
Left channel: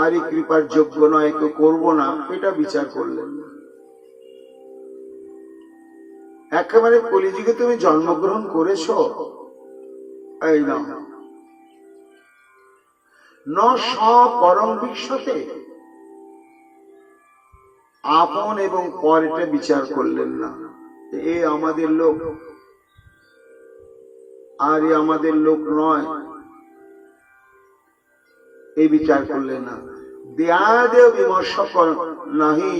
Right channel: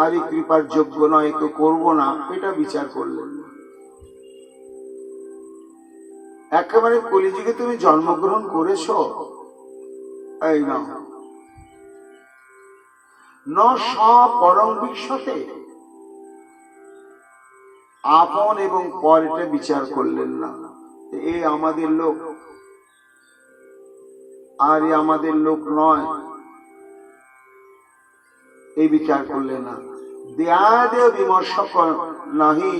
আর এই কৃপার যোগ্য নয় একে করবো না, এটা বিচার করলেন। একেবারে কলিযুগে তুমি জন্মগ্রহণ করেছো, এই না ন পরম বিশ্বতে, আপন এবং পর এটা বিচার করলেন না। এ আমাদের লোক আর এ আমাদের লোক নয়, এই বিচার করলেন না। দেয়াদেয় বিমর্শ নাহি,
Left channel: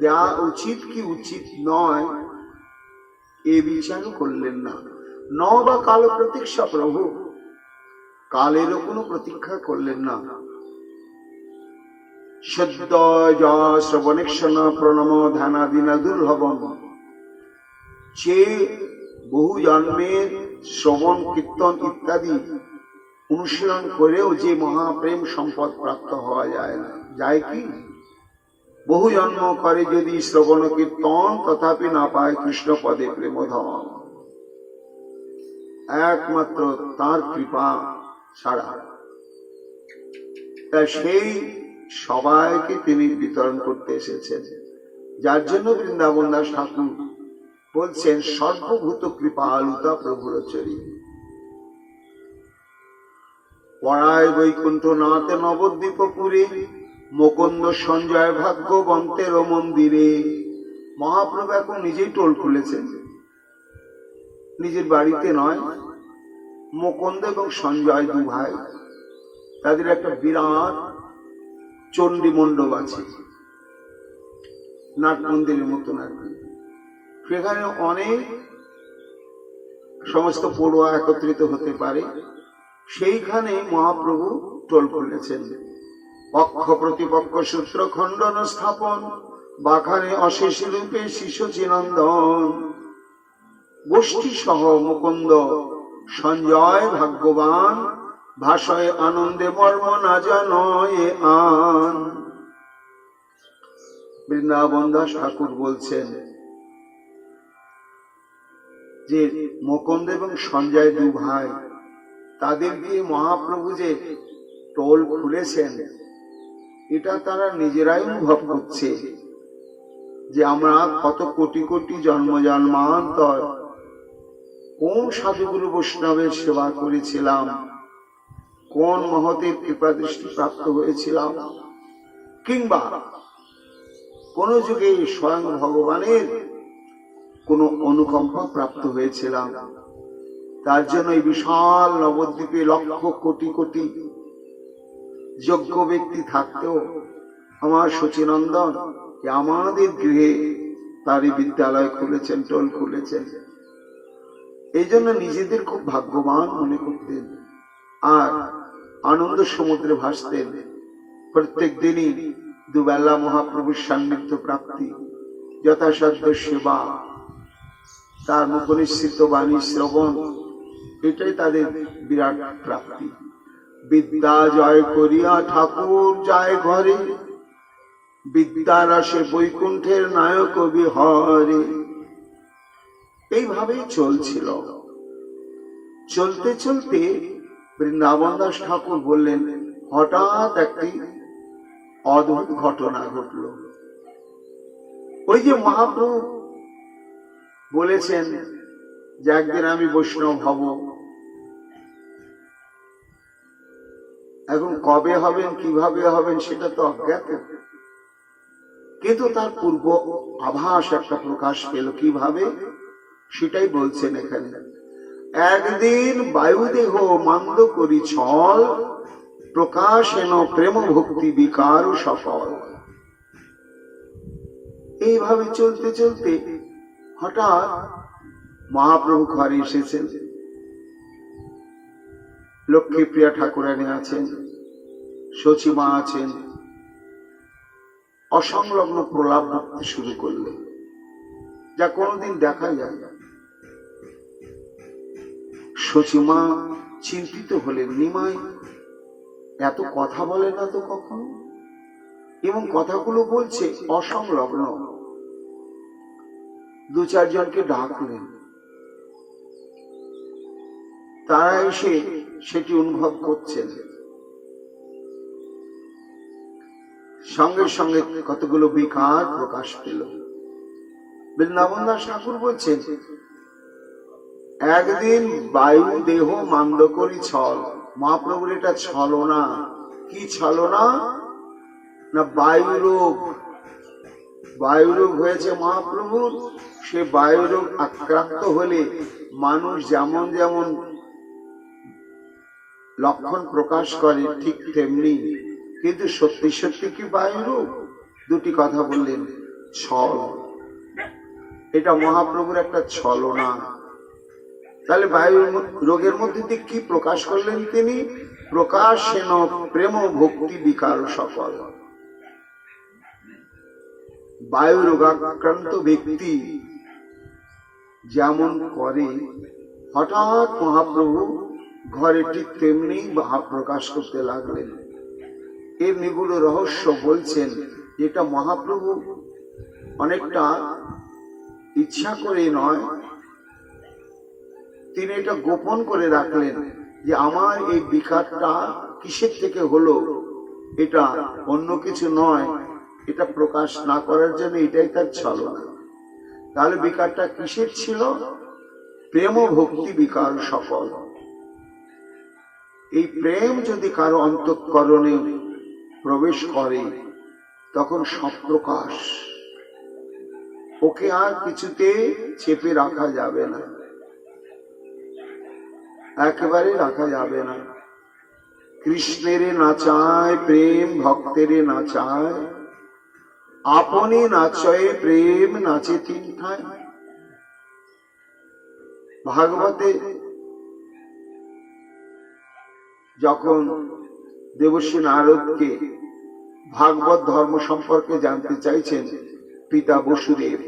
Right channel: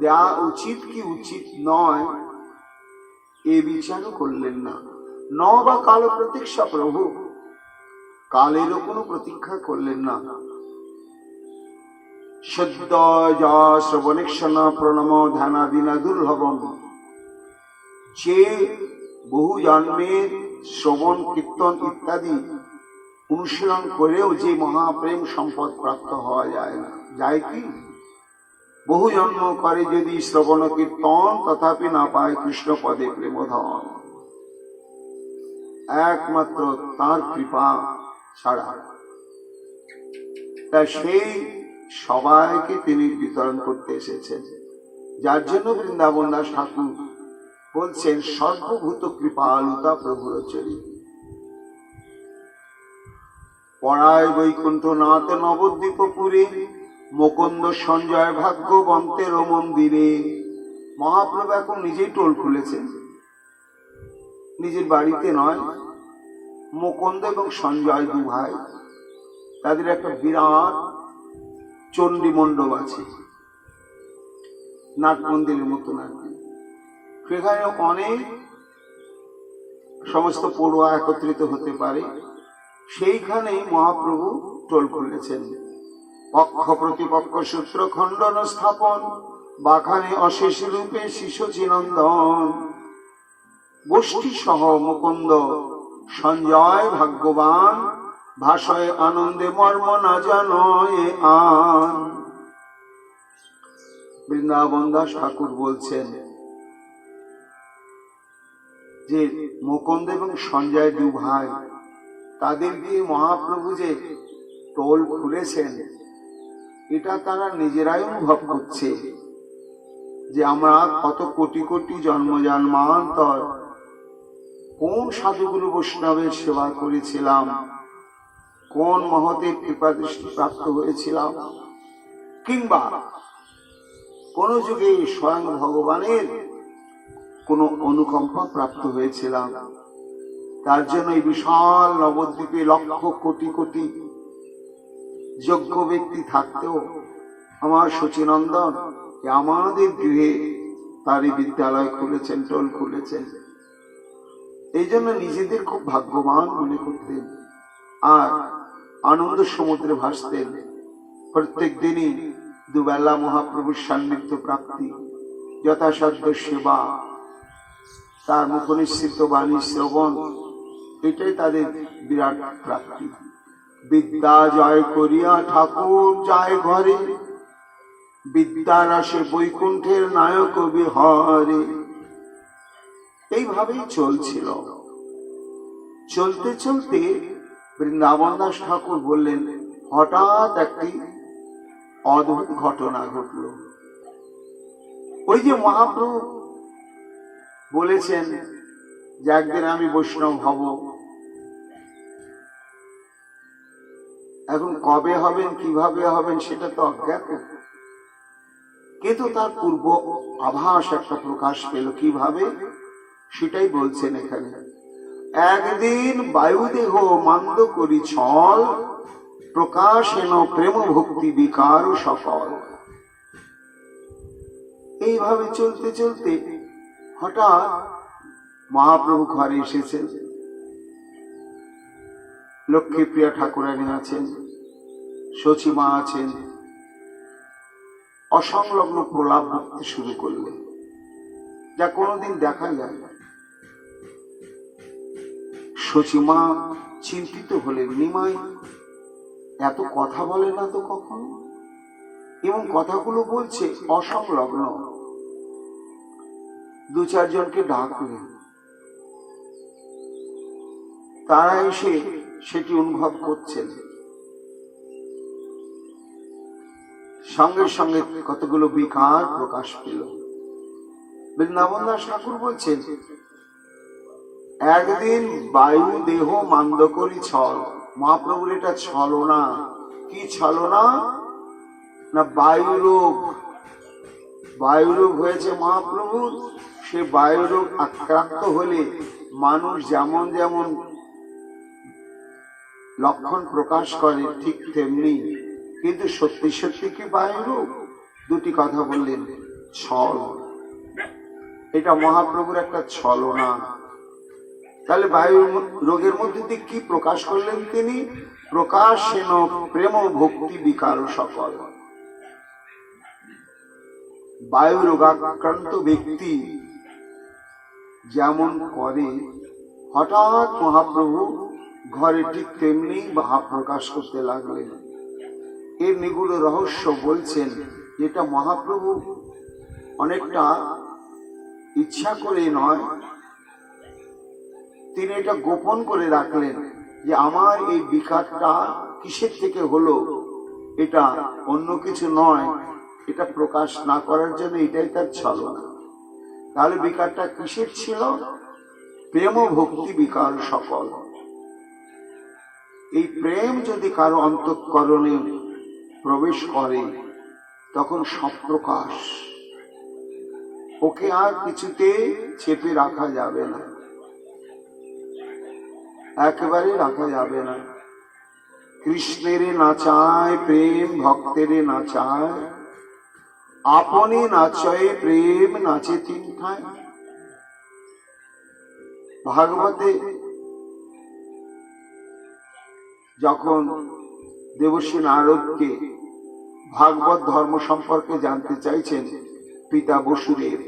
দেয়া উচিত কি উচিত নয় এ বিচারও করলেন না। ন বা কালো প্রতীক্ষা প্রভু, কালেরও কোনো প্রতীক্ষা করলেন না। সদ্য শ্রবণেক্ষণ প্রণম ধ্যানাদিনা দুর্লভম, যে বহু জন্মের শ্রবণ কীর্তন ইত্যাদি অনুশীলন করেও যে মহাপ্রেম সম্পদ প্রাপ্ত হওয়া যায় না, যায় কি? বহু জন্ম করে যদি শ্রবণ কীর্তন, তথাপি না পায় কৃষ্ণ পদে প্রেমধন। একমাত্র তার কৃপা ছাড়া। তাই সেই সবাইকে তিনি বিতরণ করতে এসেছেন, যার জন্য বৃন্দাবন দাস ঠাকুর বলছেন সর্বভূত কৃপালুতা প্রভুর চরিত্র। পড়ায় বৈকুণ্ঠ নাথ নবদ্বীপপুরে, মুকুন্দ সঞ্জয় ভাগ্যবন্তের মন্দিরে। মহাপ্রভু এখন নিজেই টোল খুলেছেন, নিজের বাড়িতে নয়। মুকুন্দ এবং সঞ্জয় দু ভাই, তাদের একটা বিরাট চণ্ডী মণ্ডপ আছে, নাট মন্দিরের মতন আর কি। সেখানে অনেক সমস্ত পড়ুয়া একত্রিত হতে পারে। সেইখানে মহাপ্রভু টোল খুলেছেন। পক্ষ প্রতিপক্ষ সূত্র খণ্ডন স্থাপন, বাখানে অশেষ রূপে শিশুচিনন্দন। গোষ্ঠী সহ মুকুন্দ সঞ্জয় ভাগ্যবান, ভাষায় আনন্দে মর্ম না জানয় আন। বৃন্দাবন দাস ঠাকুর বলছেন যে মুকুন্দ এবং সঞ্জয় দু ভাই, তাদের দিয়ে মহাপ্রভু যে টোল খুলেছেন, এটা তারা নিজেরাই অনুভব করছে যে আমরা কত কোটি কোটি জন্ম জন্মান্তর কোন সাধুগুরু বৈষ্ণবের সেবা করেছিলাম, কোন মহতের কৃপা দৃষ্টি প্রাপ্ত হয়েছিলাম, কিংবা কোন যুগে স্বয়ং ভগবানের কোন অনুকম্পা প্রাপ্ত হয়েছিলাম। তার জন্য এই বিশাল নবদ্বীপে লক্ষ কোটি কোটি যোগ্য ব্যক্তি থাকতেও আমার সচিনন্দন আমাদের গৃহে তারই বিদ্যালয় খুলেছেন, টোল খুলেছেন। এই জন্য নিজেদের খুব ভাগ্যবান মনে করতেন আর আনন্দ সমুদ্রে ভাসতেন। প্রত্যেক দিনই দুবেলা মহাপ্রভুর সান্নিধ্য প্রাপ্তি, যথাসাধ্য সেবা, তার মুখনিশ্চিত বাণী শ্রবণ, এটাই তাদের বিরাট প্রাপ্তি। বিদ্যা জয় করিয়া ঠাকুর যায় ঘরে, বিদ্যার আসে বৈকুণ্ঠের নায়ক বিহরে। এইভাবেই চলছিল। চলতে চলতে বৃন্দাবন দাস ঠাকুর বললেন, হঠাৎ একটি অদ্ভুত ঘটনা ঘটল। ওই যে মহাপ্রভু বলেছেন যে একদিন আমি বৈষ্ণব হব, এখন কবে হবেন কিভাবে হবেন সেটা তো অজ্ঞাত, কিন্তু তার পূর্ব আভাস একটা প্রকাশ পেল। কিভাবে সেটাই বলছেন এখানে। একদিন বায়ুদেহ মান্দ করি ছল, প্রকাশেন প্রেম ভক্তি বিকার সকল। এইভাবে চলতে চলতে হঠাৎ মহাপ্রভু ঘরে এসেছেন। লক্ষ্মীপ্রিয়া ঠাকুরানী আছেন, সচিমা আছেন। অসংলগ্ন প্রলাপ বলতে শুরু করলেন, যা কোনোদিন দেখা যায় না। সচিমা চিন্তিত হলেন, নিমাই এত কথা বলে না তো কখনো, এবং কথাগুলো বলছে অসংলগ্ন। দু চারজনকে ডাকলেন, তারা এসে সেটি অনুভব করছেন। সঙ্গে সঙ্গে কতগুলো বিকার প্রকাশ পেল। বৃন্দাবন দাস ঠাকুর বলছেন, একদিন বায়ু দেহ মান্দ করি ছল। মহাপ্রভুর এটা ছলনা। কি ছলনা? না বায়ুরোগ। বায়ুরোগ হয়েছে মহাপ্রভুর। সে বায়ুরোগ আক্রান্ত হলে মানুষ যেমন যেমন লক্ষণ প্রকাশ করে ঠিক তেমনি, কিন্তু সত্যি সত্যি কি বায়ুরোগ? দুটি কথা বললেন, ছল। এটা মহাপ্রভুর একটা ছলনা। তাহলে বায়ু রোগের মধ্যে দিয়ে কি প্রকাশ করলেন তিনি? প্রকাশেন প্রেম ভক্তি বিকার সকল। বায়ু রোগাক্রান্ত ব্যক্তি যেমন করে, হঠাৎ মহাপ্রভু ঘরে ঠিক তেমনি ভাব প্রকাশ করতে লাগলেন। এর নিগুড় রহস্য বলছেন, যেটা মহাপ্রভু অনেকটা ইচ্ছা করে নয়, তিনি এটা গোপন করে রাখলেন যে আমার এই বিকারটা কিসের থেকে হলো, এটা অন্য কিছু নয়। এটা প্রকাশ না করার জন্য এটাই তার ছলনা। তাহলে বিকারটা কিসের ছিল? প্রেম ভক্তি বিকার সকল। এই প্রেম যদি কারো অন্তঃকরণে প্রবেশ করে, তখন সব প্রকাশ। ওকে আর কিছুতে চেপে রাখা যাবে না, একেবারে রাখা যাবে না। কৃষ্ণের নাচায় প্রেম, ভক্তের নাচায়, আপনি নাচয়ে প্রেম নাচে তিন ঠায়। ভাগবতে যখন দেবশ্রী নারদকে ভাগবত ধর্ম সম্পর্কে জানতে চাইছেন পিতা বসুদেব।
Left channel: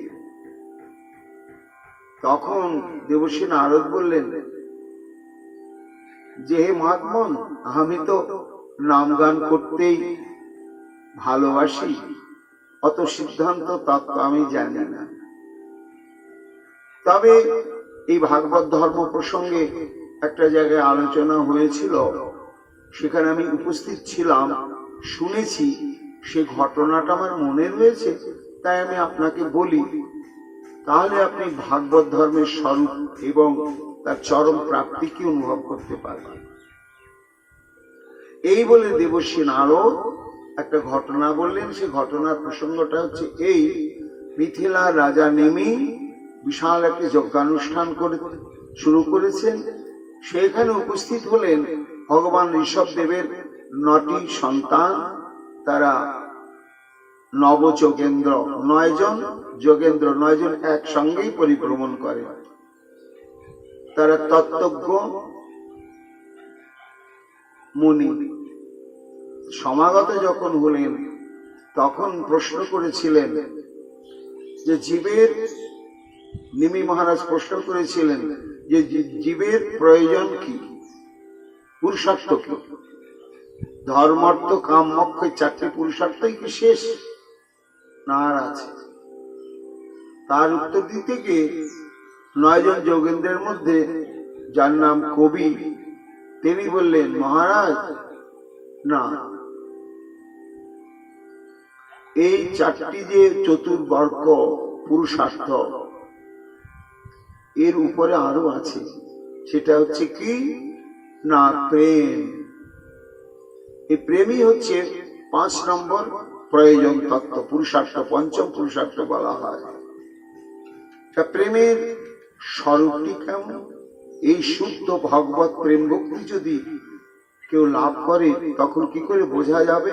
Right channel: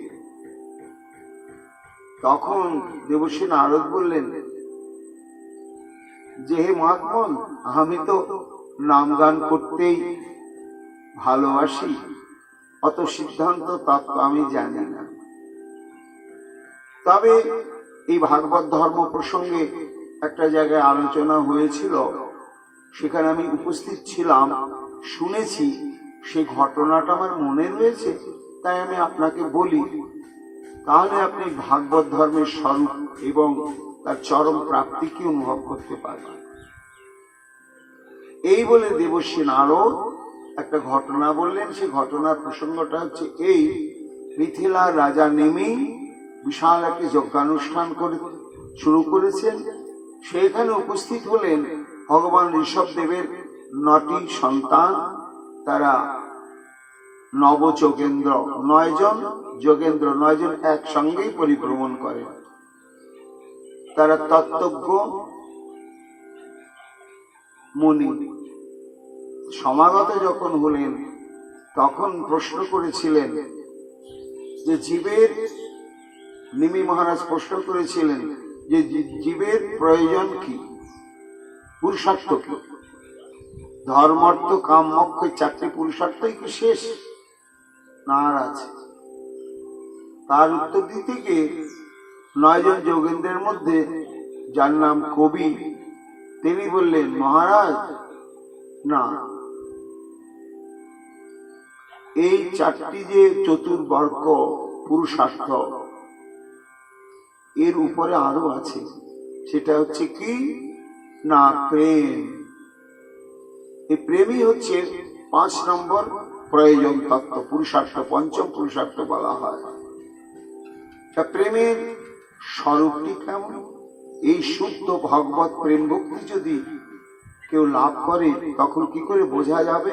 তখন দেবর্ষি নারদ বললেন যে হে মহাত্মন, আমি তো নাম গান করতেই ভালোবাসি, অত সিদ্ধান্ত তত্ত্ব আমি জানি না। তবে এই ভাগবত ধর্ম প্রসঙ্গে একটা জায়গায় আলোচনা হয়েছিল, সেখানে আমি উপস্থিত ছিলাম, শুনেছি, সেই ঘটনাটা আমার মনে রয়েছে, তাই আমি আপনাকে বলি, তাহলে আপনি ভাগবত ধর্মের স্বরূপ এবং তার চরম প্রাপ্তিকে অনুভব করতে পারবেন। এই বলে দেবর্ষি নারদ একটা ঘটনা বললেন। সেই ঘটনার প্রসঙ্গটা হচ্ছে এই, মিথিলার রাজা নেমি বিশাল একটি যজ্ঞানুষ্ঠান করে শুরু করেছেন। সেখানে উপস্থিত হলেন ভগবান ঋষভদেবের 9টি সন্তান। তারা নবযোগেন্দ্র, 9 জন যোগেন্দ্র, 9 জন একসঙ্গেই পরিভ্রমণ করে। তারা তত্ত্বজ্ঞ মুনি। সমাগত যখন হলেন তখন প্রশ্ন করেছিলেন যে জীবের, নিমি মহারাজ প্রশ্ন করেছিলেন যে জীবের প্রয়োজন কি, পুরুষার্থ কি, ধর্মার্থ কাম মোক্ষ, 4টি পুরুষার্থই কি শেষ না আর আছে? তার উত্তর দিতে গিয়ে 9 জন যোগেন্দ্রের মধ্যে যার নাম কবি, তিনি বললেন মহারাজ না, এই 4টি যে চতুর্বর্গ পুরুষার্থ, এর উপরে আরো আছে। সেটা হচ্ছে কি না প্রেম। এই প্রেমই হচ্ছে 5 নম্বর প্রয়োজন তত্ত্ব, পুরুষার্থ, 5ম পুরুষার্থ বলা হয়। প্রেমের স্বরূপটি কেমন? এই শুদ্ধ ভগবত প্রেম ভক্তি যদি কেউ লাভ করে তখন কি করে বোঝা যাবে?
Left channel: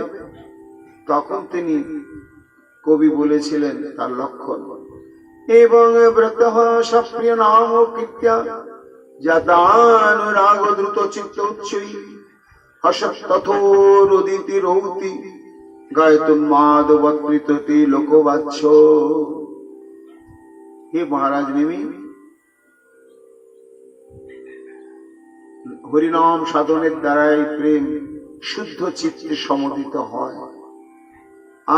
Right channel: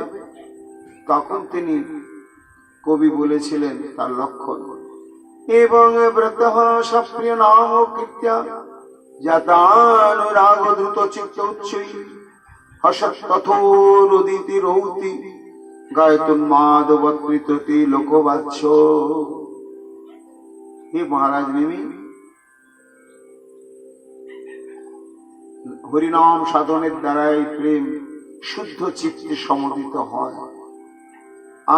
তখন তিনি কবি বলেছিলেন তার লক্ষণ, এবং ব্রতঃ সপ্রিয় নাম কৃত্যা যতানুরাগ দ্রুত চিত্ত উচ্চৈ হসৎ তথোরুদিতি রৌতি গায়তুন্মাদবৎকৃততি লোকবাচ্য। হে মহারাজ নেমি, হরিনাম সাধনের দ্বারাই প্রেম শুদ্ধ চিত্তে সমদিত হয়।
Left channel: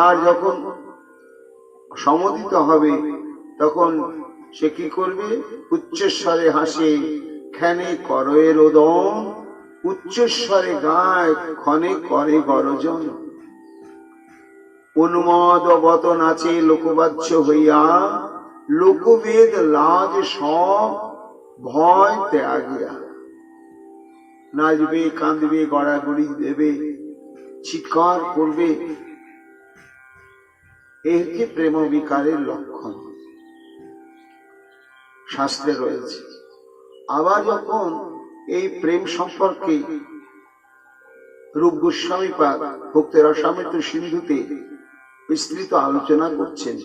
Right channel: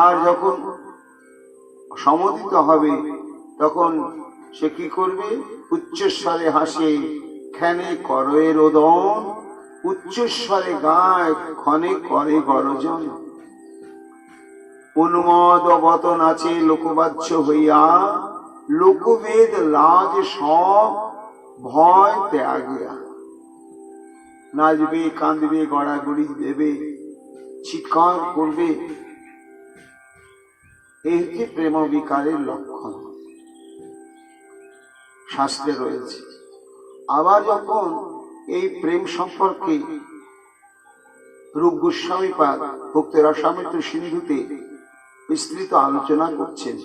আর যখন সমদিত হবে তখন সে কি করবে? উচ্চস্বরে হাসে, ক্ষণে করে রোদন, উচ্চস্বরে গায়, ক্ষণে করে গরজন। উন্মদবত নাচে লোকবাচ্য হইয়া, লোকবেদ লাজ সব ভয় ত্যাগিয়া। নাচবে, কাঁদবে, গড়াগড়ি দেবে, চিৎকার করবে। এই হচ্ছে প্রেম বিকারের লক্ষণ, শাস্ত্রে রয়েছে। আবার যখন এই প্রেম সম্পর্কে রূপ গোস্বামী পাদ ভক্তি রসামৃত সিন্ধুতে বিস্তৃত আলোচনা করছেন,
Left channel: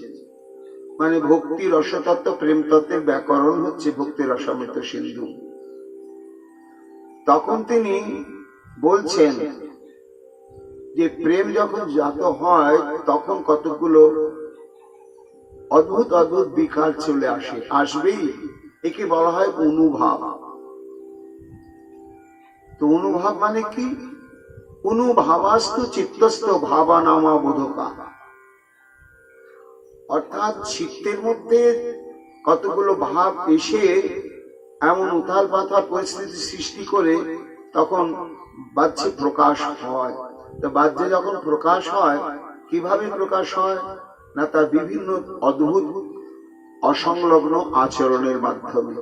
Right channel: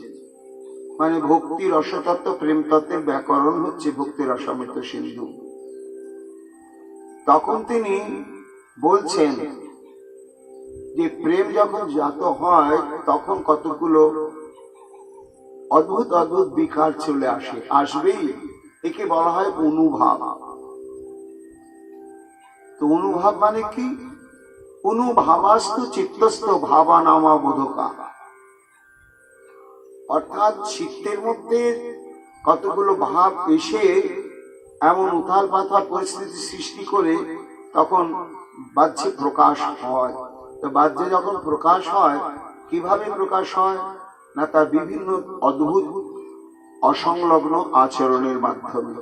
মানে ভক্তি রসতত্ত্ব প্রেম তত্ত্বের ব্যাকরণ হচ্ছে ভক্তি রসামৃত সিন্ধু। তখন তিনি বলছেন যে প্রেম যখন জাত হয় তখন কতগুলো অদ্ভুত অদ্ভুত বিকার চলে আসবেই। একে বলা হয় অনুভাব। তো অনুভাব মানে কি? অনুভাবাস্তু চিত্তস্থ ভাবানামা বোধকা, অর্থাৎ চিত্তের মধ্যে কতগুলো ভাব এসে এমন উথাল পাথাল পরিস্থিতি সৃষ্টি করে তখন বাহ্যে প্রকাশ হয়। তো বাহ্যে যখন প্রকাশ হয়, কিভাবে প্রকাশ হয় না, তার বিভিন্ন অদ্ভুত অসংলগ্ন আচরণের মাধ্যমে।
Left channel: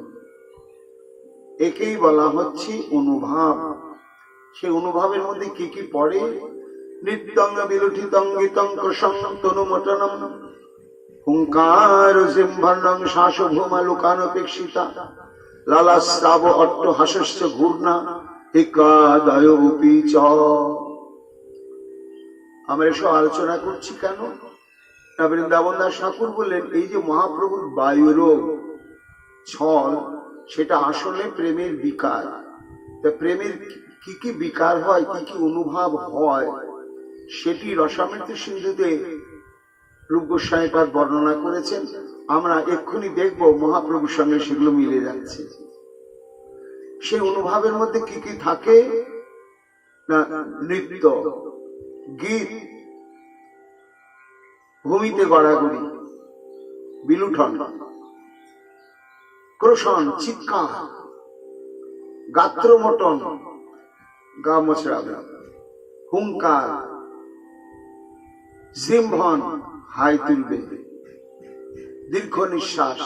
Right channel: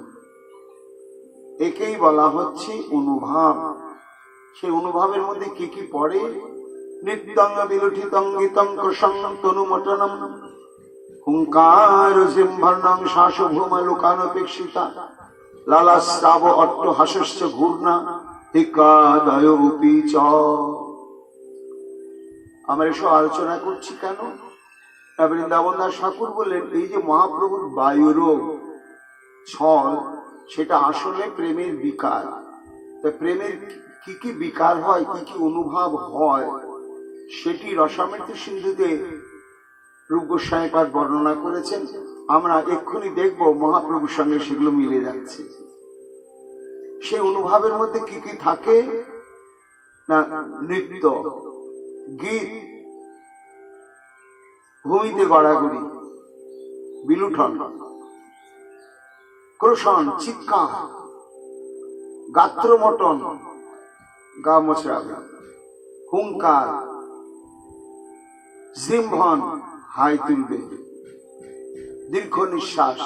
একেই বলা হচ্ছে অনুভাব। সেই অনুভাবের মধ্যে কি কি পড়ে? নৃত্যং বিলুঠিতং গীতং কৃষং তনুমটনম হুঙ্কার সিংহর্ণং শাসভূমা লোকানপেক্ষিতা লালাস্রাব অট্ট হাস্য ঘূর্ণা হিকাদয় উপীচ। আমরা এসব আলোচনা করছি কেন? বৃন্দাবন দাস ঠাকুর বললেন এই যে মহাপ্রভুর বায়ুরোগ ছল, সেটা আসলে প্রেমের বিকার। তা প্রেমের কি কি বিকার হয়, কি কি অনুভব হয়, সেটি রসামৃত সিন্ধুতে রূপ গোস্বামীপাদ বর্ণনা করেছেন। আমরা এক্ষুনি দেখব মহাপ্রভুর সঙ্গে সেগুলো মিলে যাচ্ছে। সেই অনুভবের মধ্যে কি কি থাকে না, নৃত্য, গীত, ভূমিতে গড়াগড়ি, বিলুঠন, ক্রোশন, চিৎকার, গাত্রমটন, গা মোচড়াবে, হুঙ্কার, জিম্ভন, হাই তুলবে, দীর্ঘ নিঃশ্বাস,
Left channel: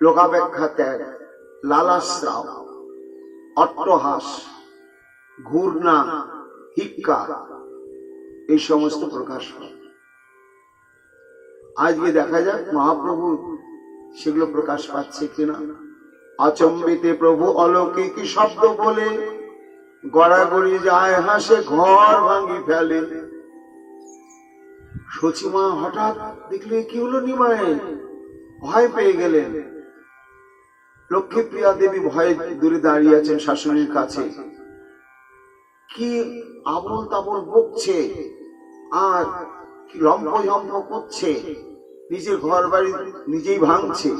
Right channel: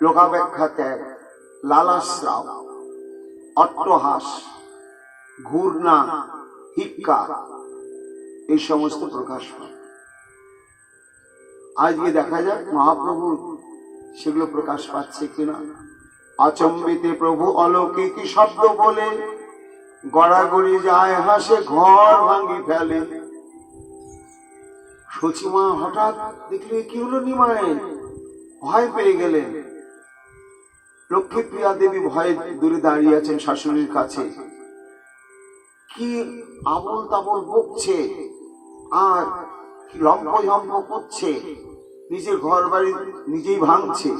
লোকাপেক্ষা ত্যাগ, লালাস্রাব, অট্টহাস, ঘূর্ণা, হিক্কা, এই সমস্ত প্রকাশ পায়। আজকে দেখা যাক মহাপ্রভু সেগুলো প্রকাশ পাচ্ছে কিনা। আচম্বিতে প্রভু অলৌকিক শব্দ বলে গড়াগড়ি যায় হাসে, ঘর ভাঙি ফেলে। সচিমা হঠাৎ দেখলে কি হলো, নিমায়ে ভয় পেয়ে গেলেন। লক্ষ্মীপ্রিয়া দেবী ভয়ে দূরে দাঁড়িয়ে আছেন শাশুড়ির কাছে। কি আবল তাবল বকছে আর কি লম্ফ করছে, নিজের ঘর বাড়ি নিজেই ভাঙছে,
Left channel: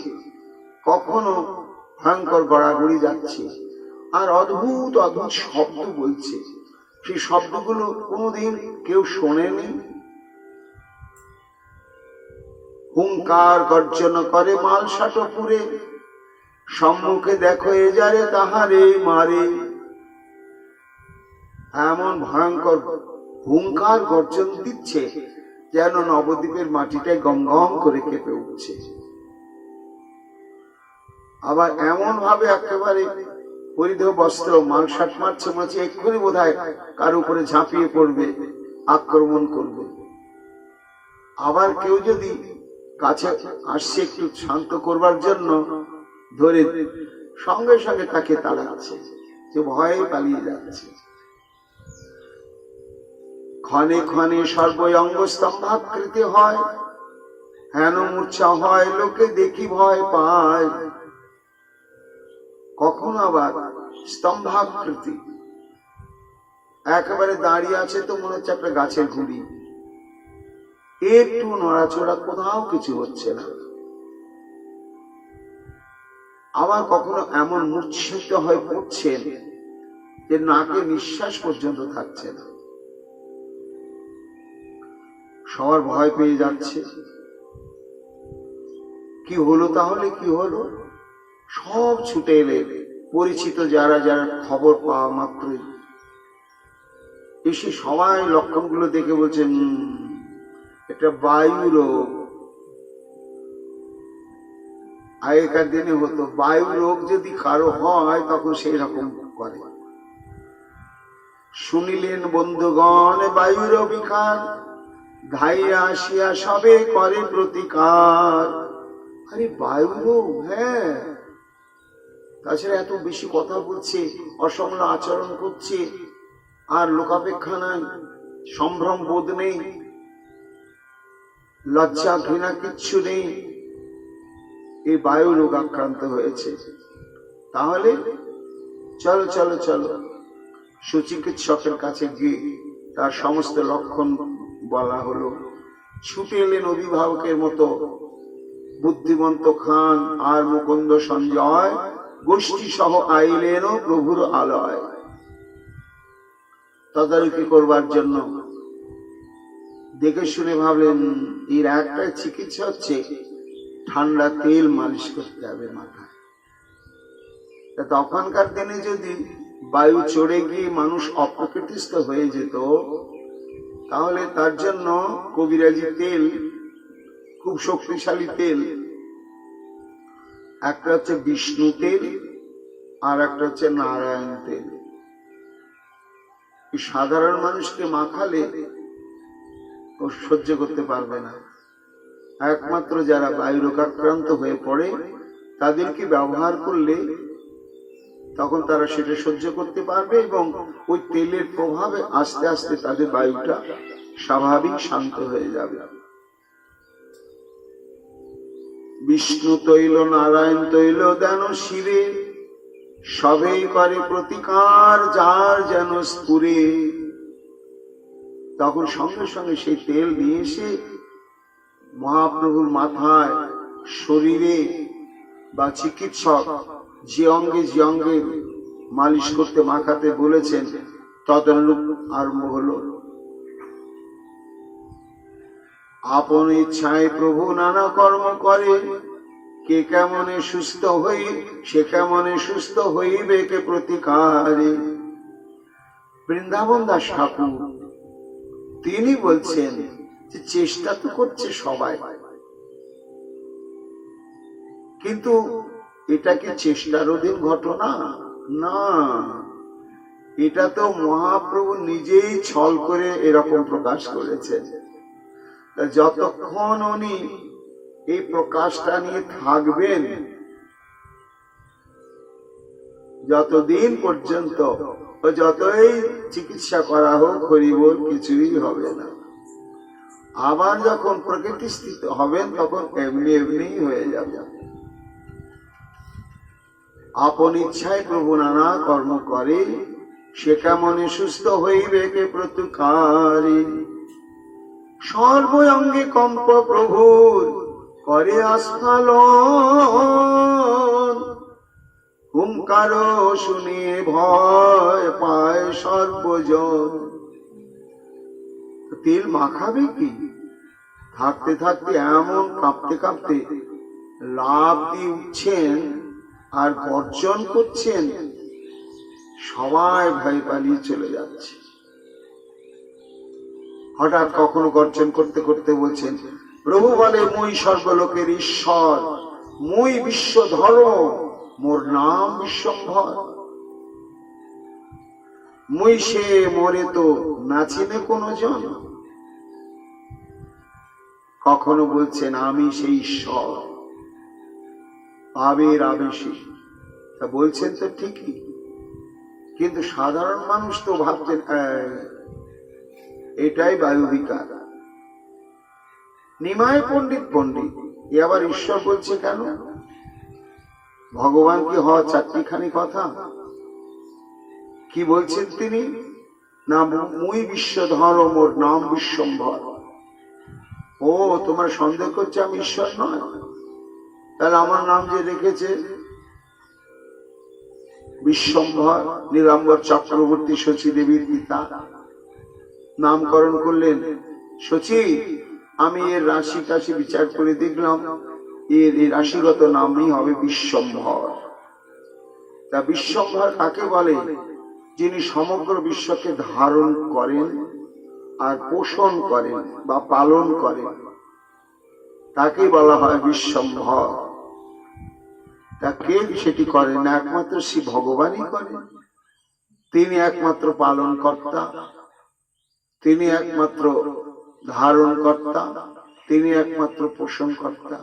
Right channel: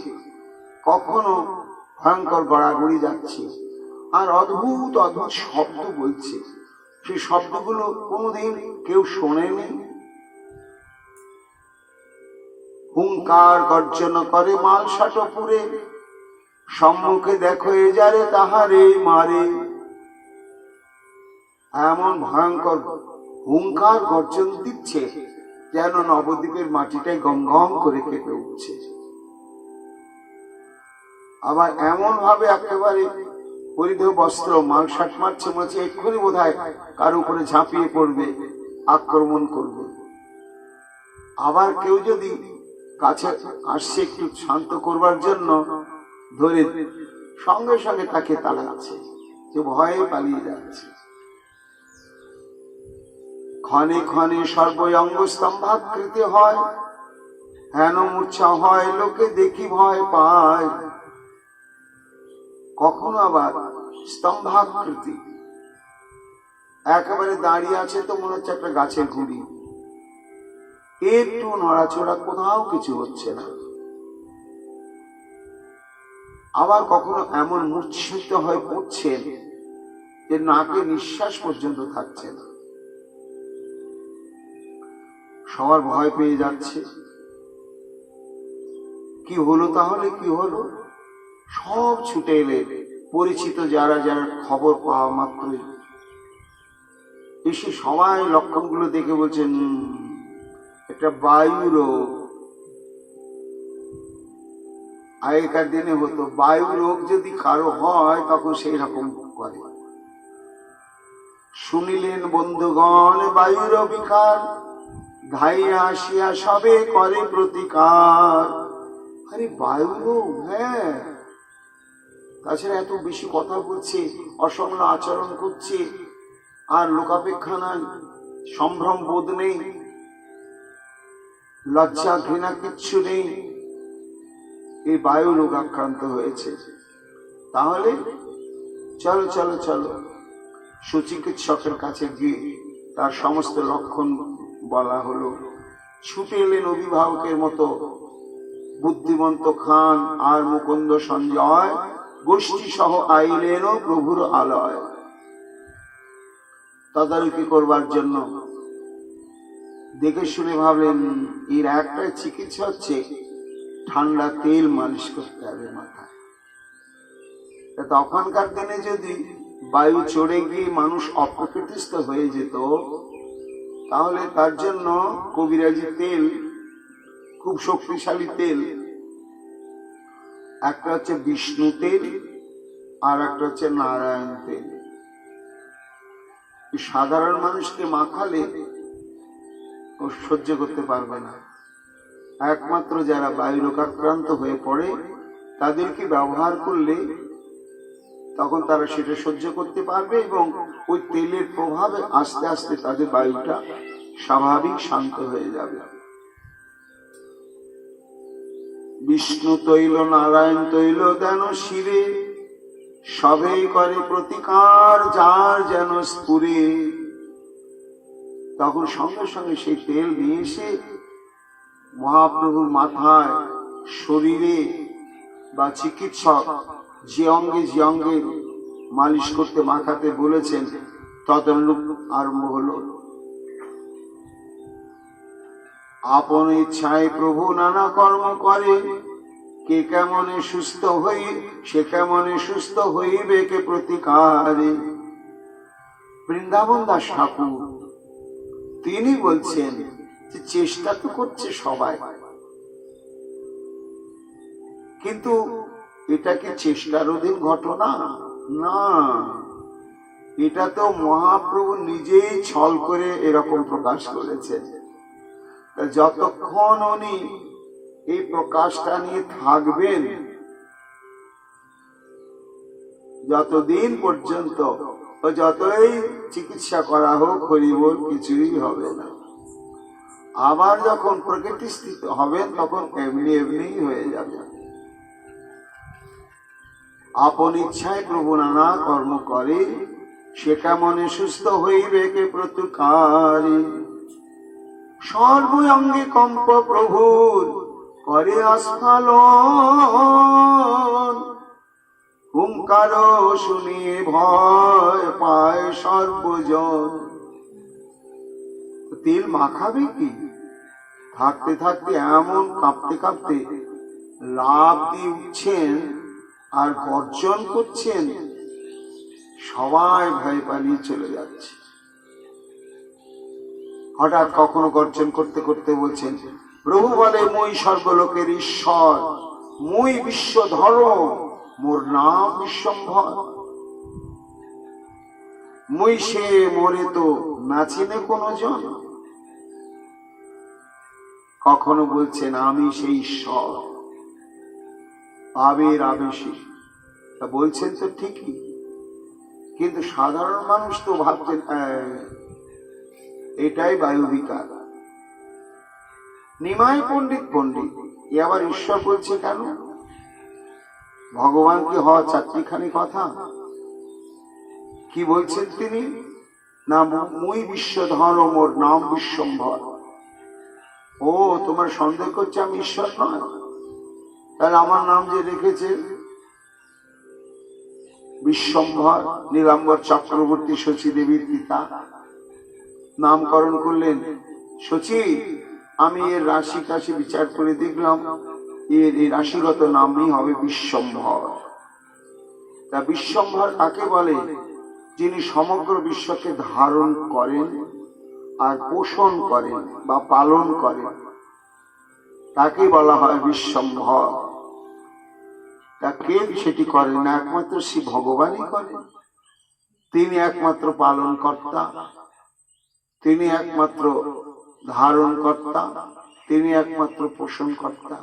কখনো ভয়ঙ্কর গড়াগড়ি যাচ্ছে, আর অদ্ভুত অদ্ভুত শব্দ বলছে। সেই শব্দগুলো কোনোদিন কেউ শোনেনি। হুঙ্কার গর্জন করে মালসাটো পুরে, সম্মুখে দেখো এ যারে তাহারে মারে। এমন ভয়ঙ্কর হুঙ্কার গর্জন দিচ্ছে যেন নবদ্বীপের মাটিটাই গম গম করে কেঁপে উঠছে। আবার এমন ভাবে একেবারে পরিধেয় বস্ত্র, মালসাট মারছে, মারছে, এক্ষুনি বোধ হয় কার উপরে ঝাঁপিয়ে পড়বে, আক্রমণ করবে। আবার কেউ যদি কাছে আসছে একটু শান্ত করবার জন্য, ধরে সঙ্গে সঙ্গে তাকে তাড়াচ্ছে, যে ভয়ে পালিয়ে যাচ্ছে। ক্ষণে ক্ষণে সর্বঙ্গ স্তম্ভাকৃতি হয়, হেন মূর্ছা হয়, লোকে দেখি ভয় পায়। কখনো আবার স্তম্ভাকৃতি, একেবারে দাঁড়িয়ে আছে তো মনে হচ্ছে একটা গাছের গুড়ি, একটু নড়াচড়া, কোথাও কিছু হচ্ছে না। আবার কখনো এমন মূর্ছিত হয়ে পড়ছেন যে নাকে নিঃশ্বাস পর্যন্ত থাকছে না। সবার ভয় পেয়ে যাচ্ছে। কি হলো তাহলে, কি হলো? সব ছুটে এলে, পরিচিত যারা যারা খবর পাওয়া মাত্রই এসে সবাই লক্ষণগুলো দেখে বলছেন এটা বায়ু রোগ। আগেকার দিনে হতো বায়ু রোগ যদি কারো হয় তখন সেই রকম করে। শুনিলেন বন্ধুগণ বায়ুর বিকার, ধাইয়া আসিয়া সবে করে প্রতিকার। আরে বায়ু রোগ, হ্যাঁ, তাছাড়া এত বেশি কথা বলছে, অসংল আচরণ করছে, আর লোকাপেক্ষা নাই, সম্ভ্রম বোধ নেই, লজ্জা ঘৃণা কিচ্ছু নেই, এই বায়ু রোগ আক্রান্ত হয়েছে। তাহলে চলো চলো চলো, সুচিকিৎসকের কাছে গিয়ে তার সমস্ত লক্ষণ বলা হলো। ছুটে এলেন অভিভাবকের মতো বুদ্ধিমন্ত খান আর মুকুন্দ সঞ্জয়, গোষ্ঠী সহ আইলেন প্রভুর আলয় তদারকি করবার জন্য। দেখে শুনে ভাবলেন এর একটা চিকিৎসা হচ্ছে ঠান্ডা তেল মালিশ করতে হবে মাথায়। তখনকার দিনে যদি বায়ু চড়ে গিয়ে মানুষ অপ্রকৃতিস্থ হয়ে যেত, তাহলে তার জন্য কবিরাজি তেল, খুব শক্তিশালী তেল, একটা হচ্ছে বিষ্ণু তেল আর একটা হচ্ছে নারায়ণ তেল। সাধারণ মানুষকে মাখালে ও সহ্য করতে পারবে না। একমাত্র যারা বায়ু রোগাক্রান্ত হয়ে পড়ে তাদেরকে ব্যবহার করলে তখন তারা সেটা সহ্য করতে পারবে, এবং ওই তেলের প্রভাবে আস্তে আস্তে তাদের বায়ুটা স্বাভাবিক শান্ত হয়ে যাবে। বিষ্ণু তৈল নারায়ণ তৈল দেন শিরে, সবেই করে প্রতিকার যার যেন স্ফুরে। তখন সঙ্গে সঙ্গে সেই তেল নিয়ে এসে মহাপ্রভুর মাথায়, শরীরে বা চিকিৎসক যে অঙ্গে মালিশ করতে মাখাতে বলেছেন তদনুরূপ আরম্ভ হলো। আপন ইচ্ছায় প্রভু নানা কর্ম করে, কে কেমনে সুস্থ হই সে কেমনে সুস্থ হইবে কে প্রতিকারে। বৃন্দাবন দাস ঠাকুর তিনি বলছেন যে চেষ্টা তো করছে সবাই, কিন্তু এটা কি চেষ্টার অধীন ঘটনা? না, এটা তো মহাপ্রভু নিজেই ছল করে এরকম প্রকাশ করেছেন। যতক্ষণ উনি এই প্রকাশটা নিয়ে থাকবেন, যতদিন পর্যন্ত যতই চিকিৎসা করা হোক হরিবোল কিছুই হবে না। আবার যখন প্রকৃতিস্থিত হবেন তখন এমনি এমনি হয়ে যাবে। আপন ইচ্ছায় প্রভু নানা কর্ম করে, সে কেমনে সুস্থ হইবে কে প্রতিকারে। সর্বঙ্গে কম্প প্রভুর করে আস্ফালন, হুঙ্কার শুনে ভয় পায় সর্বজন। তেল মাখাবে কি? থাকতে থাকতে এমন কাঁপতে কাঁপতে লাফ দিয়ে উঠছেন আর গর্জন করছেন, সবাই ভয় পালিয়ে চলে যাচ্ছে। হঠাৎ কখনো গর্জন করতে করতে বলছেন, প্রভু বলে মুই সর্বলোকের ঈশ্বর, মুই বিশ্বধর, মোর নাম বিশ্বম্ভর। মুই সে মোরে তো নাচিনে কোন জন। কখনো বলছেন আমি সেই ঈশ্বর, আবের আবেশী। তা বলছেন তো ঠিকই, কিন্তু সাধারণ মানুষ তো ভাবছেন এটাই বায়ু বিকার। নিমাই পণ্ডিত এ আবার ঈশ্বর বলছে কেন? ভগবান কি হওয়া চারটিখানি কথা? কি বলছেন তিনি? না, মুই বিশ্বধর, মোর নাম বিশ্বম্ভর। ও, তোমার সন্দেহ করছে আমি ঈশ্বর নয়? তাহলে আমার নাম যে রেখেছে বিশ্বম্ভর, নীলাম্বর চক্রবর্তী শচী দেবীর পিতা নামকরণ করলেন শচী। আমি এর রাশি কাশি বিচার করে দেখলাম, এর এই রাশিগত নামই হবে বিশ্বম্ভর। তা বিশ্বম্ভর কাকে বলে? যিনি সমগ্র বিশ্বকে ধারণ করেন আর পোষণ করেন বা পালন করেন, তাকে বলা হয় বিশ্বম্ভর। তা কে সেটি করেন? একমাত্র শ্রী ভগবানই করেন। তিনি একমাত্র পালন কর্তা, তিনি একমাত্র ধারণ কর্তা, তিনি একমাত্র পোষণ কর্তা।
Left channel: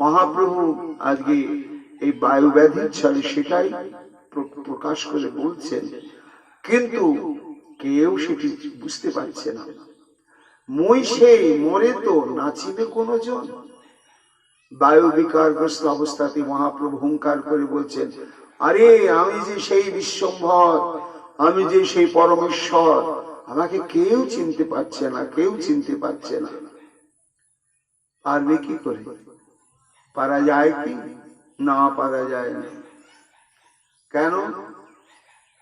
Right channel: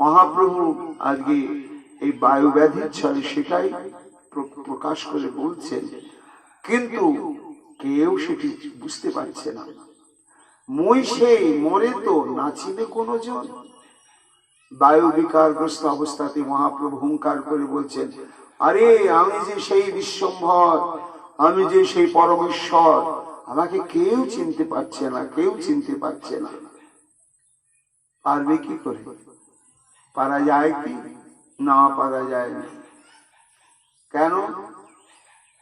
মহাপ্রভু আজকে এই বায়ু ব্যাধির ছলে সেটাই প্রকাশ করে বলছেন, কিন্তু কেউ সেটি বুঝতে পারছে না। মই সেই মরে তো নাচিবে কোন জন। বায়ু বিকারগ্রস্ত অবস্থাতে মহাপ্রভু হুঙ্কার করে বলছেন, আরে আমি যে সেই বিশ্বম্ভর, আমি যে সেই পরমেশ্বর, আমাকে কেউ চিনতে পারছে না, কেউ চিনতে পারছে না। পারবে কি করে? পারা যায় কি? না, পারা যায় না। কেন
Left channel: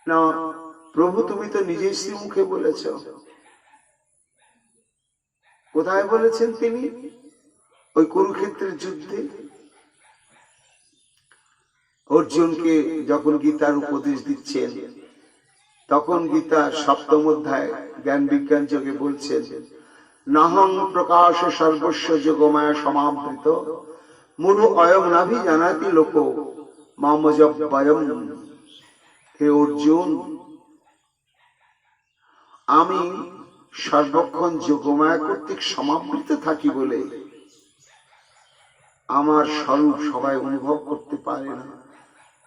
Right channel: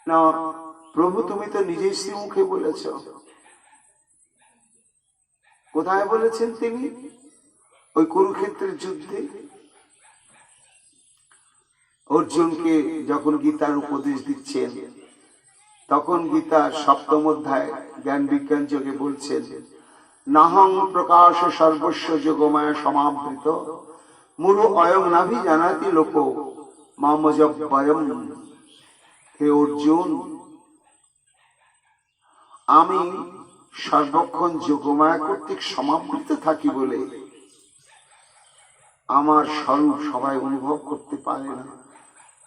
না? প্রভু তুমি তো নিজেই শ্রীমুখে বলেছ। কোথায় বলেছেন তিনি? ওই কুরুক্ষেত্রের যুদ্ধে অর্জুনকে যখন গীতার উপদেশ দিচ্ছেন, তখন গীতার 7ম অধ্যায় জ্ঞান বিজ্ঞান যোগে বলছেন, নাহং প্রকাশ সর্বস্ব যোগমায়া সমাবৃত মুরু অয়ং নাভি জানাতি লোক মামজব্বয়ম। হে অর্জুন, আমি সর্বক্ষণ যোগমায়া কর্তৃক সমাবৃত থাকি বলে আমার স্বরূপ সবাই অনুভব করতে পারে না।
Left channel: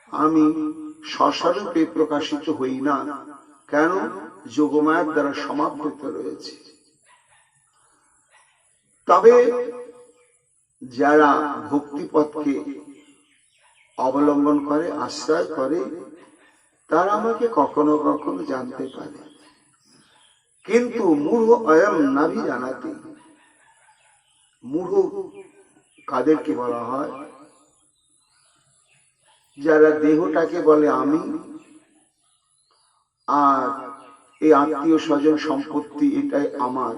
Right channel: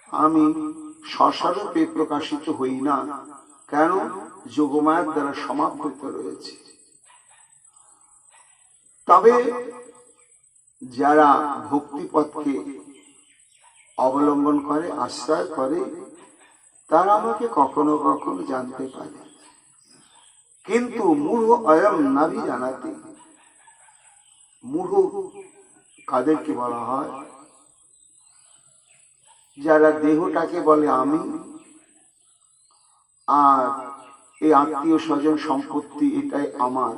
আমি স্বস্বরূপে প্রকাশিত হই না। কেন? যোগমায়ার দ্বারা সমাবৃত রয়েছে। তবে যারা ভক্তিপথকে অবলম্বন করে, আশ্রয় করে, তারা আমাকে কখনো কখনো জানতে পারে। কিন্তু মূঢ় অয়ম নাভি জানাতে। মূঢ় কাদেরকে বলা হয়? যারা দেহটাকে বলে আমি, আর এই আত্মীয় স্বজন সম্পত্তি এটাই আমার,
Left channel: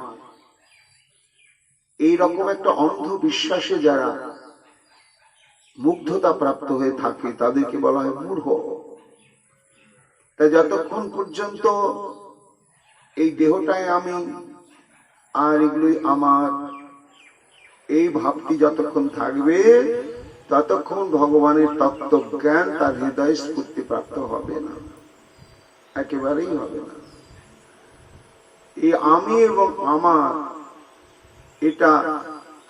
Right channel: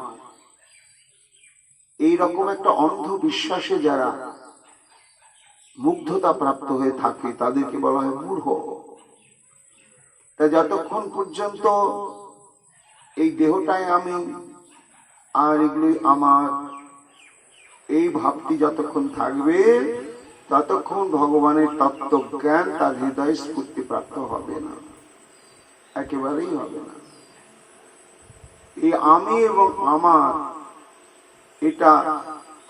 এইরকম একটা অন্ধ বিশ্বাসে যারা মুগ্ধতা প্রাপ্ত হয়ে থাকে তাদেরকে বলা হয় মূঢ়। তাই যতক্ষণ পর্যন্ত এই দেহটাই আমি আর এগুলোই আমার, এই ভাবটি যতক্ষণ থাকবে ততক্ষণ ভগবানের তত্ত্বজ্ঞান তার হৃদয় স্ফূর্তি প্রাপ্ত হবে না, একেবারেই হবে না। এই আমি এবং আমার এটা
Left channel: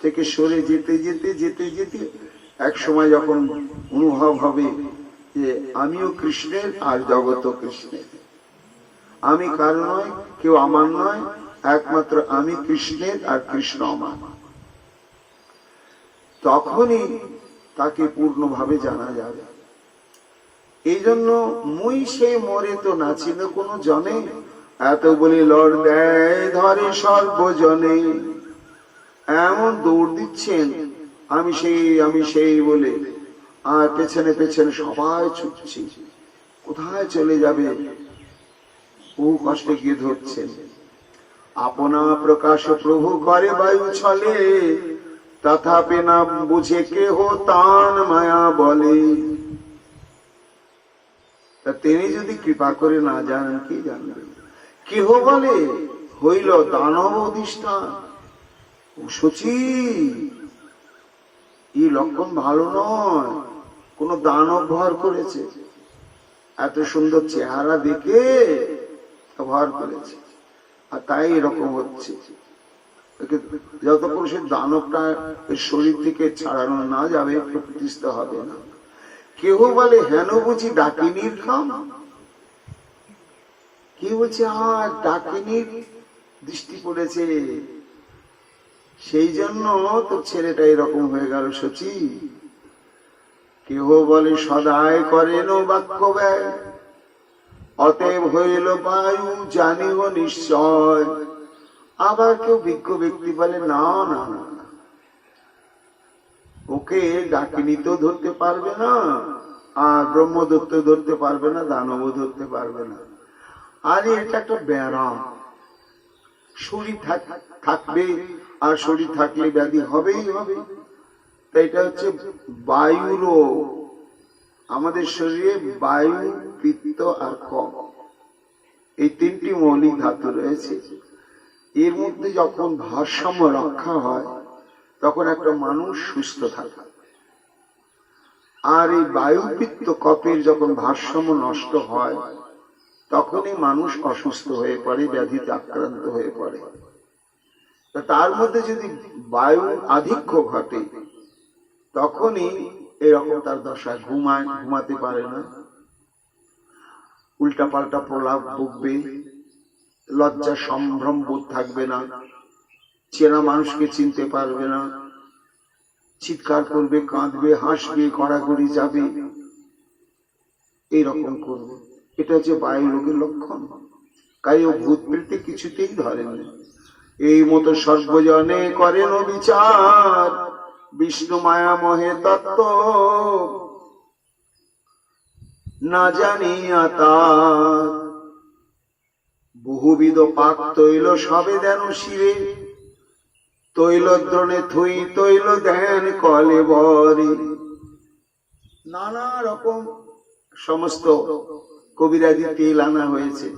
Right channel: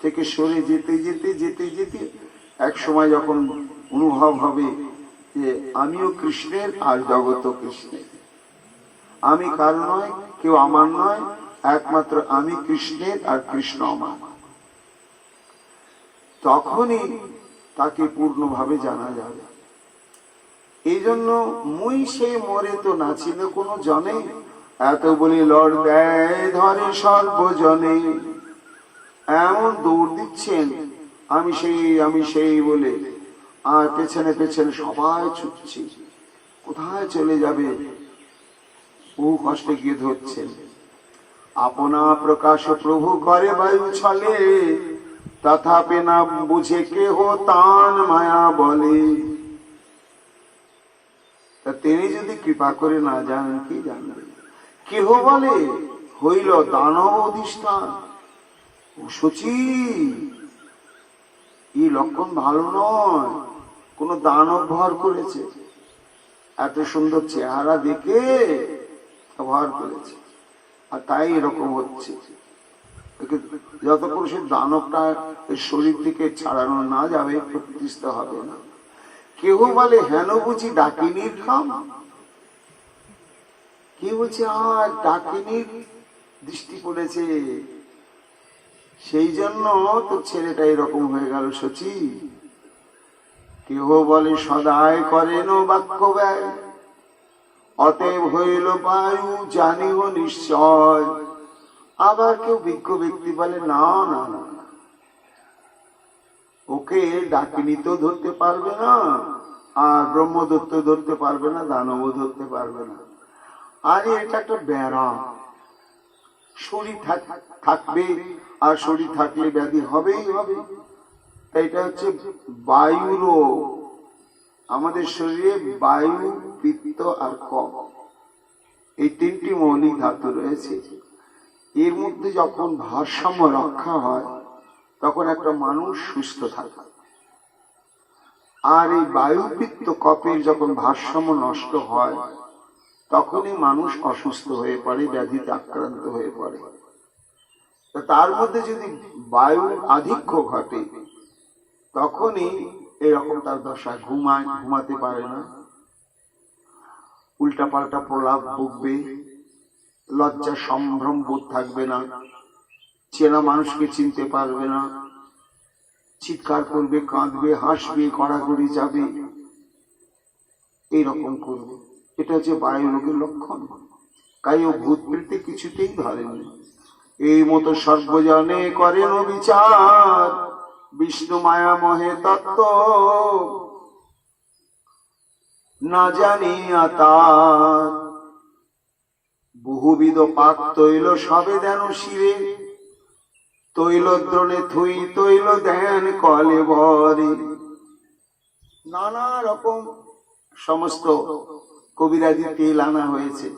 থেকে সরে যেতে যেতে যেতে যেতে এক সময় যখন অনুভব হবে যে আমিও কৃষ্ণের আর জগৎ কৃষ্ণের, আমি কারো নয়, কেউ আমার নয়, একমাত্র আমি কৃষ্ণের আর কৃষ্ণ আমার, তখনই তাকে পূর্ণভাবে জানা যাবে। এই জন্য মুই সে মরে তো নাচিল কোনো জনে, এত বলি লড় দেয় ধরে সর্বজনে। এমন দৌড় দিচ্ছেন আমি সেই বলে, আর পেছনে পেছনে সবাই ছুটছে, কোথায় চলে যাবে বহু কষ্টে গিয়ে ধরছেন। আপনা প্রকাশ প্রভু করে বায়ু ছলে, তথাপি না বুঝে কেহ তান মায়া বলে। তিনি যদি কৃপা করে না জানেন, কি জানবেন? কেহ বলে হইল দানব অধিষ্ঠান। সচি এই লক্ষণ ভালো নয়, কোন দানব ভর করেছে, এত সুন্দর চেহারা দেখে ভর করেছে, আর তাই এরকম হচ্ছে। যতক্ষণ সে দানবটা শরীর থেকে ছাড়ানো না যাবে প্রতিষ্ঠিত হবে না। কেহ বলে হেন বুঝি ডাকিনীর কাম। কি বলছে? আর ডাকিনীর দৃষ্টি পড়েছে, সেই জন্য তো ছেলেটা এরকম হয়ে গেল সচি। কেহ বলে সদায় করেন বাক্য ব্যয়, অতএব হইল বায়ু জানিব নিশ্চয়। আবার কেউ বিজ্ঞ ব্যক্তি বলে না না না, ওকে ডাকিনী তো ধরতে পারবে না, আর ব্রহ্মদত্ত ধরতে পারবে না, দানব ধরতে পারবে না। আরে এটা একটা ব্যারাম, শরীর থাকবে, আর শরীর থাকলে ব্যাধি হবেই হবে। তাই এটা হচ্ছে বায়ু রোগ। আমাদের শরীরে বায়ু, পিত্ত আর কফ, এই তিনটি মৌলিক ধাতু রয়েছে। এর মধ্যে যখন ভারসাম্য রক্ষা হয় তখন একটা মানুষ সুস্থ থাকে। আর এই বায়ু, পিত্ত, কফের যখন ভারসাম্য নষ্ট হয় তখনই মানুষ অসুস্থ হয়ে পড়ে, ব্যাধিতে আক্রান্ত হয়ে পড়ে। তার মধ্যে যদি বায়ু আধিক্য ঘটে তখনই এরকম তার দশায় ঘুমাতে পারে না, উল্টা পাল্টা প্রলাপ বকবে, লজ্জা সম্ভ্রম বোধ থাকবে না, চেনা মানুষকে চিনতে পারবে না, চিৎকার করবে, কাঁদবে, হাসবে, গড়াগড়ি যাবে, এইরকম করবে। এটা হচ্ছে বায়ু রোগের লক্ষণ। তাই ও ভূত বৃত্তি কিছুতেই ধরেনি। এই মতো সর্বজনে করেন বিচার, বিষ্ণু মায়া মোহে তত্ত্ব না জানিয়া তার। বহুবিধ পাক তৈল সবে দেন শিরে, তৈল দ্রোণে থুই তৈল দেন কলে বরে। নানা রকম সমস্ত কবিরাজি তেল আনা হয়েছে।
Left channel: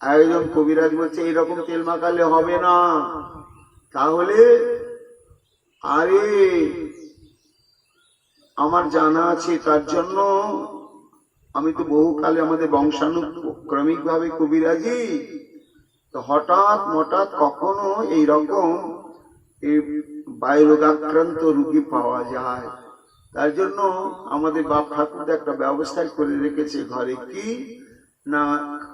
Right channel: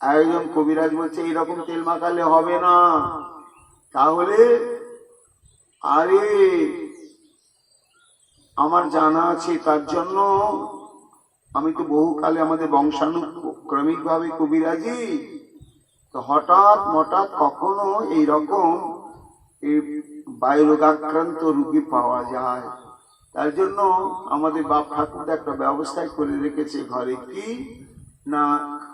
একজন কবিরাজ বলছে এইরকম তেল মাখালে হবে না, তাহলে আরে আমার জানা আছে, তার জন্য আমি তো বহুকালে আমাদের বংশানুক্রমিক ভাবে কবিরাজি, তো হঠাৎ হঠাৎ কখনো এইরকম বায়ু রোগাক্রান্ত রোগী পাওয়া যায়। তার জন্য আমাদের বাপ ঠাকুর একটা ব্যবস্থায় করে রেখেছে ঘরে, কি না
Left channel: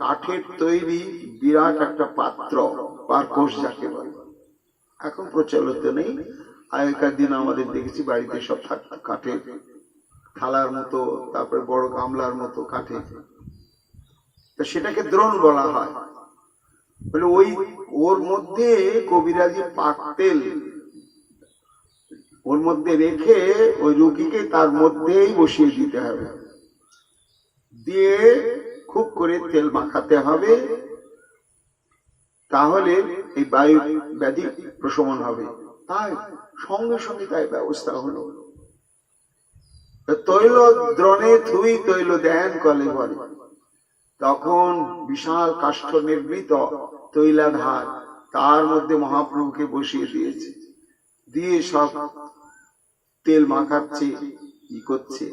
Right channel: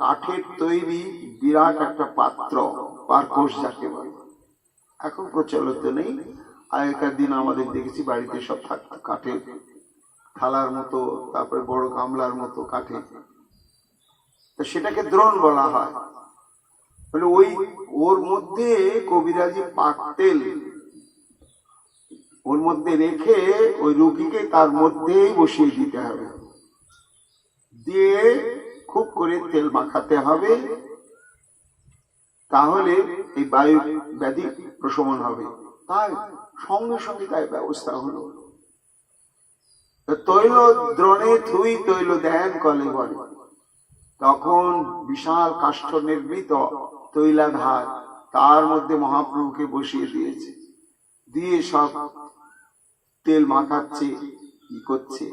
কাঠের তৈরি বিরাট একটা পাত্র, পারকোষ যাকে বলে, এখন প্রচলিত নেই। আগেকার দিন আমাদের দেখেছি বাড়িতে সব থাকতো কাঠের থালার মতো, তারপরে বড় গামলার মতো কাঠে, তো সেটাকে দ্রোণ বলা হয়। বলে ওই ওর মধ্যে কবিরাজি পাক তেল ওর মধ্যে রেখে ওই রুগীকে তার মধ্যেই বসিয়ে দিতে হবে, দিয়ে খুব করে তেল মাখাতে হবে, তাহলে এই বায়ু ব্যাধি প্রশমন হবে। তাই সঙ্গে সঙ্গে তাই ব্যবস্থা হলো। তৈল দ্রোণে থুই তৈল দেন কলে বলে, তখন বিশাল কাষ্ঠ নির্মিত তৈলাধার তার মধ্যে মহাপ্রভুকে বসিয়ে দিয়েছে, দিয়ে সব তেল মাখাচ্ছে, কি করছে।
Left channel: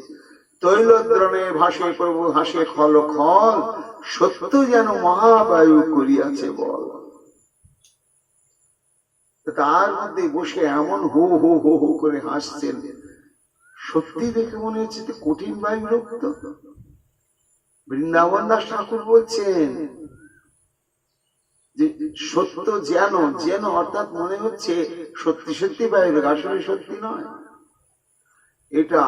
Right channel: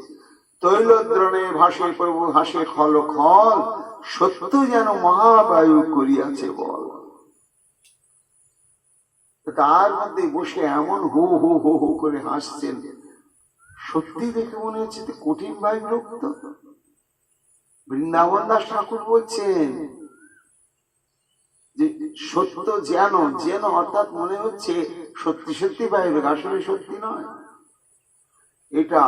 তৈলদ্রণে ভাসে প্রভু হাসে খল খল, সত্য যেন মহাবায়ু করিয়াছে বল। তার মধ্যে বসে এমন হো হো হো হো করে হাসছেন, সত্যি দেখে মনে হচ্ছে কঠিন বায়ু রক্ত। বৃন্দাবন দাস ঠাকুর বলছেন যে সত্য যেন যেন, অর্থাৎ মনে হচ্ছে সত্যি সত্যি বায়ু, আসলে সত্যি নয়। এটা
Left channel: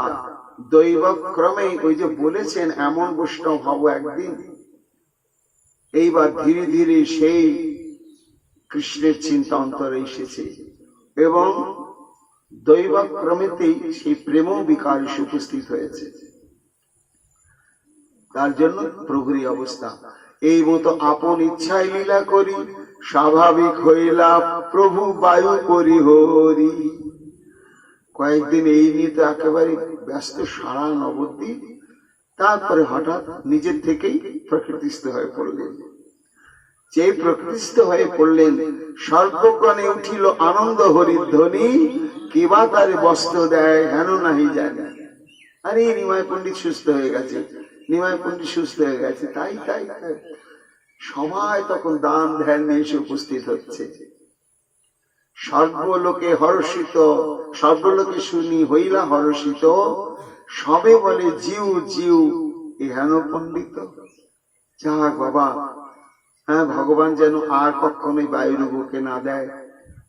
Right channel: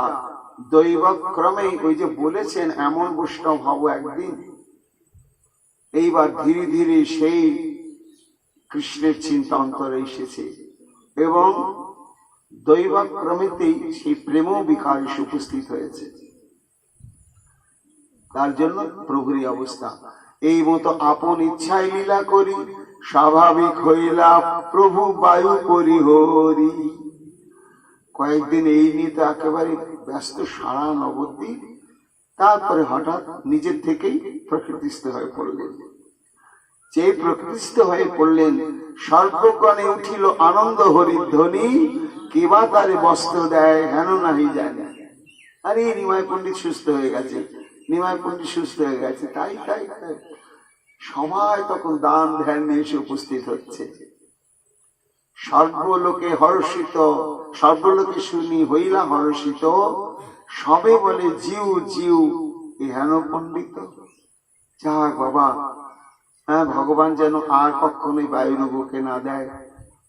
দৈবক্রমে ওই যে বলেছেন এমন বৈষ্ণব হব একদিন, এইবার ধীরে ধীরে সেই কৃষ্ণের চিন্তা অন্তরে এসেছে এবং দৈবক্রমেতেই সেই প্রেম বিকার উপস্থিত হয়েছে। তার জন্য প্রভুর অবস্থা এই মতো আপন ইচ্ছায় লীলা করি, স্বাভাবিক হইলা প্রভু বায়ু করি হরি। কয়েকদিন এই নিয়ে তো একেবারে ব্যস্ত সারা নবদ্বীপ, তারপরে হঠাৎ নিজের থেকেই প্রকৃতিস্থ হয়ে পড়লেন। যে প্রকৃতিস্থ হয়ে পড়লেন, সর্বক্ষণে উঠিল আনন্দ হরির ধ্বনি, কিবা তারে বস্ত্র দেয় হেন নাহি যায় না। আরে নিমাই পণ্ডিত সুস্থ হয়ে গেছে, নিমাই পণ্ডিত সুস্থ হয়ে গেছে, তাই তাই তাই সবাই তখন দান ধ্যান নিয়ে এসে উপস্থিত হচ্ছে। সর্বলোকে হর্ষিত, সর্বলোকে শুনি হইলা হর্ষিত, সবে বলে জিউ জিউ এ হেন পণ্ডিত। যাক বাবা, হ্যাঁ, ভগবান যেন আর কখনোই বায়ু রোগকে না দেয়,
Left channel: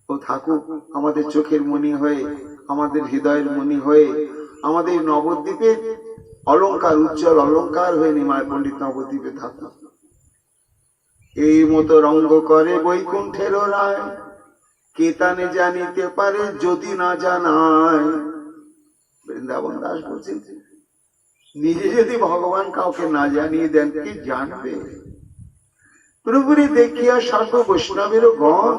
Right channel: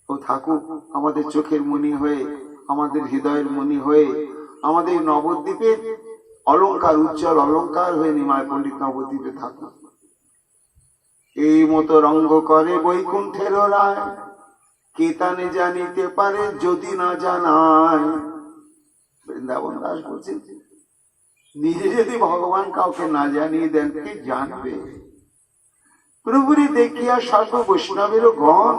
ও থাকুক আমাদের চোখের মণি হয়ে, আমাদের হৃদয়ের মণি হয়ে, আমাদের নবদ্বীপের অলঙ্কার, উজ্জ্বল অলঙ্কার হয়ে নিমায় পণ্ডিত নবদ্বীপে থাকুক। এই মতো রঙ্গ করে বৈকুণ্ঠের রায়, কেতানে জানিতে পারে যদি না জানায়। বৃন্দাবন দাস বলছেন নিজে যদি ভগবান কাউকে না জানিয়ে দেন, কে জানবে? প্রভুরে দেখিয়া সর্ব বৈষ্ণবেরও গণ,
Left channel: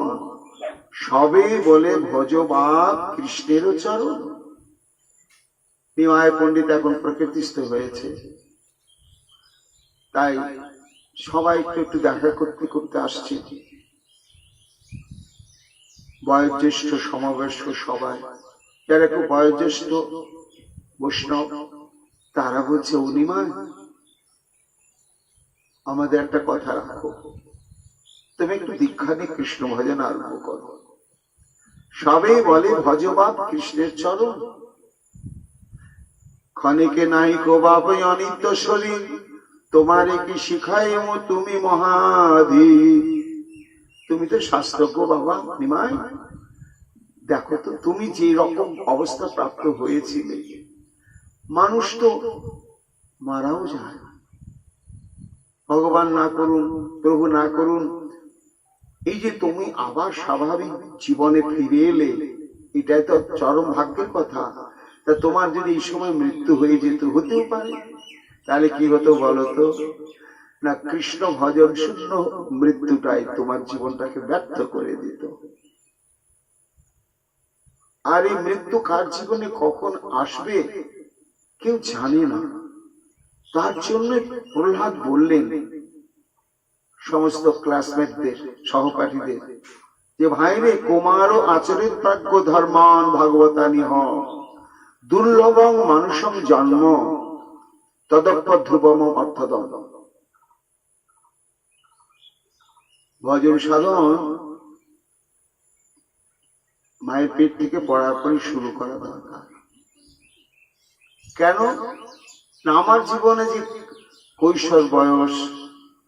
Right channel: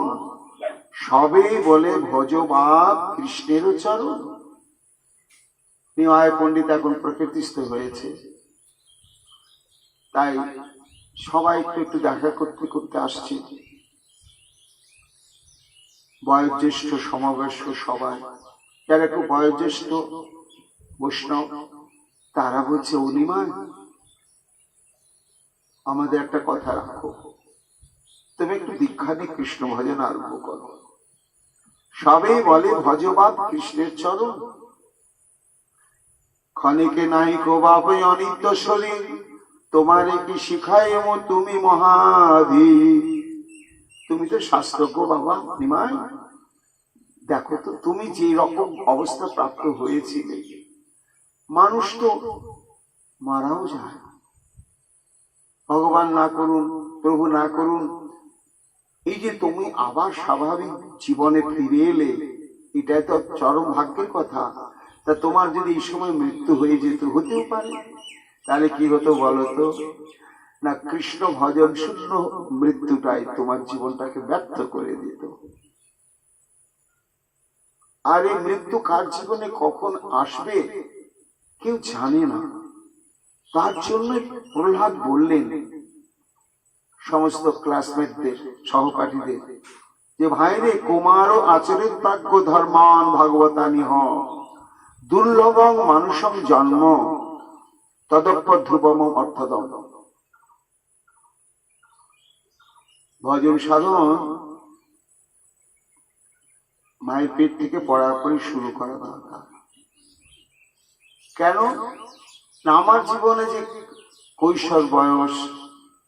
সবে বলে ভজবাদ কৃষ্ণের চরণ। নিমায় পণ্ডিত এখন প্রকৃতিস্থ হয়েছে, তাই সবাই একটু দেখা করতে করতে আসছে। বয়োজ্যেষ্ঠ সমাবেশ সবাই, যারা খুব বয়োজ্যেষ্ঠ বৈষ্ণব, তারা বলছে ও নিমায়, আমাদের একটা কথা রাখো, তুমি একটু দীক্ষা নিয়ে কৃষ্ণ ভজন আরম্ভ করো। সবেই বলে ভজবাদ কৃষ্ণের চরণ, ক্ষণিকে নাই কো বাপ অনিত্য শরীর, তোমারে কি শিখাইম তুমি মহাধি। তুমি তো শাস্ত্রজ্ঞ বাবা নিমাই, দেখো তো তুমি যে রকম অবস্থা প্রাপ্ত হয়েছিলে, মানুষ তো মারাও যায়, ভগবান না করুন, প্রভু না করুন, এই যে তুমি আবার স্বাভাবিক জীবনে ফিরে এলে, এটাই তো চরম ভাগ্যের কথা। তা তোমার যদি এই সময় মৃত্যু হয়ে যেত, হতেও পারে, তাহলে কি হতো বলো তো? না, কৃষ্ণ ভজন শূন্য মৃত্যুটাই তোমার জীবনটাকে ব্যর্থ করে দিত। আর এই মৃত্যু কার জীবনে কখন আসবে কেউ জানে না। তার জন্য প্রহ্লাদ বললেন সমস্ত ক্লাসমেটদের, সহপাঠীদের, যে ভাইরে কুমার আচরিত প্রাজ্ঞ ধর্মান ভাগবতানি হ, দুর্লভং মানুষং জন্ম তদপ্য ধ্রুবম অর্থদম। ভজন সাধন মায়ের পেট থেকে পড়ার পরে শুরু করা দরকার। কেন না, আমার জীবনে যে কৈশোর বয়স,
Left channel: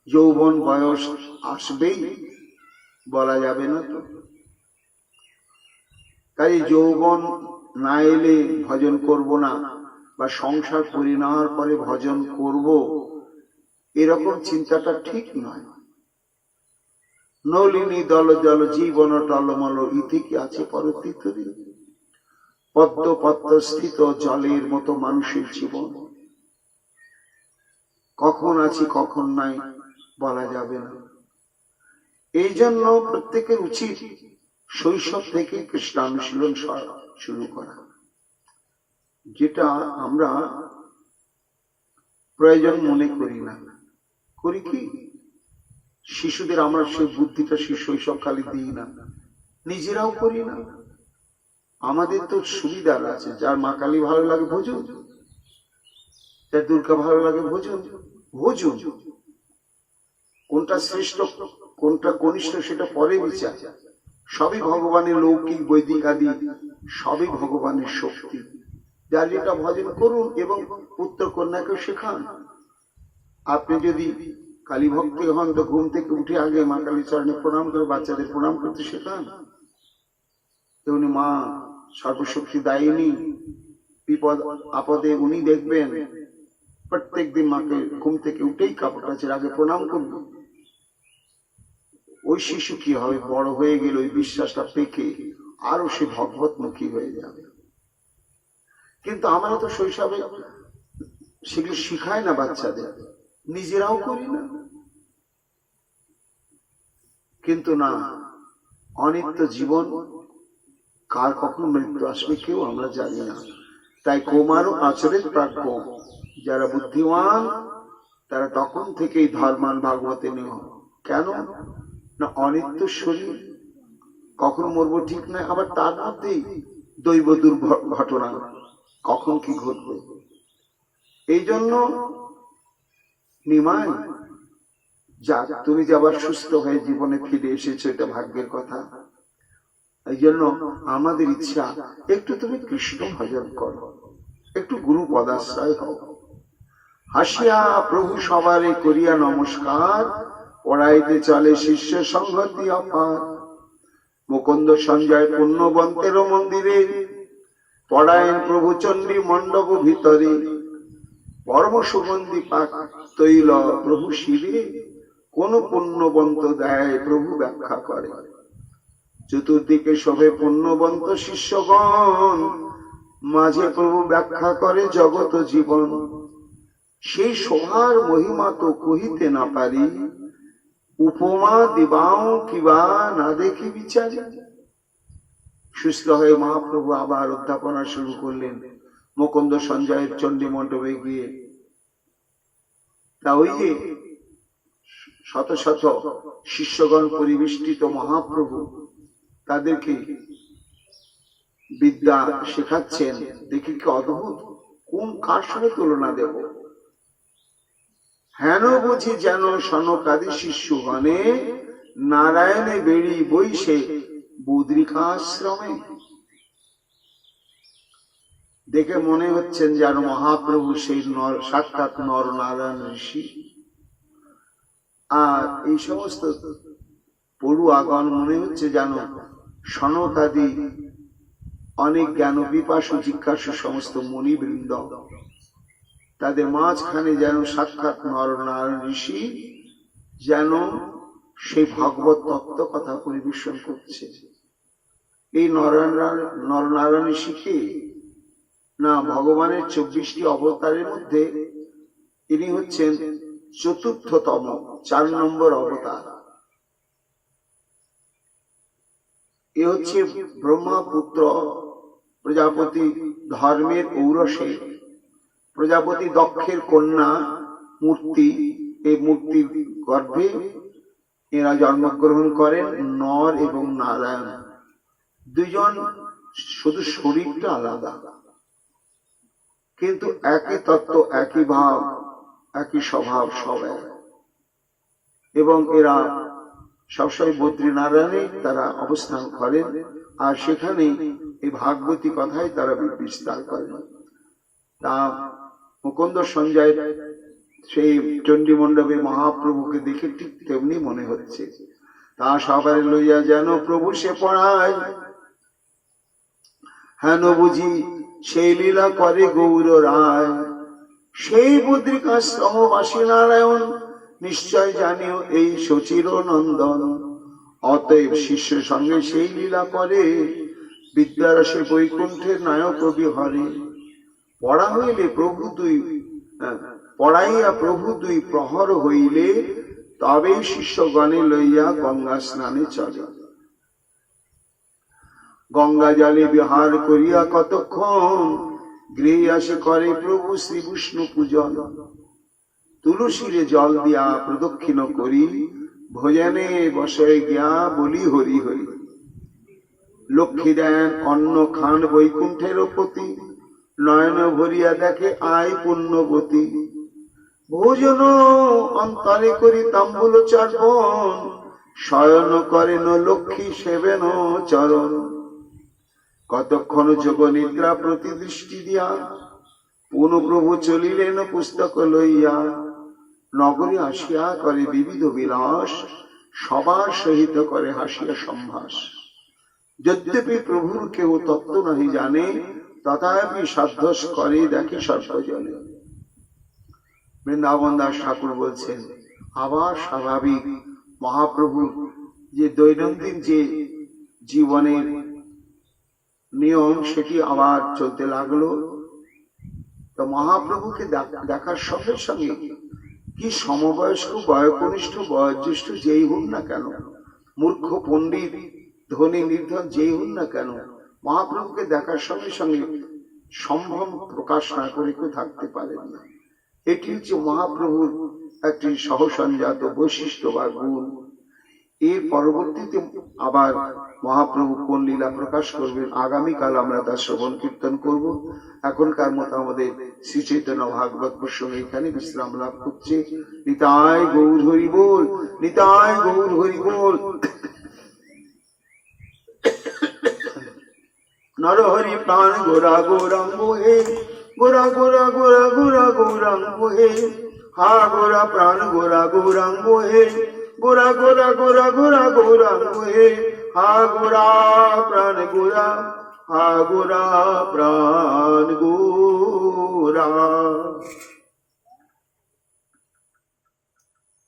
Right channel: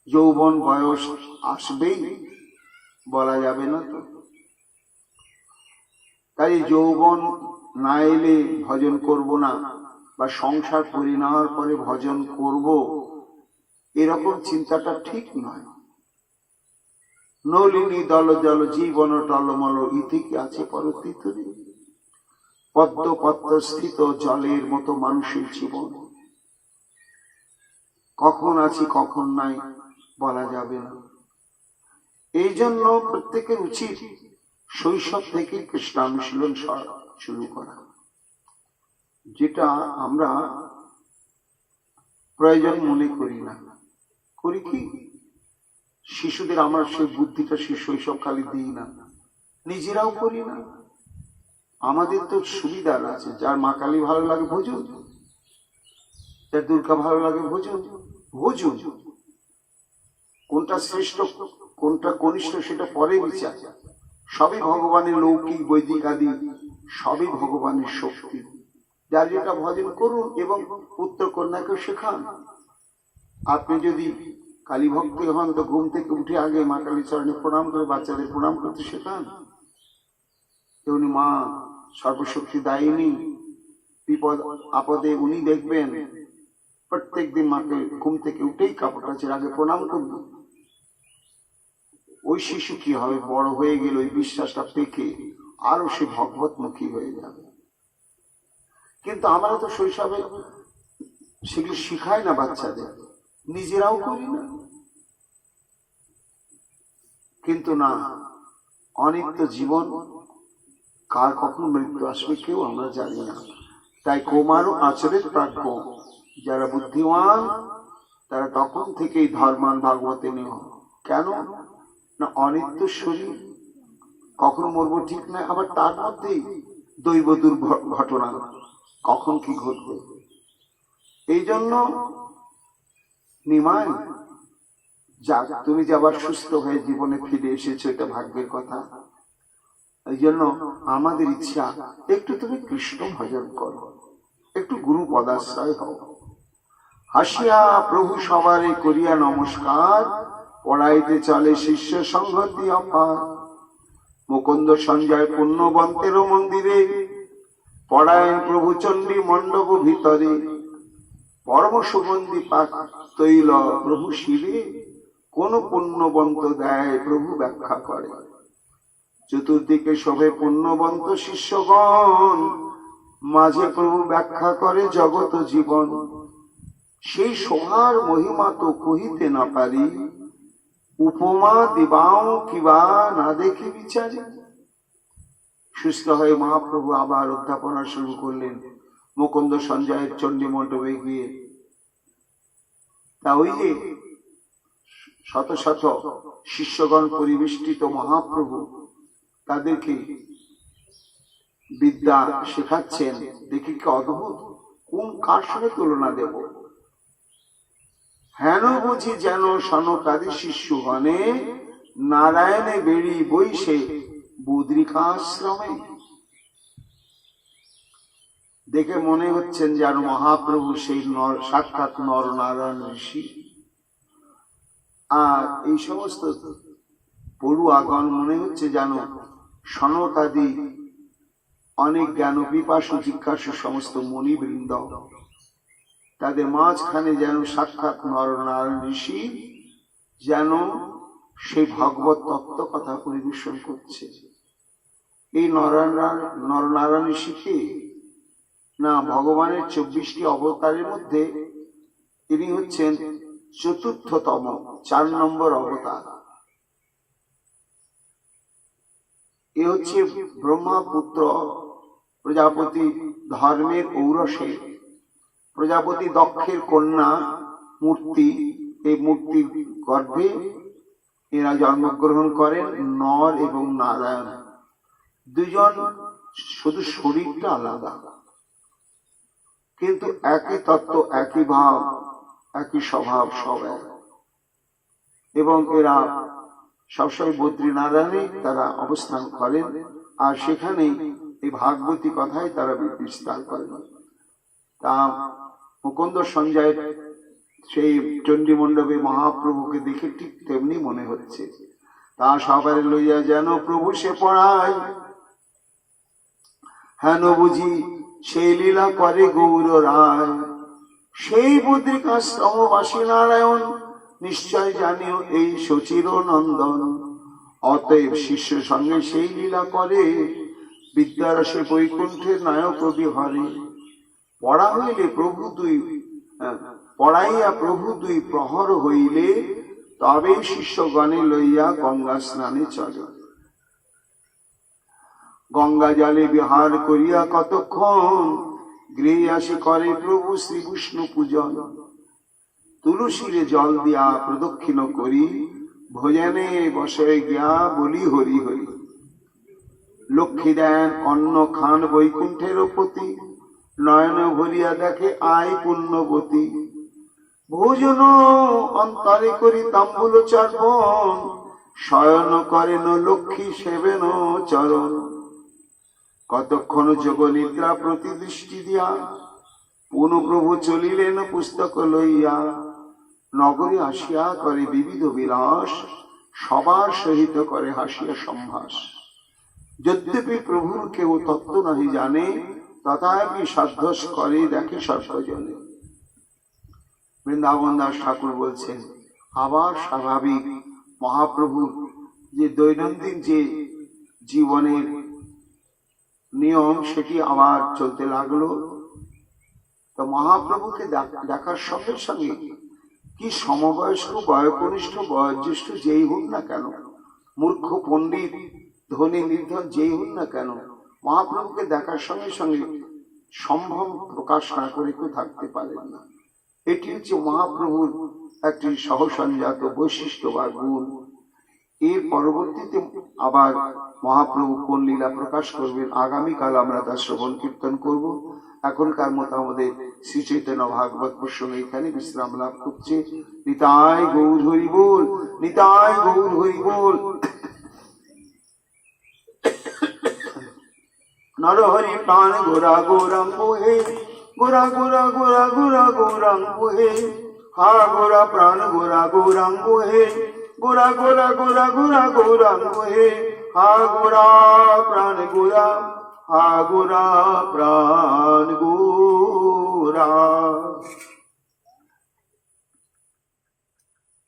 যৌবন বয়স আসবেই, বলা যাবে না তো। তাই যৌবন না এলে ভজন করব না, বা সংসার করে নেওয়ার পরে ভজন করব, এরকম চিন্তাটা ঠিক নয়। নলিনী দল জল জীবন টলমল ইতি কি আছে পরতীতরি। পদ্ম পদ্ম স্থিত জলের মতো মানুষের জীবন, কখন আছি কখন নাই বলা যাবে না। এই জন্য প্রত্যেকের উচিত শৈশব থেকে কৃষ্ণানুশীলন শুরু করা, যেটা আমরা প্রয়োজন মনে করি না। করি কি, শিশুদের আমরা সেই বুদ্ধিটা শৈশবকালে দিই না, নিজেরাও করি না। আমাদের তো সুবিধা আছে, যার মা কালী ভালো লাগে ভোজন, যার দুর্গা ভালো লাগে ভোজন। ভোজন কোনটা শ্রেষ্ঠ কোনটা কনিষ্ঠ সেটা পরে বিচার। সবই ভগবানের লৌকিক বৈদিক আদি সবই ভগবানের শক্তি। যার যেটা ভজন করুন এবং পুত্র কন্যাকেও শেখান। আপনি যদি কালী ভক্তি হন তো ঘুম থেকে উঠে আগে মা কালী চরণে প্রণাম করে বাচ্চাদের প্রণাম করতে শেখান। তেমনি মা সর্বশক্তি দায়িনী, বিপদ আপদে উনি দেখবেন। প্রত্যেক দিন মাকে ঘুম থেকে উঠেই কাপড় কাচের আগে প্রণাম করবে। ওই শিশু কি হবে, বড় হয়ে গেলে ওই বিশ্বাসটা পেকে আরো সে ভগবতমুখী হয়ে যাবে। কিন্তু আমরা তো শৈশবে সেগুলো শিখাই না বাচ্চাদের, নিজেরাও করি না। কিন্তু না, অনেক তো জীবন, কার কখন মৃত্যু আসবে কেউ আমরা জানি না। তাই কৌমারও আচরের প্রাজ্ঞ, যারা বুদ্ধিমান তারা তখন থেকেই ধর্মান ভাগবতে নেওয়া। কেন না, অনিত্য শরীর, কখন মরবো ঠিক নাই, আবার তার মধ্যেই দৈব দুর্ঘটনা কখন কি ঘটবে। এই জন্য নিমাই যাক, তুমি যে আবার সুস্থ হয়ে জীবনে ফিরে এসেছো, এটা ভাগ্যের কথা। এই জন্য আমাদের ইচ্ছা একটু তুমি কৃষ্ণ ভজন করো, একটু গুরু পদাশ্রয় হও। হাসিয়া প্রভু সবারে করিয়া নমস্কার, পড়াইতে চলে শিষ্য সংগতি অপার। মুকুন্দ সঞ্জয় পুণ্যবন্তের মন্দিরে, পড়ায়েন প্রভু চণ্ডী মণ্ডপ ভিতরে। পরম সুগন্ধি পাক তৈল প্রভু শিবে, কোন পুণ্যবন্ত দেয় প্রভু ব্যাখ্যা করে। চতুর্দিকে শোভে পুণ্যবন্ত শিষ্যগণ, মাঝে প্রভু ব্যাখ্যা করে জগত জীবন। সেই শোভার মহিমা তো কহিতে না পারি, উপমা দিবাও কিবা না দেখি বিচারি। সুস্থ হয়ে মহাপ্রভু আবার অধ্যাপনা শুরু করলেন মুকুন্দ সঞ্জয়ের চণ্ডী মণ্ডপে গিয়ে। তা ওই যে শত শত শিষ্যগণ পরিবেষ্টিত মহাপ্রভু তাদেরকে বিদ্যা শেখাচ্ছেন। দেখি কি অদ্ভুত, কোন কার সঙ্গে তুলনা দেব। হেন বুঝি যেন সনকাদি শিশু গণে, নারায়ণে বেড়ি বইসে বুদ্রিকাশ্রমে। দেখে মনে হচ্ছেন যেন মহাপ্রভু সেই সাক্ষাৎ নর নারায়ণ ঋষি। আর এই সমস্ত পড়ুয়াগণ মনে হচ্ছে যেন সনকাদি অনেক জ্ঞান পিপাসু জিজ্ঞাসু সমস্ত মুনিবৃন্দ। তাদের মাঝখানে যেন সাক্ষাৎ নরনারায়ণ ঋষি, যেন সেই ভগবত তত্ত্ব কথা পরিবেশন করছে। এই নরনারায়ণ ঋষিকে না, ভগবানের 24টি অবতারের মধ্যে ইনি হচ্ছেন চতুর্থতম, 4 নম্বর অবতার। এ হচ্ছে ব্রহ্মাপুত্র প্রজাপতি ধর্মের ঔরসে, প্রজাপতি দক্ষের কন্যা মূর্তি। এই মূর্তির গর্ভে এরা জন্মগ্রহণ করেন নর এবং নারায়ণ। দুজন, শুধু শরীরটা আলাদা, কিন্তু একই তত্ত্ব, একই ভাব, একই স্বভাব, সব এক। এবং এরা সবসময় বদ্রীনারায়ণে তারা অবস্থান করেন, আর সেখানে এই ভাগবতী কথাই তারা বিস্তার করেন। তা মুকুন্দ সঞ্জয়ের সেই চণ্ডী মণ্ডপে মহাপ্রভুকে দেখে ঠিক তেমনি মনে হচ্ছে। তা সবাই লইয়া যেন প্রভু সে পড়ায়, হেন বুঝি সেই লীলা করে গৌর রায়। সেই বদ্রিকাশ্রমবাসী নারায়ণ নিশ্চয় জানিও এই শচির নন্দন, অতএব শিষ্য সঙ্গে সেই লীলা করে, বিদ্যারসে বৈকুণ্ঠের নায়ক কবি হরে। পড়া হইলে প্রভু পড়াইয়া প্রভু দুই প্রহর হইলে, তবে শিষ্যগণে লইয়া গঙ্গা স্নানে চলে। গঙ্গা জলে বিহার করিয়া কতক্ষণ, গৃহে আসে করে প্রভু শ্রী বিষ্ণু পূজন। তুলসীরে জল দিয়া প্রদক্ষিণ করি, ভোজনে বসে গিয়া বলি হরি হরি। লক্ষ্মী দেন অন্ন খান বৈকুণ্ঠের পতি, নয়ন ভরিয়া দেখে আয় পুণ্যবতী। ভোজন অন্তরে করি তাম্বুল চর্পণ, শয়ন করেন লক্ষ্মী সেবেন চরণ। কতক্ষণ যোগ নিদ্রা প্রতি দৃষ্টি দিয়া, পুনঃ প্রভু চলিলেন পুস্তক লইয়া। নগরে আসিয়া করে বিবিধ বিলাস, সবার সহিত করে হাসিয়া সম্ভাস। যদ্যপি প্রভুর কেউ তত্ত্ব নাহি জানে, তথাপি সাধ্যস করে দেখে সর্বজনে। বৃন্দাবন দাস ঠাকুর বলছেন, আবার স্বাভাবিক মহাপ্রভুর যে দৈনন্দিন যে জীবনের নিয়ম, সেটি আবার চলতে লাগলো। তো মহাপ্রভুকে দেখার সঙ্গে সঙ্গে কি সমবয়স্ক, বয়কনিষ্ঠ, বয়োজ্যেষ্ঠ যেই হোক না কেন, মূর্খ পণ্ডিত, ধনী নির্ধন যেই হোক না কেন, মহাপ্রভুকে দেখার সঙ্গে সঙ্গে সম্ভ্রম প্রকাশ না করে কেউ থাকতে পারেন না। এটি হচ্ছে মহাপ্রভুর একটি সহসঞ্জাত বৈশিষ্ট্য বা গুণ। এর পরবর্তীতে আবার মহাপ্রভু কোন লীলা প্রকাশ করবেন, আগামীকাল আমরা তার শ্রবণ কীর্তন করব। এখনকার মতো আমাদের শ্রী চৈতন্য ভাগবত প্রসঙ্গে এখানে বিশ্রাম লাভ করছে। নিতাই গৌর হরি বল, নিতাই গৌর হরি বল। নরহরি প্রাণ গোরা গৌরাঙ্গ হে, গোরা গোরা গোরা গোরা গৌরাঙ্গ হে। হা গোরা প্রাণ গোরা গৌরাঙ্গ হে, গোরা গোরা গোরা গোরা গৌরাঙ্গ হে। হা গোরা প্রাণ গোরা, হা গোরা প্রাণ গোরা।